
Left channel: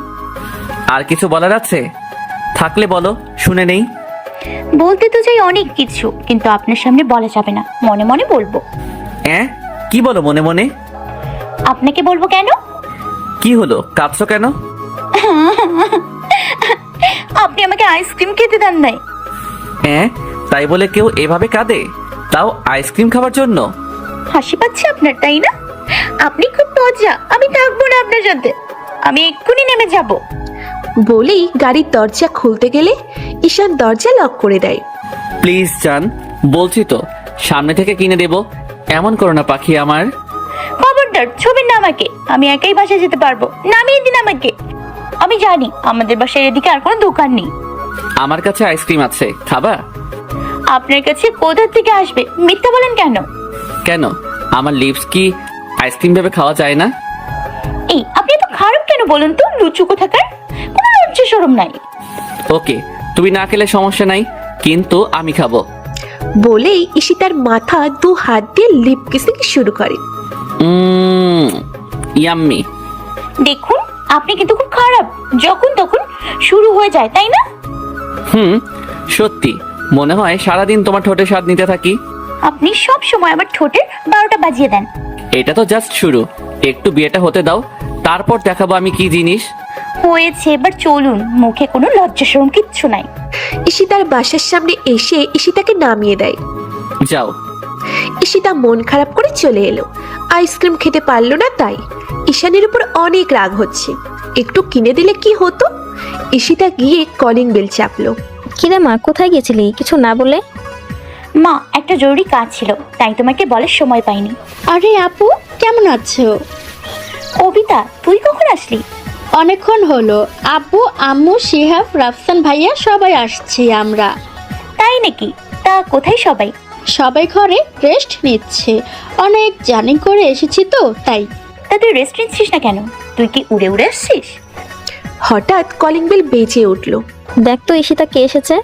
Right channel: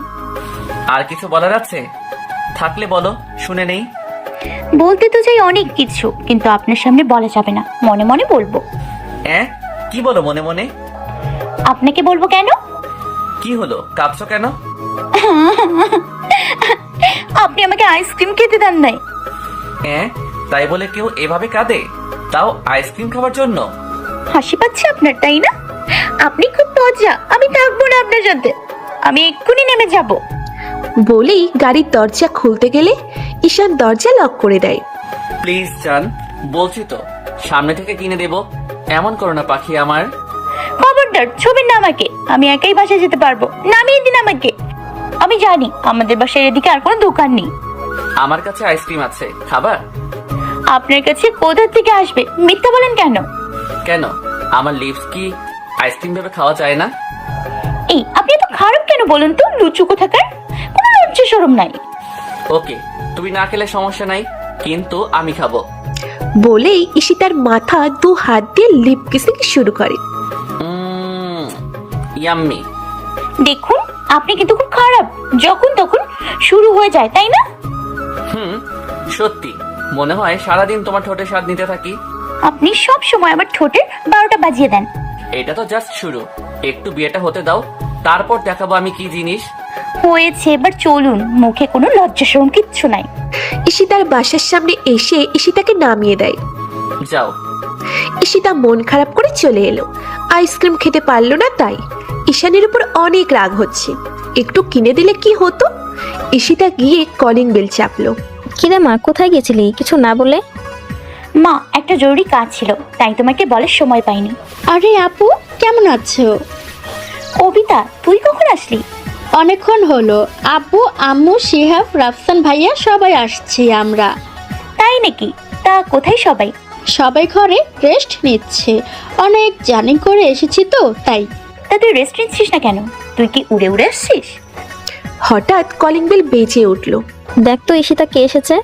আর কিছু বলার আছে? থাকলে বলো, শুনে নেই। বলতে তো চাই অনেক কিছু, কিন্তু আপনার সামনে বলা যাবে না, মনে মনে বলবো। কি বলো মনে মনে? আপনাকে বলবো কেন? কি হলো, কাঁদছো কেন? আপনি আমাকে আইসক্রিম খেতে দেন নাই। তাই বলে কেউ এভাবে কাঁদে, তাও আইসক্রিম খাবার জন্য? হাসি পাচ্ছে আপনার, তাই না? আপনি খুব মজা, আমি থাকবো না আপনার সাথে, আমি এক্ষুনি নেমে যাব। বলেই গাড়ির দরজা খুলতে গেলে ঈশান দরজা লক করে দেয়। প্লিজ জান, বলছি তো সামনে থেকে কিনে দেব। এমন করো না পাখি আমার। খবরদার ছুবেন না আমাকে, আমি একাই বাসায় যেতে পারবো, নামিয়ে দিন আমাকে। আমি জানি আমাদের বাসায় এদিকে আর কোনো দোকান নেই। আমার কাছে আইসক্রিম আছে, খাবা? আপনার কাছে কোথা থেকে আসবে, মিথ্যা বলেন কেন? কেন, আমার লিপস কি আইসক্রিম ভেবে খাওয়া যায় না? এই আপনি তো খারাপ কেন বলুন তো, লুচু কোথাকার, কোনো লজ্জা শরম নাই। ওকে, তুমি না খেলে সমস্যা নাই, কিন্তু আমি খাবো। বলেই ঈশিতার মাথা দু হাত দিয়ে লিপ কিসিং শুরু করে। ইয়াম্মি। দেখুন, আপনি কিন্তু খুব খারাপ, যখন তখন শুরু হয়ে যায়, তাই না? সত্যি, মনে হয় সারাদিন তোমার ঠোঁটে স্বাদ নিতে থাকি। আপনি সব সময় আমার ঠোঁটে 12টা বাজিয়ে দেন। এটা তো জাস্ট শুরু, একটু বিয়েটা হতে দাও, তারপর দেখাবো আমি কি জিনিস। হয়েছে, এবার চলুন, মুখে কোনো লজ্জা শরম কিচ্ছু নাই। ঈশিতার বাসার সামনে এসে ঈশিতাকে নামিয়ে দেয়। যাও। ঈশিতা মন খারাপ করে চলে এলো। আইসক্রিম খেতে পারলো না তাই। ঈশানের উপর অনেক রাগ হচ্ছে। একটু কিনে দিলে কি হতো? ঈশিতা গিয়ে কলিং বেল চাপলো। কিরে মা, কোথায় গেছিলি কিছু না বলে? মা, একটা জরুরি কাজ ছিল, তাই তোমাকে বলার সময় পাইনি। আরে আপু, কেমন আছো? কবিতা, তুই কখন আসলি? অনেকক্ষণ হলো। আব্বু, আম্মু, শিহাব, রাফসান ভাইয়া সবাই আসছি আমরা। তাই নাকি? তা কোথায় সবাই? সবাই ঘরে রেস্ট নিচ্ছে, অনেক জার্নি করে এসেছি তো তাই। তা তুই রেস্ট নিচ্ছিস না কেন? তুই কি উড়ে উড়ে আসছিস? হঠাৎ কলিং বেল বেজে উঠলো। দেখ তো ঈশিতা কে এসেছে।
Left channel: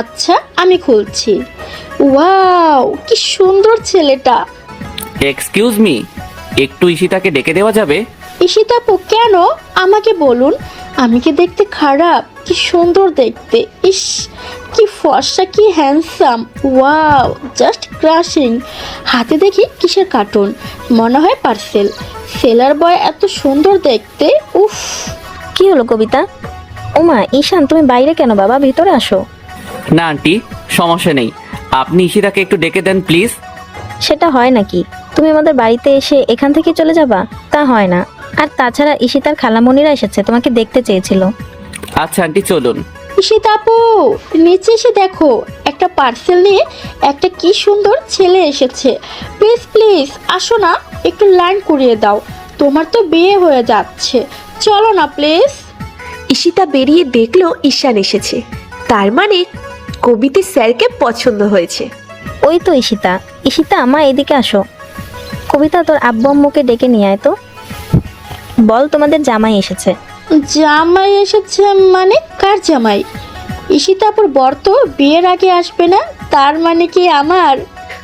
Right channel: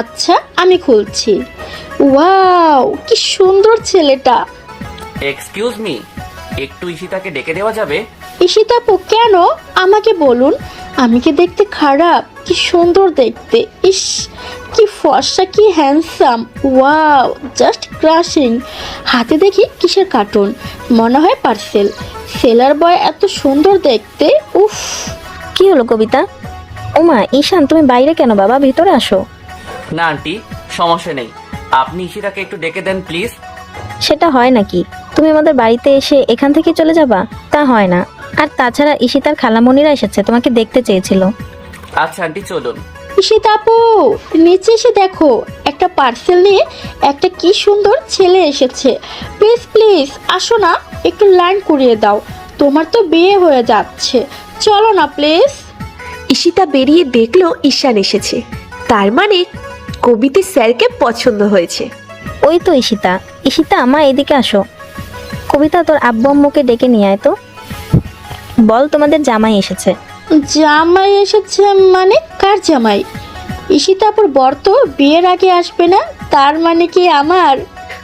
আচ্ছা, আমি খুলছি। ওয়াও, কি সুন্দর ছেলেটা। এক্সকিউজ মি, একটু ঈশিতাকে ডেকে দেওয়া যাবে? ঈশিতা কেন? আমাকে বলুন, আমি কি দেখতে খারাপ? কি সুন্দর দেখতে, ইস কি ফর্সা, কি হ্যান্ডসাম। Wow, just crushing. হাতে দেখি কিসের কার্টুন, মনে হয় পার্সেল। সেলার বয় এত সুন্দর দেখতে, উফ। কি হলো কবিতা? ওমা ঈশান, তুমি বাইরে কেন বাবা, ভিতরে আসো। না আন্টি, সমস্যা নেই, আপনি ঈশিতাকে একটু ডেকে দেন প্লিজ। সেটা হয় নাকি? তুমি আমাদের বাড়িতে এসে এখান থেকে চলে যাবা? তা হয় না। আর তাছাড়া ঈশিতার খালামণিরা এসেছে, তোমাকে দেখতে চেয়েছিল। আচ্ছা আন্টি, চলুন। ঈশিতা আপু, নিচে এসে দেখো, একটা পার্সেল নিয়ে একটা কি সুন্দর ছেলে এসেছে। প্লিজ প্লিজ আসো না, একটু লাইন করিয়ে দাও, তোমার তো বিয়ে হয়ে যাচ্ছে, চলো না প্লিজ। ঈশিতা বেরিয়ে দেখলো ঈশান এসেছে, তার মানে কবিতে স্যারকে পছন্দ হয়েছে। ওই তো ঈশিতা। ঈশিতা মা এদিকে আসো। কবিতা তোর আব্বু আম্মুকে ডেকে নিয়ে আয় তো। বল তোমাদের জামাই এসেছে। জামাই এসেছে মানে কার জামাই? ঈশিতা আপুর বর তো বিয়ের আগে আসবে না, তার মানে কি আমার?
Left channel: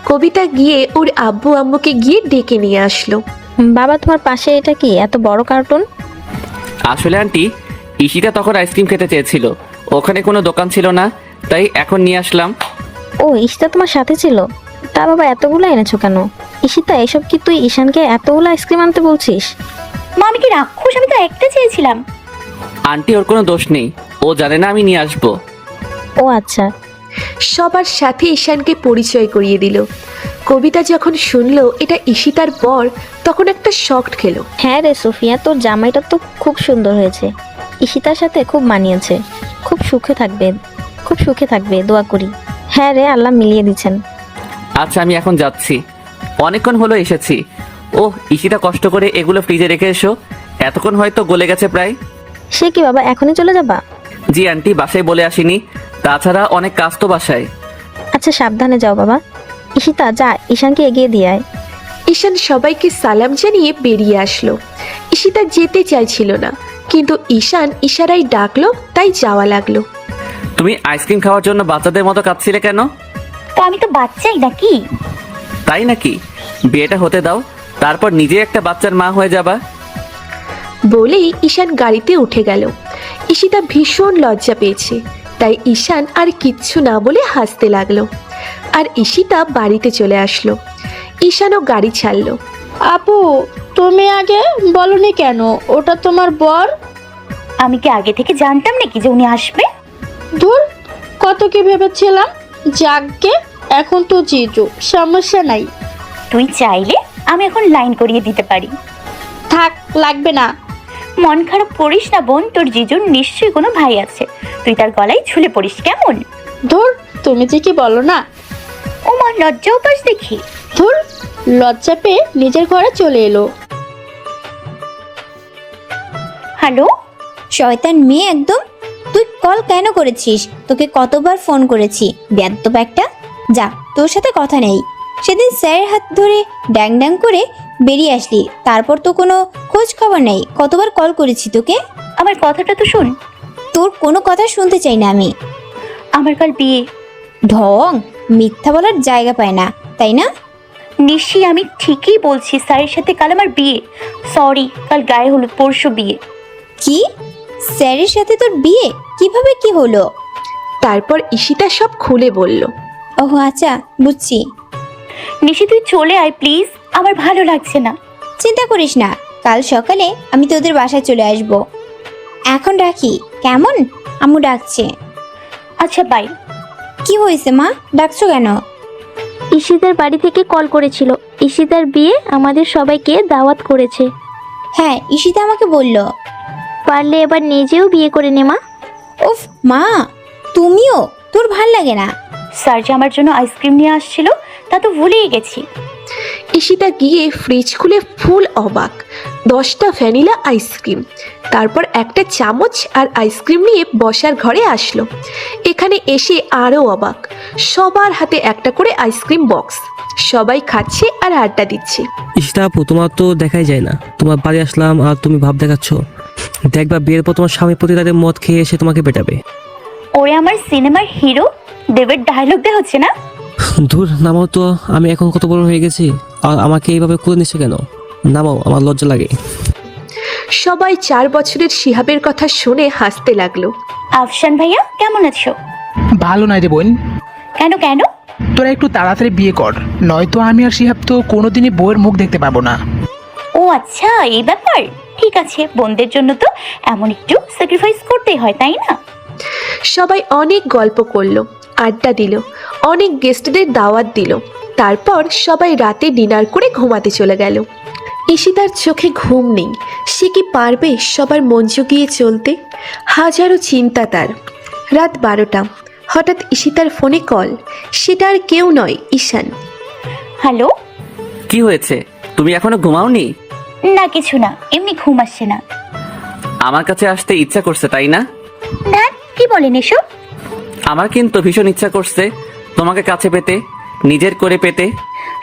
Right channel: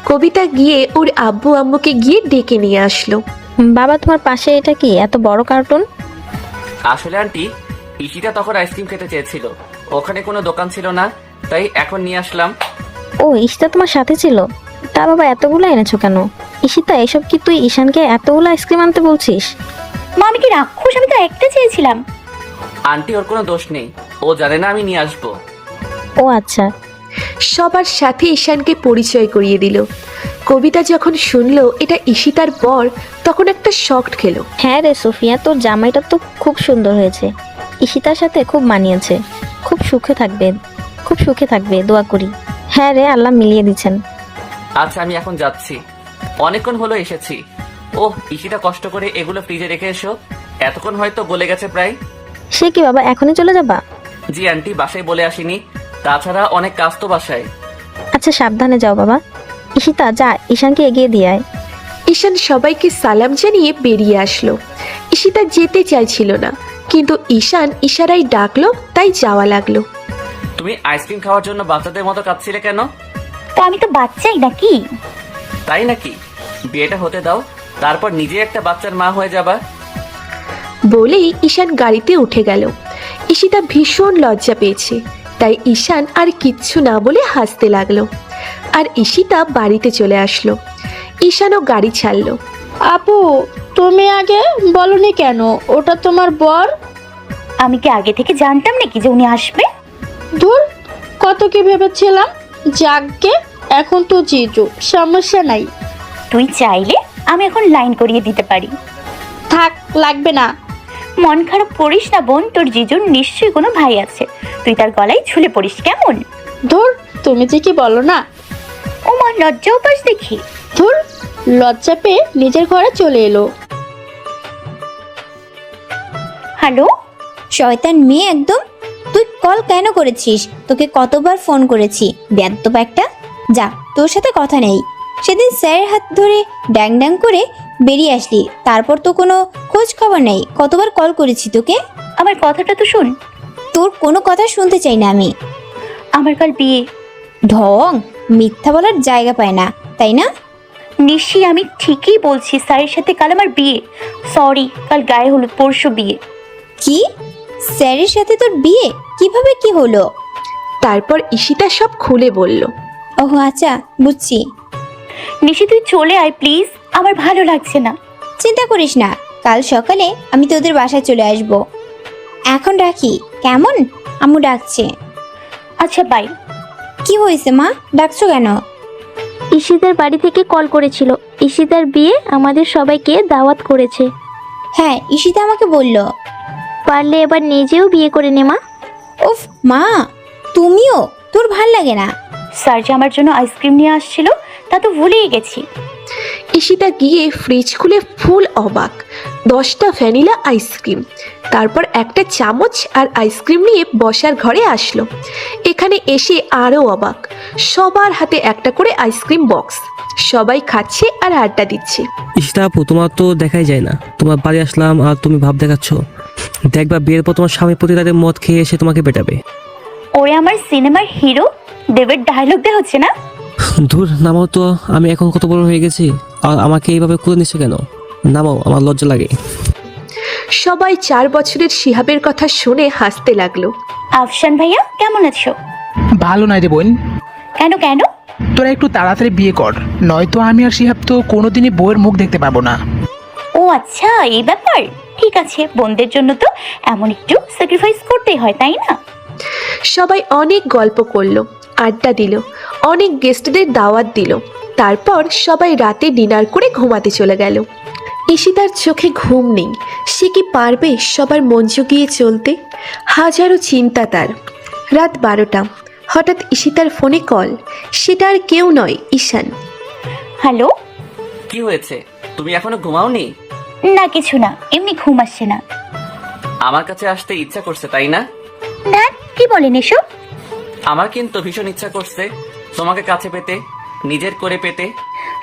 কবিতা গিয়ে ওর আব্বু আম্মুকে গিয়ে ডেকে নিয়ে আসলো। বাবা তোমার পাশে এটা কি এত বড় কার্টুন? আসলে আন্টি, ঈশিতা তখন আইসক্রিম খেতে চেয়েছিল, ওখানে কোনো দোকান ছিল না, তাই এখন নিয়ে আসলাম। ও ঈশিতা তোমার সাথে ছিল? তা বাবা এতগুলো এনেছো কেন? ঈশিতা এসব কি তুই ঈশানকে এতগুলো আইসক্রিম আনতে বলছিস? মা আমি কি রাক্ষস? আমি তো একটা চেয়েছিলাম। আন্টি, ওর কোনো দোষ নেই, ও জানে না আমি নিয়ে আসবো। ও আচ্ছা। সবার সাথে ঈশানকে পরিচয় করিয়ে দিল। কবিতা যখন শুনলো এটা ঈশিতার বর, তখন একটা শক খেলো। হ্যাঁ রে সোফিয়া, তোর জামাইটা তো খুব সুন্দর হয়েছে, ঈশিতার সাথে খুব মানিয়েছে। খুব সুখে থাকবে, খুব সুখে থাকবে, দোয়া করি। হ্যাঁ রে, আল্লাহ মিলিয়ে দিচ্ছেন। আচ্ছা, আমি এখন যাচ্ছি, অনেকক্ষণ হলো এসেছি। ও ঈশিতা, কষ্ট করে এগুলো ফ্রিজে রেখে এসো, এতক্ষণ হয়তো গলে গেছে প্রায়। সে কি বাবা, এখনই চলে যাবা? জি আন্টি, বাসায় বলে আসিনি, তাছাড়া অনেক কাজ তো বাসায়। আচ্ছা সাবধানে যাও বাবা। ঈশিতা যা, ঈশানকে এগিয়ে দিয়ে আয়। ঈশান সবাইকে সালাম জানিয়ে বেরিয়ে আসলো। ঈশিতা যেতে চাইছিল না, কিন্তু ঈশান ইশারায় ডাকলো, তাই যাওয়া লাগলো। তুমি আইসক্রিম খাওয়ার জন্য বাচ্চাদের মতো কাঁদছিলে কেন? তা আমি তো বাচ্চাই নাকি? তাই নাকি? বিয়েটা হতে দাও, তারপর নিজে একটা বাচ্চার মা হয়ে যাবা। বলেই ঈশান গাড়িতে উঠে গেল। ঈশিতা ভীষণ লজ্জা পেয়েছে, তাই ঈশান আর কিচ্ছু না বলে হাসতে লাগলো। আর ঈশিতা বাড়িতে চলে আসলো। ঈশানও গাড়ি ছাড়লো। আপু, তুমি আগে বলনি কেন ওটা তোমার বর? আমি কি আগে থেকে জানতাম নাকি যে উনি আসবে? ধুর, কত কি ভেবেছিলাম। যাকগে, এখন তো জিজু, সমস্যা নাই। তুই চাইলে আমি এখন লাইন করিয়ে দিতে পারি। থাক, লাগবে না। মন খারাপ করিস না বোন, তোর জিজুর নিশ্চয়ই কোনো ভাই আছে, তুই তার গলায় ঝুলে পড়িস কেমন? ধুর, তুমি যে কি বলো না। ও মা, লজ্জাও পাস দেখি। ধুর, লজ্জা পেয়ে নিজের ঘরে চলে এলো। হ্যালো, শয়তান মেয়ে একদম। তুই কল কেন করেছিস? তোকে কতবার ফোন করেছি, বেয়াদব একটা। যা, তোর সাথে কথা নেই। সেদিন স্যারের হাত ধরে ড্যাং ড্যাং করে বেরিয়ে আসলি, তারপর তো কোনো খোঁজ খবর নেই। কতবার কল করেছি তোকে। আমার কথাটা তো শোন। তোর কোনো কথা শুনতে চাই না আমি। আমার কাল বিয়ে। ঢং, মিথ্যা বলার জায়গা পায় না, তাই না? নিশ্চয়ই আমি ঠিকই বলছি, স্যারের সাথে কাল আমার বিয়ে। সরি, কাল গায়ে হলুদ, পরশু বিয়ে। কি? স্যারের সাথে তোর বিয়ে? কিভাবে, কি হলো? তারপর ঈশিতা সব খুলে বলল। ওহ আচ্ছা, বুঝছি। নিশি তুই চলে আয় প্লিজ, আমার ভালো লাগছে না। চিন্তা করিস না, কাল সকালে আমি তোদের বাসায় চলে আসব। এখন রাখি কেমন? আম্মু ডাকছে। আচ্ছা বাই। কি হয়েছে মা, ডাকছো কেন? ঈশিতার বাড়ি থেকে কল করেছিল, ঈশিতার বিয়ে, আমাদের সবাইকে দাওয়াত করেছে। হ্যাঁ, ঈশিতা আমাকে বললো। পারলে এবার নিজেও বিয়ে করে নে মা। উফ মা, তুমিও? তোর ভাল লাগে না? স্যার যে আমার জন্য আইসক্রিম নিয়ে আসছিল তা তো ভুলেই গেছি। ঈশিতা গিয়ে ফ্রিজ খুলে ফুল অবাক। 10টা ভ্যানিলা আইসক্রিম, তারপর একটা চামচ আর আইসক্রিম নিয়ে বসার ঘরে আসলো। এখানে এসে আরো অবাক, সবার হাতে একটা করে আইসক্রিম বক্স, সবাই খাচ্ছে আর আড্ডা দিচ্ছে। ঈশিতা আপু, তোমার তো দেখাই যায় না। তোমার বাড়ি আসলাম আর তুমি ভাব দেখাচ্ছ। দেখবা বিয়ের পর তোমার স্বামী প্রতি রাতে মদ খেয়ে এসে তোমাকে পেটাবে। ওরে আমার সিনেমার হিরো দেবের ডায়লগ দেওয়া হচ্ছে না? ধুর, নামাও তো। আমি এখন কত বড় হয়ে গেছি, আর আমাকে এইভাবে করে নিচ্ছ কেন? নামাও, আমার লজ্জা লাগে। সবাই 4 বছরের শিহাবের কথা শুনে হাসতে লাগলো। আফশান ভাইয়া কেমন আছো? ভালো নাই রে বোন। কেন কেন? তোরা একটু তাড়াতাড়ি বিয়ে কর, নয়তো আমি আর শিহাব তো কোনোদিনই বউয়ের মুখ দেখতে পাবো না। ও আচ্ছা, এই ব্যাপার। ঠিক আছে, বোনদের জন্য তো এমন একটু স্যাক্রিফাইস করতে হয়, তাই না? সবাই অনেক গল্প করলো, আড্ডা দিল, অনেক গেস্টদের দাওয়াত দিল। তারপর সবাই রাতে ডিনার করে ঘুমাতে চলে গেল। ঈশিতার চোখে ঘুম নেই, সে কি পারবে সবার মন জুগিয়ে চলতে? হাজারো চিন্তা তার। রাত 12টা। হঠাৎ ঈশিতার ফোনে কল। সেটা আর কেউ নয়, ঈশান। হ্যালো। কি হয়েছে, তুমি এখনো ঘুমাওনি? না কিছু না, এমনি ঘুম আসছে না। আমার কাছে আসতে ইচ্ছা করছে তাই না? না, কি বলেন এসব? আমার কিন্তু ভীষণ ইচ্ছা করছে তোমাকে কাছে পেতে, নিজের করে পেতে।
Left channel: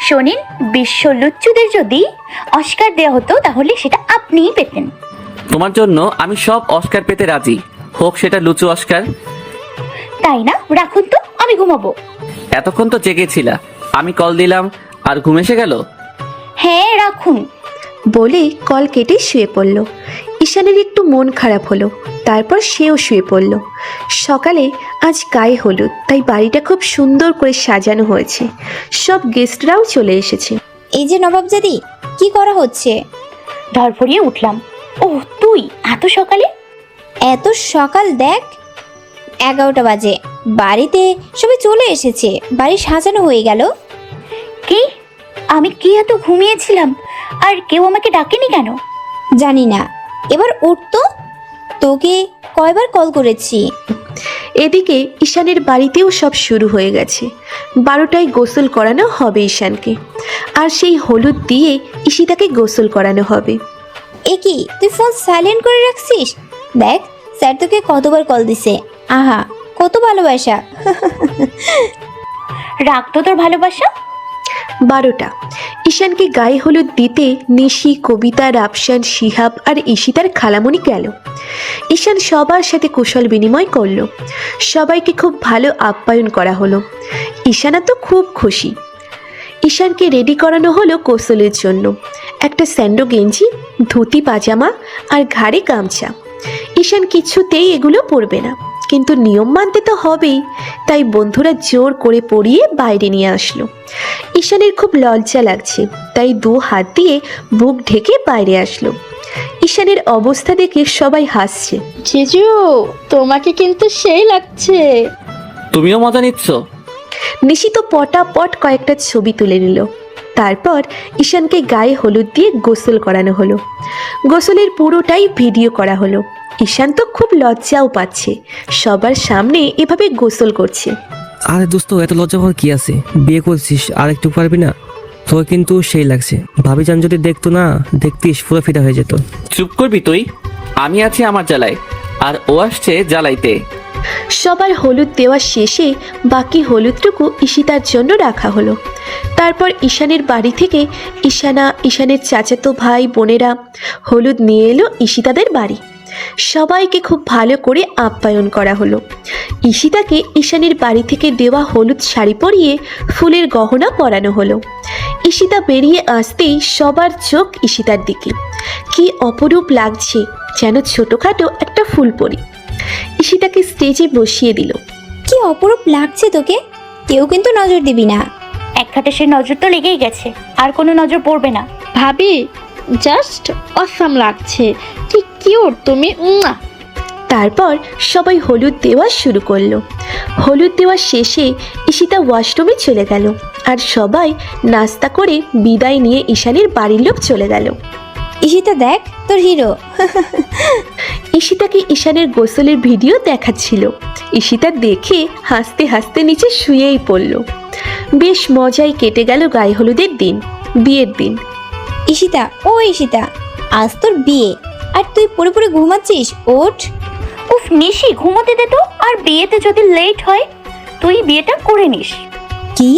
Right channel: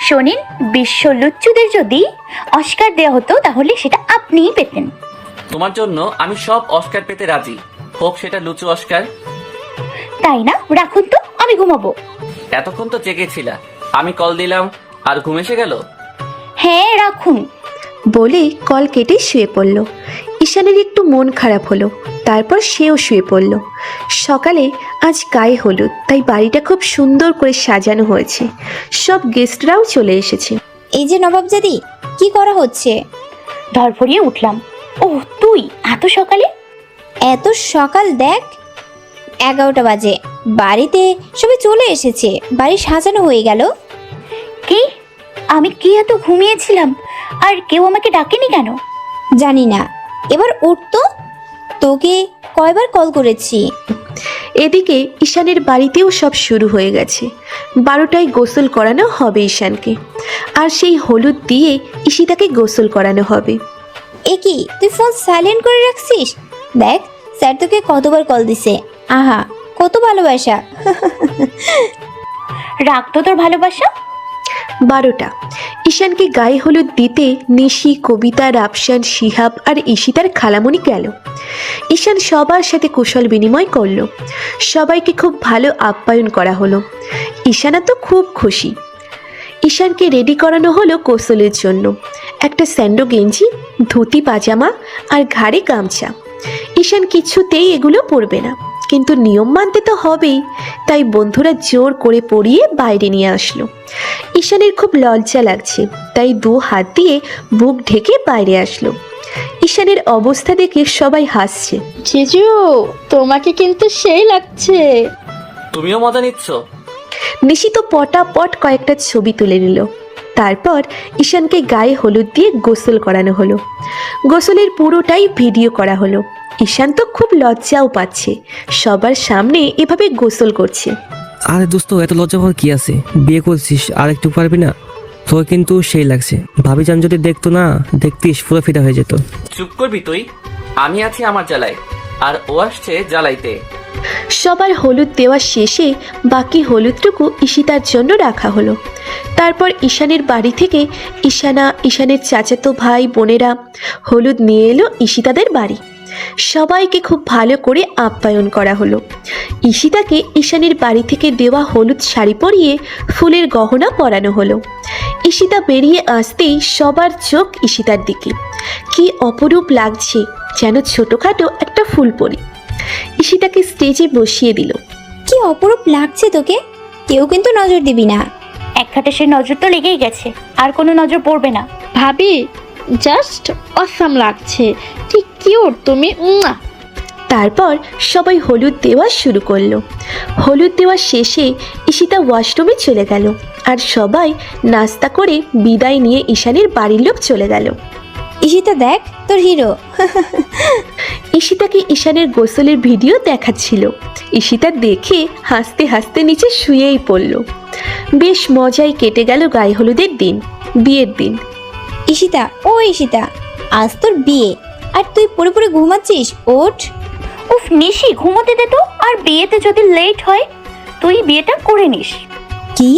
শোনেন, বিশ্ব লুচ্চদের যদি অস্কার দেওয়া হতো তাহলে সেটা আপনি পেতেন। তোমার জন্য আমি সব অস্কার পেতে রাজি, হোক সেটা লুচু অস্কার। তাই না? রাখুন তো, আমি ঘুমাবো। এতক্ষণ তো জেগেছিলা, আমি কল দিলাম আর ঘুম এসে গেল। হ্যাঁ রাখুন। বলে কল কেটে শুয়ে পড়ল। ঈশানের একটু মন খারাপ হলো, তারপর সেও শুয়ে পড়ল। সকালে আজ গায়ে হলুদ, তাই বাড়িটা খুব সুন্দর করে সাজানো হয়েছে। সব গেস্টরাও চলে এসেছে। এই যে নবাবজাদি, কি করা হচ্ছে? ধরফরিয়ে উঠলাম। ও তুই এত সকালে? এত সকাল দেখ, 11টা বাজে। বাড়িতে সবাই চলে এসেছে, বাড়ি সাজানো হয়ে গেল। কি? আমি কি এত ঘুমিয়েছিলাম আর কেউ আমাকে ডাকেনি কেন? জানি না, এবার উঠতো। তোকে কয়বার কল করেছি। এদিকে ঈশানের বাড়িতেও সব শুরু হয়ে গেছে। 12টায় গোসল করানো হবে ঈশানকে, আর সেই হলুদ দিয়ে ঈশিতাকে গোসল করানো হবে। এ কি, তুই ফোন সাইলেন্ট করে রাখছিস? দেখ, স্যার তোকে কতবার কল দিছে। আহা, কত ভালোবাসা। রাখতো তোর ভালোবাসা। 12টা। ঈশানকে গায়ে হলুদ দিতে নিশি, কবিতা, রাফসান, শিহাব আর ঈশিতার খালামণি গেল। ঈশান সবার সাথে কুশল বিনিময় করলো। সবাইকে খুব ভালো আপ্যায়ন করা হলো। ঈশানা তো খুব খুশি। ঈশানকে রেডি করানো হলো গোসলের জন্য। একটা স্যান্ডো গেঞ্জি, ধুতি পাজামা আর ঘাড়ে গামছা। ঈশান কিছুতেই এগুলো পরবে না, কিন্তু নিয়ম মানতে তো হবেই, তাই বন্ধুরা জোর করে পরিয়ে বাইরে নিয়ে আসলো। ঈশানের খুব লজ্জা লাগছে, তাই 2 হাত দিয়ে বুক ঢেকে বাইরে আসলো। ঈশানের অবস্থা দেখে সবাই হাসছে। জিজু, তোমাকে কিন্তু সেই লাগছে। তুমিও মজা নিচ্ছ? নিশি তো পটাপট কয়েকটা ছবি তুলে নিল। তারপর ঈশানকে গায়ে হলুদ দিয়ে গোসল করানো হলো। গোসলের পুরোটাই ভিডিও করা হলো। ঈশান তো খুব লজ্জাও পাচ্ছে, সবার সামনে এভাবে গোসল করছে। আরে দোস্ত, এত লজ্জা পাওয়ার কি আছে? বিয়ে করছিস, আর একটু পারবি না? তোকে কিন্তু সেই লাগছে। ভাবি যান যদি দেখতো না, দেখতিস ফোনা ফিটা হয়ে যেত। চুপ করবি তুই? আমি আছি আমার জ্বালায়, আর ও আসছে জ্বালাইতে। সবার হলুদ দেওয়া শেষে বাকি হলুদটুকু ঈশিতার জন্য রাখা হলো। তারপর ঈশানের বাড়ি থেকে ঈশানা, ঈশানের চাচাতো ভাই বোনেরা হলুদ নিয়ে এলো ঈশিতাদের বাড়ি। সবাইকে খুব ভালো করে আপ্যায়ন করা হলো। ঈশিতাকে ঈশানের বাড়ি থেকে দেওয়া হলুদ শাড়ি পরিয়ে ফুলের গহনা পরানো হলো। ঈশিতা বেরিয়ে আসতেই সবার চোখ ঈশিতার দিকে। কি অপরূপ লাগছে, যেন ছোটখাটো একটা ফুলপরি। ঈশিতাকে স্টেজে বসিয়ে দিল। কি অপরূপ লাগছে তোকে, কেউ কিন্তু নজর দিবি না। এক খাটে সে নজর তো লেগেই গেছে, আর কোনো নজর পড়বে না। ভাবি, জাস্ট অসাম লাগছে, কি কিউট তুমি। তারপর সবাই হলুদ দেওয়া শুরু করলো। হলুদ দেওয়া শেষে ঈশিতা ওয়াশরুমে চলে গেল, আর সবাই নাস্তা করে বিদায় নিয়ে ঈশানের বাড়ির লোক চলে গেল। ঈশিতা দেখ, তোর হিরো। ঈশিতাকে ঈশানের গোসলের ভিডিও দেখাচ্ছিল। ঈশিতা দেখি হাসতে হাসতে নিচে শুয়েই পড়ল। বেশ মজায় কেটে গেল গায়ে হলুদের দিন, বিয়ের দিন। ঈশিতা, ও ঈশিতা, আজ তোর বিয়ে আর তুই পড়ে পড়ে ঘুমাচ্ছিস। ওঠ। উফ নিশি, ঘুমোতে দে তো। আর বিয়েতে যদি লেট হয়, তুই বিয়েটা করে নিস। কি?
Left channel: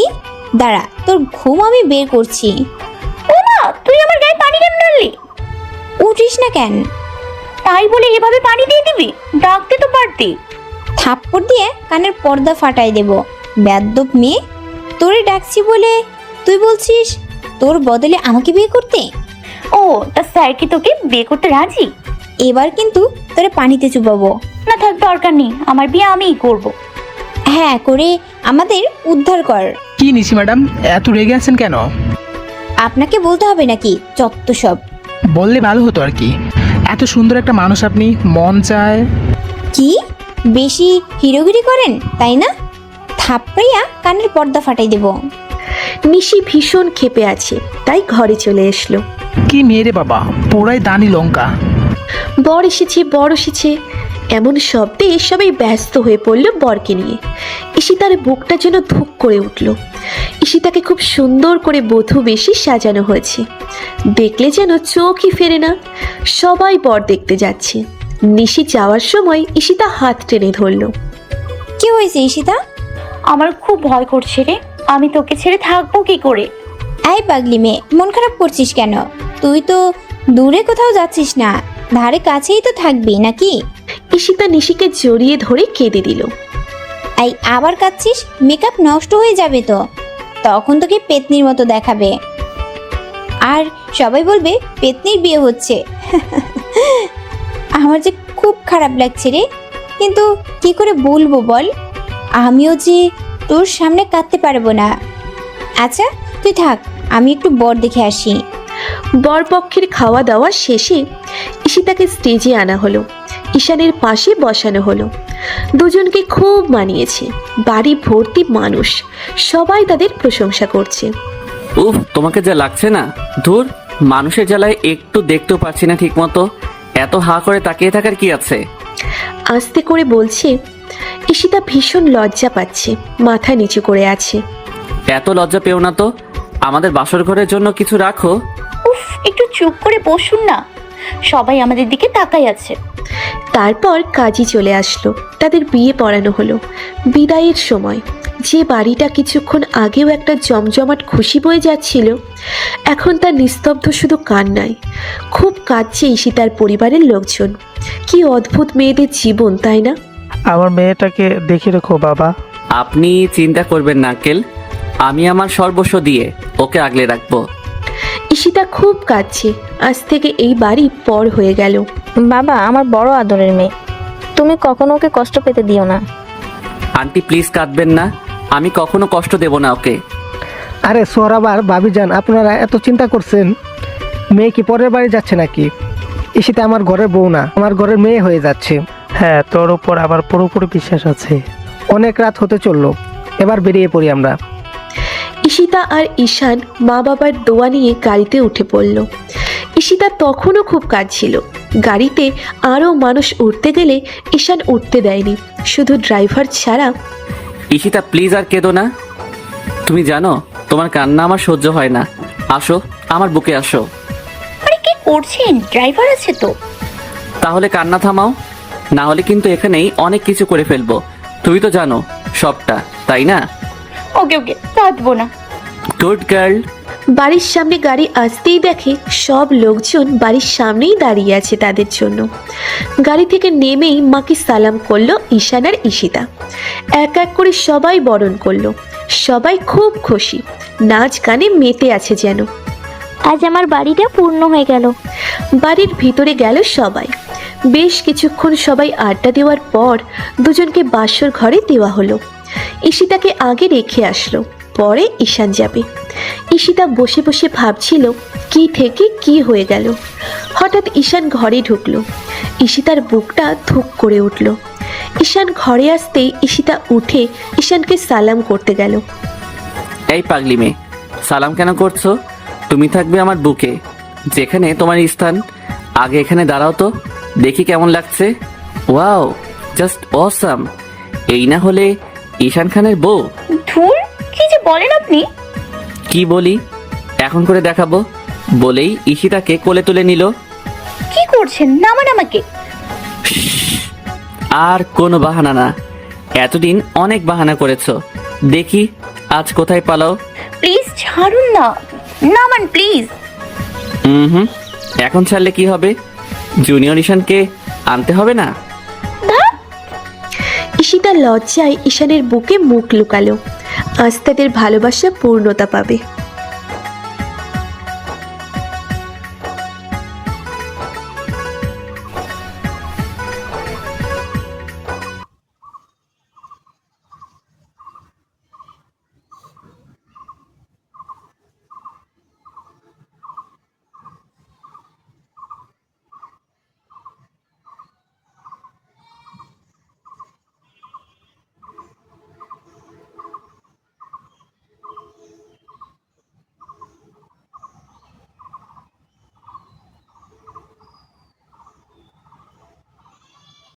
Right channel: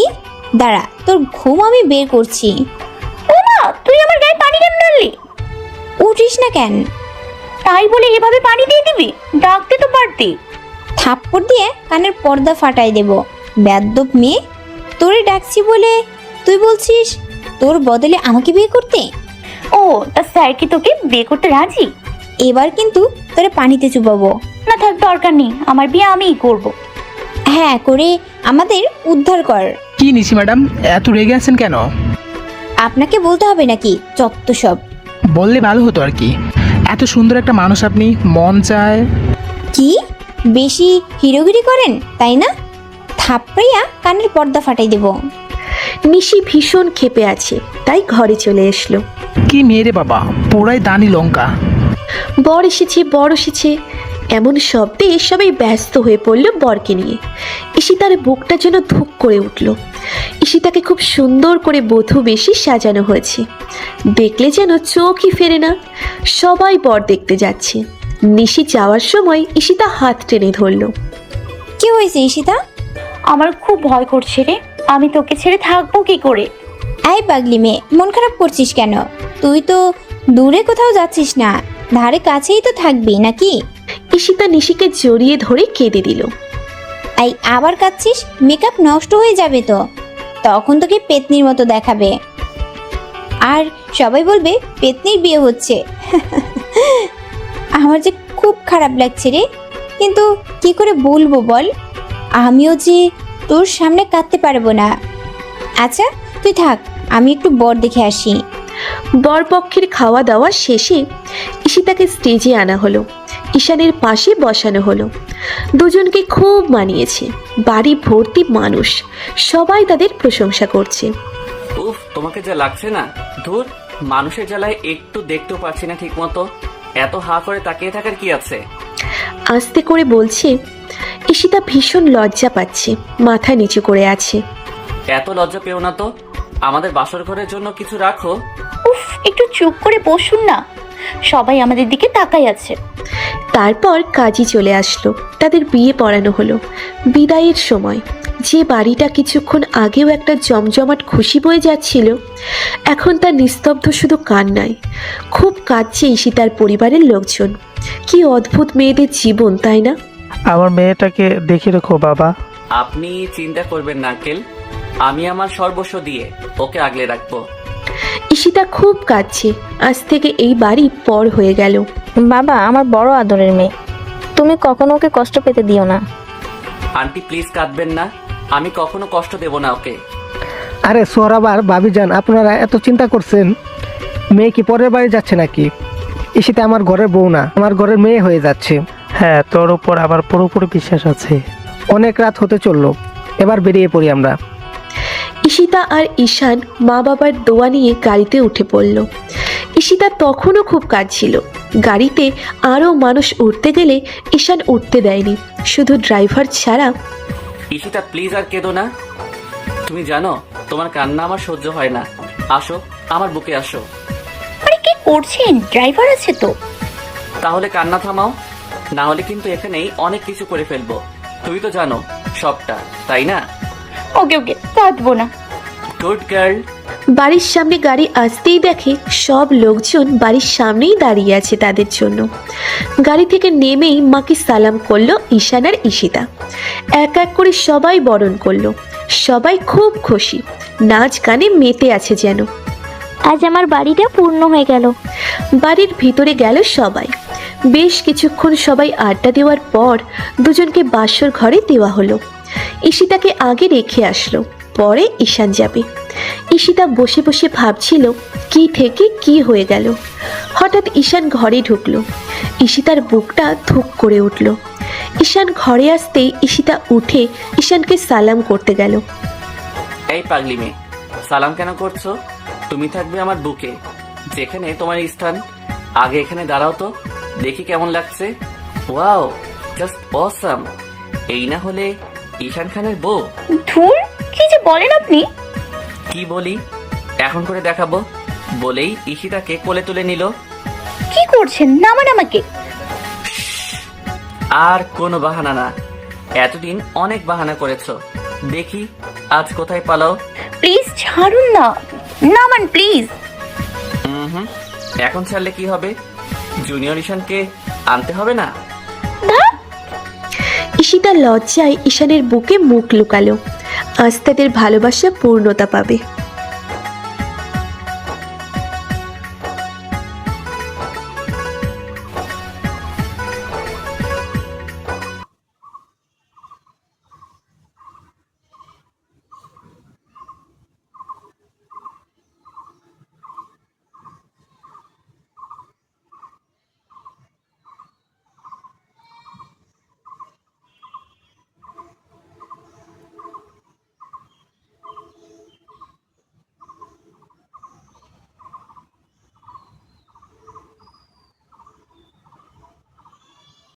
দাঁড়া, তোর ঘুম আমি বের করছি। না, তুই আমার গায়ে পানি কেন ঢাললি? উঠিস না কেন? তাই বলে এভাবে পানি দিয়ে দিবি? ডাকতে তো পারতি। থাপ্পড় দিয়ে কানের পর্দা ফাটাই দেব। বেয়াদ্দপ মেয়ে, তোরে ডাকছি বলে তুই বলছিস তোর বদলে আমাকে বিয়ে করতে? ও, তা স্যার কি তোকে বিয়ে করতে রাজি? এবার কিন্তু তোরা পানিতে চুবাবো। না থাক, দরকার নেই, আমার বিয়ে আমিই করব। হ্যাঁ, করে আমাদের উদ্ধার কর। কি নিশি ম্যাডাম, এত রেগে আছেন কেন? আপনাকে বলতে হবে নাকি? যত সব। বললে ভালো হতো আর কি। এত সুন্দর একটা মানুষ আপনি, মন চায়। কি বেশি হিরোগিরি করেন তাই না? থাপ্পড়িয়া কানের পর্দা ফাটাই দেব। নিশি ভীষণ ক্ষেপে আছে, তাই ঘরে চলে এসলো। কি মেয়ে রে বাবা, পুরাই দানি লঙ্কা। বর এসেছে, বর এসেছে। এমন শব্দে সবাই ব্যস্ত হয়ে পড়ল বরকে নিয়ে। ঈশিতার বুকটা যেন ধুক করে উঠল। ঈশিতাকে খুব সুন্দর করে বধূ বেশি সাজানো হয়েছে, দেখলে যেন চোখই ফেরে না। সবাই বর দেখতে যাচ্ছে। নিশি যাওয়ার সময় ঈশিতা হাত টেনে ধরল। কি হয়েছে ঈশিতা? আমার খুব ভয় করছে রে, আমি তোকে ছেড়ে থাকবো কি করে? এই পাগলি মেয়ে, মন খারাপ করছিস কেন? তুই তো দূরে কোথাও যাচ্ছিস না, ধারে কাছেই তো থাকবি নাকি? ঈশিতা নিশিকে জড়িয়ে ধরে কেঁদে দিল। এই আবার কাঁদছিস? মেকআপ নষ্ট হয়ে যাবে তো, তখন তোকে পেতনির মতো দেখাবে, আর সবাই বলবে পেতনির বিয়ে হচ্ছে। আমার যে খুব খারাপ লাগছে রে, কিন্তু কি করে বলবো বল? আমিও যে তোর সামনে কাঁদতে পারবো না। আচ্ছা তুই থাক, আমি একটু বর দেখে আসি। বরপক্ষের খাওয়া দাওয়া শেষেই ঈশিতাকে স্টেজে আনা হলো, ঈশানের পাশে বসানো হলো। দুজনকে খুব মানিয়েছে। বাড়ি ভর্তি মানুষ, সবাই তাদের প্রশংসা করছে। উফ, তোমাকে যা লাগছে না, ধুর, মানুষের জ্বালায় একটু দেখতেও পাচ্ছি না ঠিক মতো। এত হা করে তাকিয়ে থাকার কি আছে? আস্তে করে বলছি। ঈশিতা ভীষণ লজ্জা পাচ্ছে, মাথা নিচু করে আছে। এত লজ্জা পেও না তো, আমাদের বাসর ঘরের জন্য কিছু রাখো। উফ, একটু চুপ করে বসুন না, সবাই আমাদের দিকে তাকাই আছে। তারপর কাজী চলে আসলো, তাদের বিয়ে পড়ানো হলো। বিদায়ের সময় যে বাড়িটা কিছুক্ষণ আগেও একটা জমজমাট খুশি বয়ে যাচ্ছিল, এখন তা নিস্তব্ধ শুধু কান্নায়। খুব কাঁদছে ঈশিতার পরিবারের লোকজন। কি অদ্ভুত মেয়েদের জীবন, তাই না? আমার মেয়েটাকে দেখে রেখো বাবা। আপনি চিন্তা করবেন না আঙ্কেল, আমি আমার সর্বস্ব দিয়ে ওকে আগলে রাখবো। ঈশিতা খুব কাঁদছে। আজ থেকে এই বাড়ি পর হয়ে গেল। বাবা আমার বড় আদরের মেয়ে, তুমি কখনো ওকে কষ্ট পেতে দিও না। আন্টি প্লিজ কাঁদবেন না, আমি কখনো কষ্ট দেব না ওকে। আরে সোহরাবার ভাবিজান, আপনারা এত চিন্তা করছেন? মেয়ে কি পরের বাড়ি যাচ্ছে নাকি? ঈশিতা আমার ঘরের বউ না, আমার ঘরের মেয়ে হয়ে যাচ্ছে। হ্যাঁ, তোর উপর আমার পুরোপুরি বিশ্বাস আছে। অনেক রাত হতে চললো, এবার বেরিয়ে পড়ি আমরা। ঈশিতা আর ঈশান মা বাবার দোয়া নিয়ে গাড়িতে উঠে পড়ল। ঈশিতা তখনও খুব কাঁদছিল। গাড়িতে আরো মানুষ উঠতে গেলে ঈশান উঠতে দেয়নি, শুধু ড্রাইভার ছাড়া। ঈশিতা প্লিজ আর কেঁদো না, তুমি জানো তোমার কান্না আমার সহ্য হয় না। আসো আমার বুকে আসো। কি করছেন? ড্রাইভার আছে তো। তাহলে কান্না থামাও, না হলে কিন্তু এখানেই অনেক কিছু করে ফেলবো। তুমি তো জানো সবটা, তাই না? ওকে ওকে, কাঁদবো না। Good girl. বাড়ির সামনে গাড়ি আসতেই দেখে সব লোকজন বাড়ির সামনেই দাঁড়িয়ে আছে তাদের জন্য। গাড়ি থেকে নেমেই মাকে সালাম করলো ঈশান আর ঈশিতা। এক এক করে সবাই বরণ করলো। সবাই খুব খুশি, নাচ গানে মেতে আছে যেন। আজ আমার বাড়িটা পূর্ণ হয়ে গেল। বাড়ির ভিতরে গেল সবাই। বেশ কিছুক্ষণ সবাই আড্ডা দেওয়ার পর দুজনকে বাসর ঘরে দেওয়া হলো। ঈশিতাকে আগে রেখে আসলো, পরে ঈশান যাবে। ঈশিতা বসে বসে ভাবছিল কি থেকে কি হয়ে গেল। হঠাৎ ঈশান ঘরে ঢুকলো। ঈশিতার বুকটা ধুক করে উঠল। ঈশান ঘরে আসতেই ঈশিতা উঠে ঈশানকে সালাম করতে গেল। এই পাগলি মেয়ে, সালাম কেন করছো? তুমি থাকবে আমার বুকে, যেখানে তোমার স্থান। আগে এখানে দাঁড়াও তো, দেখি কেমন লাগছে। Wow, just awesome. এই না হলে ঈশান খানের বউ? ধুর, কি যে বলেন আপনি। কি বলি এখন করে দেখাবো, বলেই ঈশিতাকে কোলে তুলে নিল। কি করছেন? নামান আমাকে। আর কোনো বাহানা না, এতদিন অনেক বাহানা করেছো, দেখি আজ কোথায় পালাও। প্লিজ ছাড়ুন না, নামান প্লিজ। হুম, এখন ছাড়লে কি হবে? জুনিয়র ঈশানকে আনতে হবে না? ঈশিতা লজ্জায় ঈশানের বুকে মুখ লুকালো। আজ তাদের ভালোবাসা পূর্ণতা পাবে।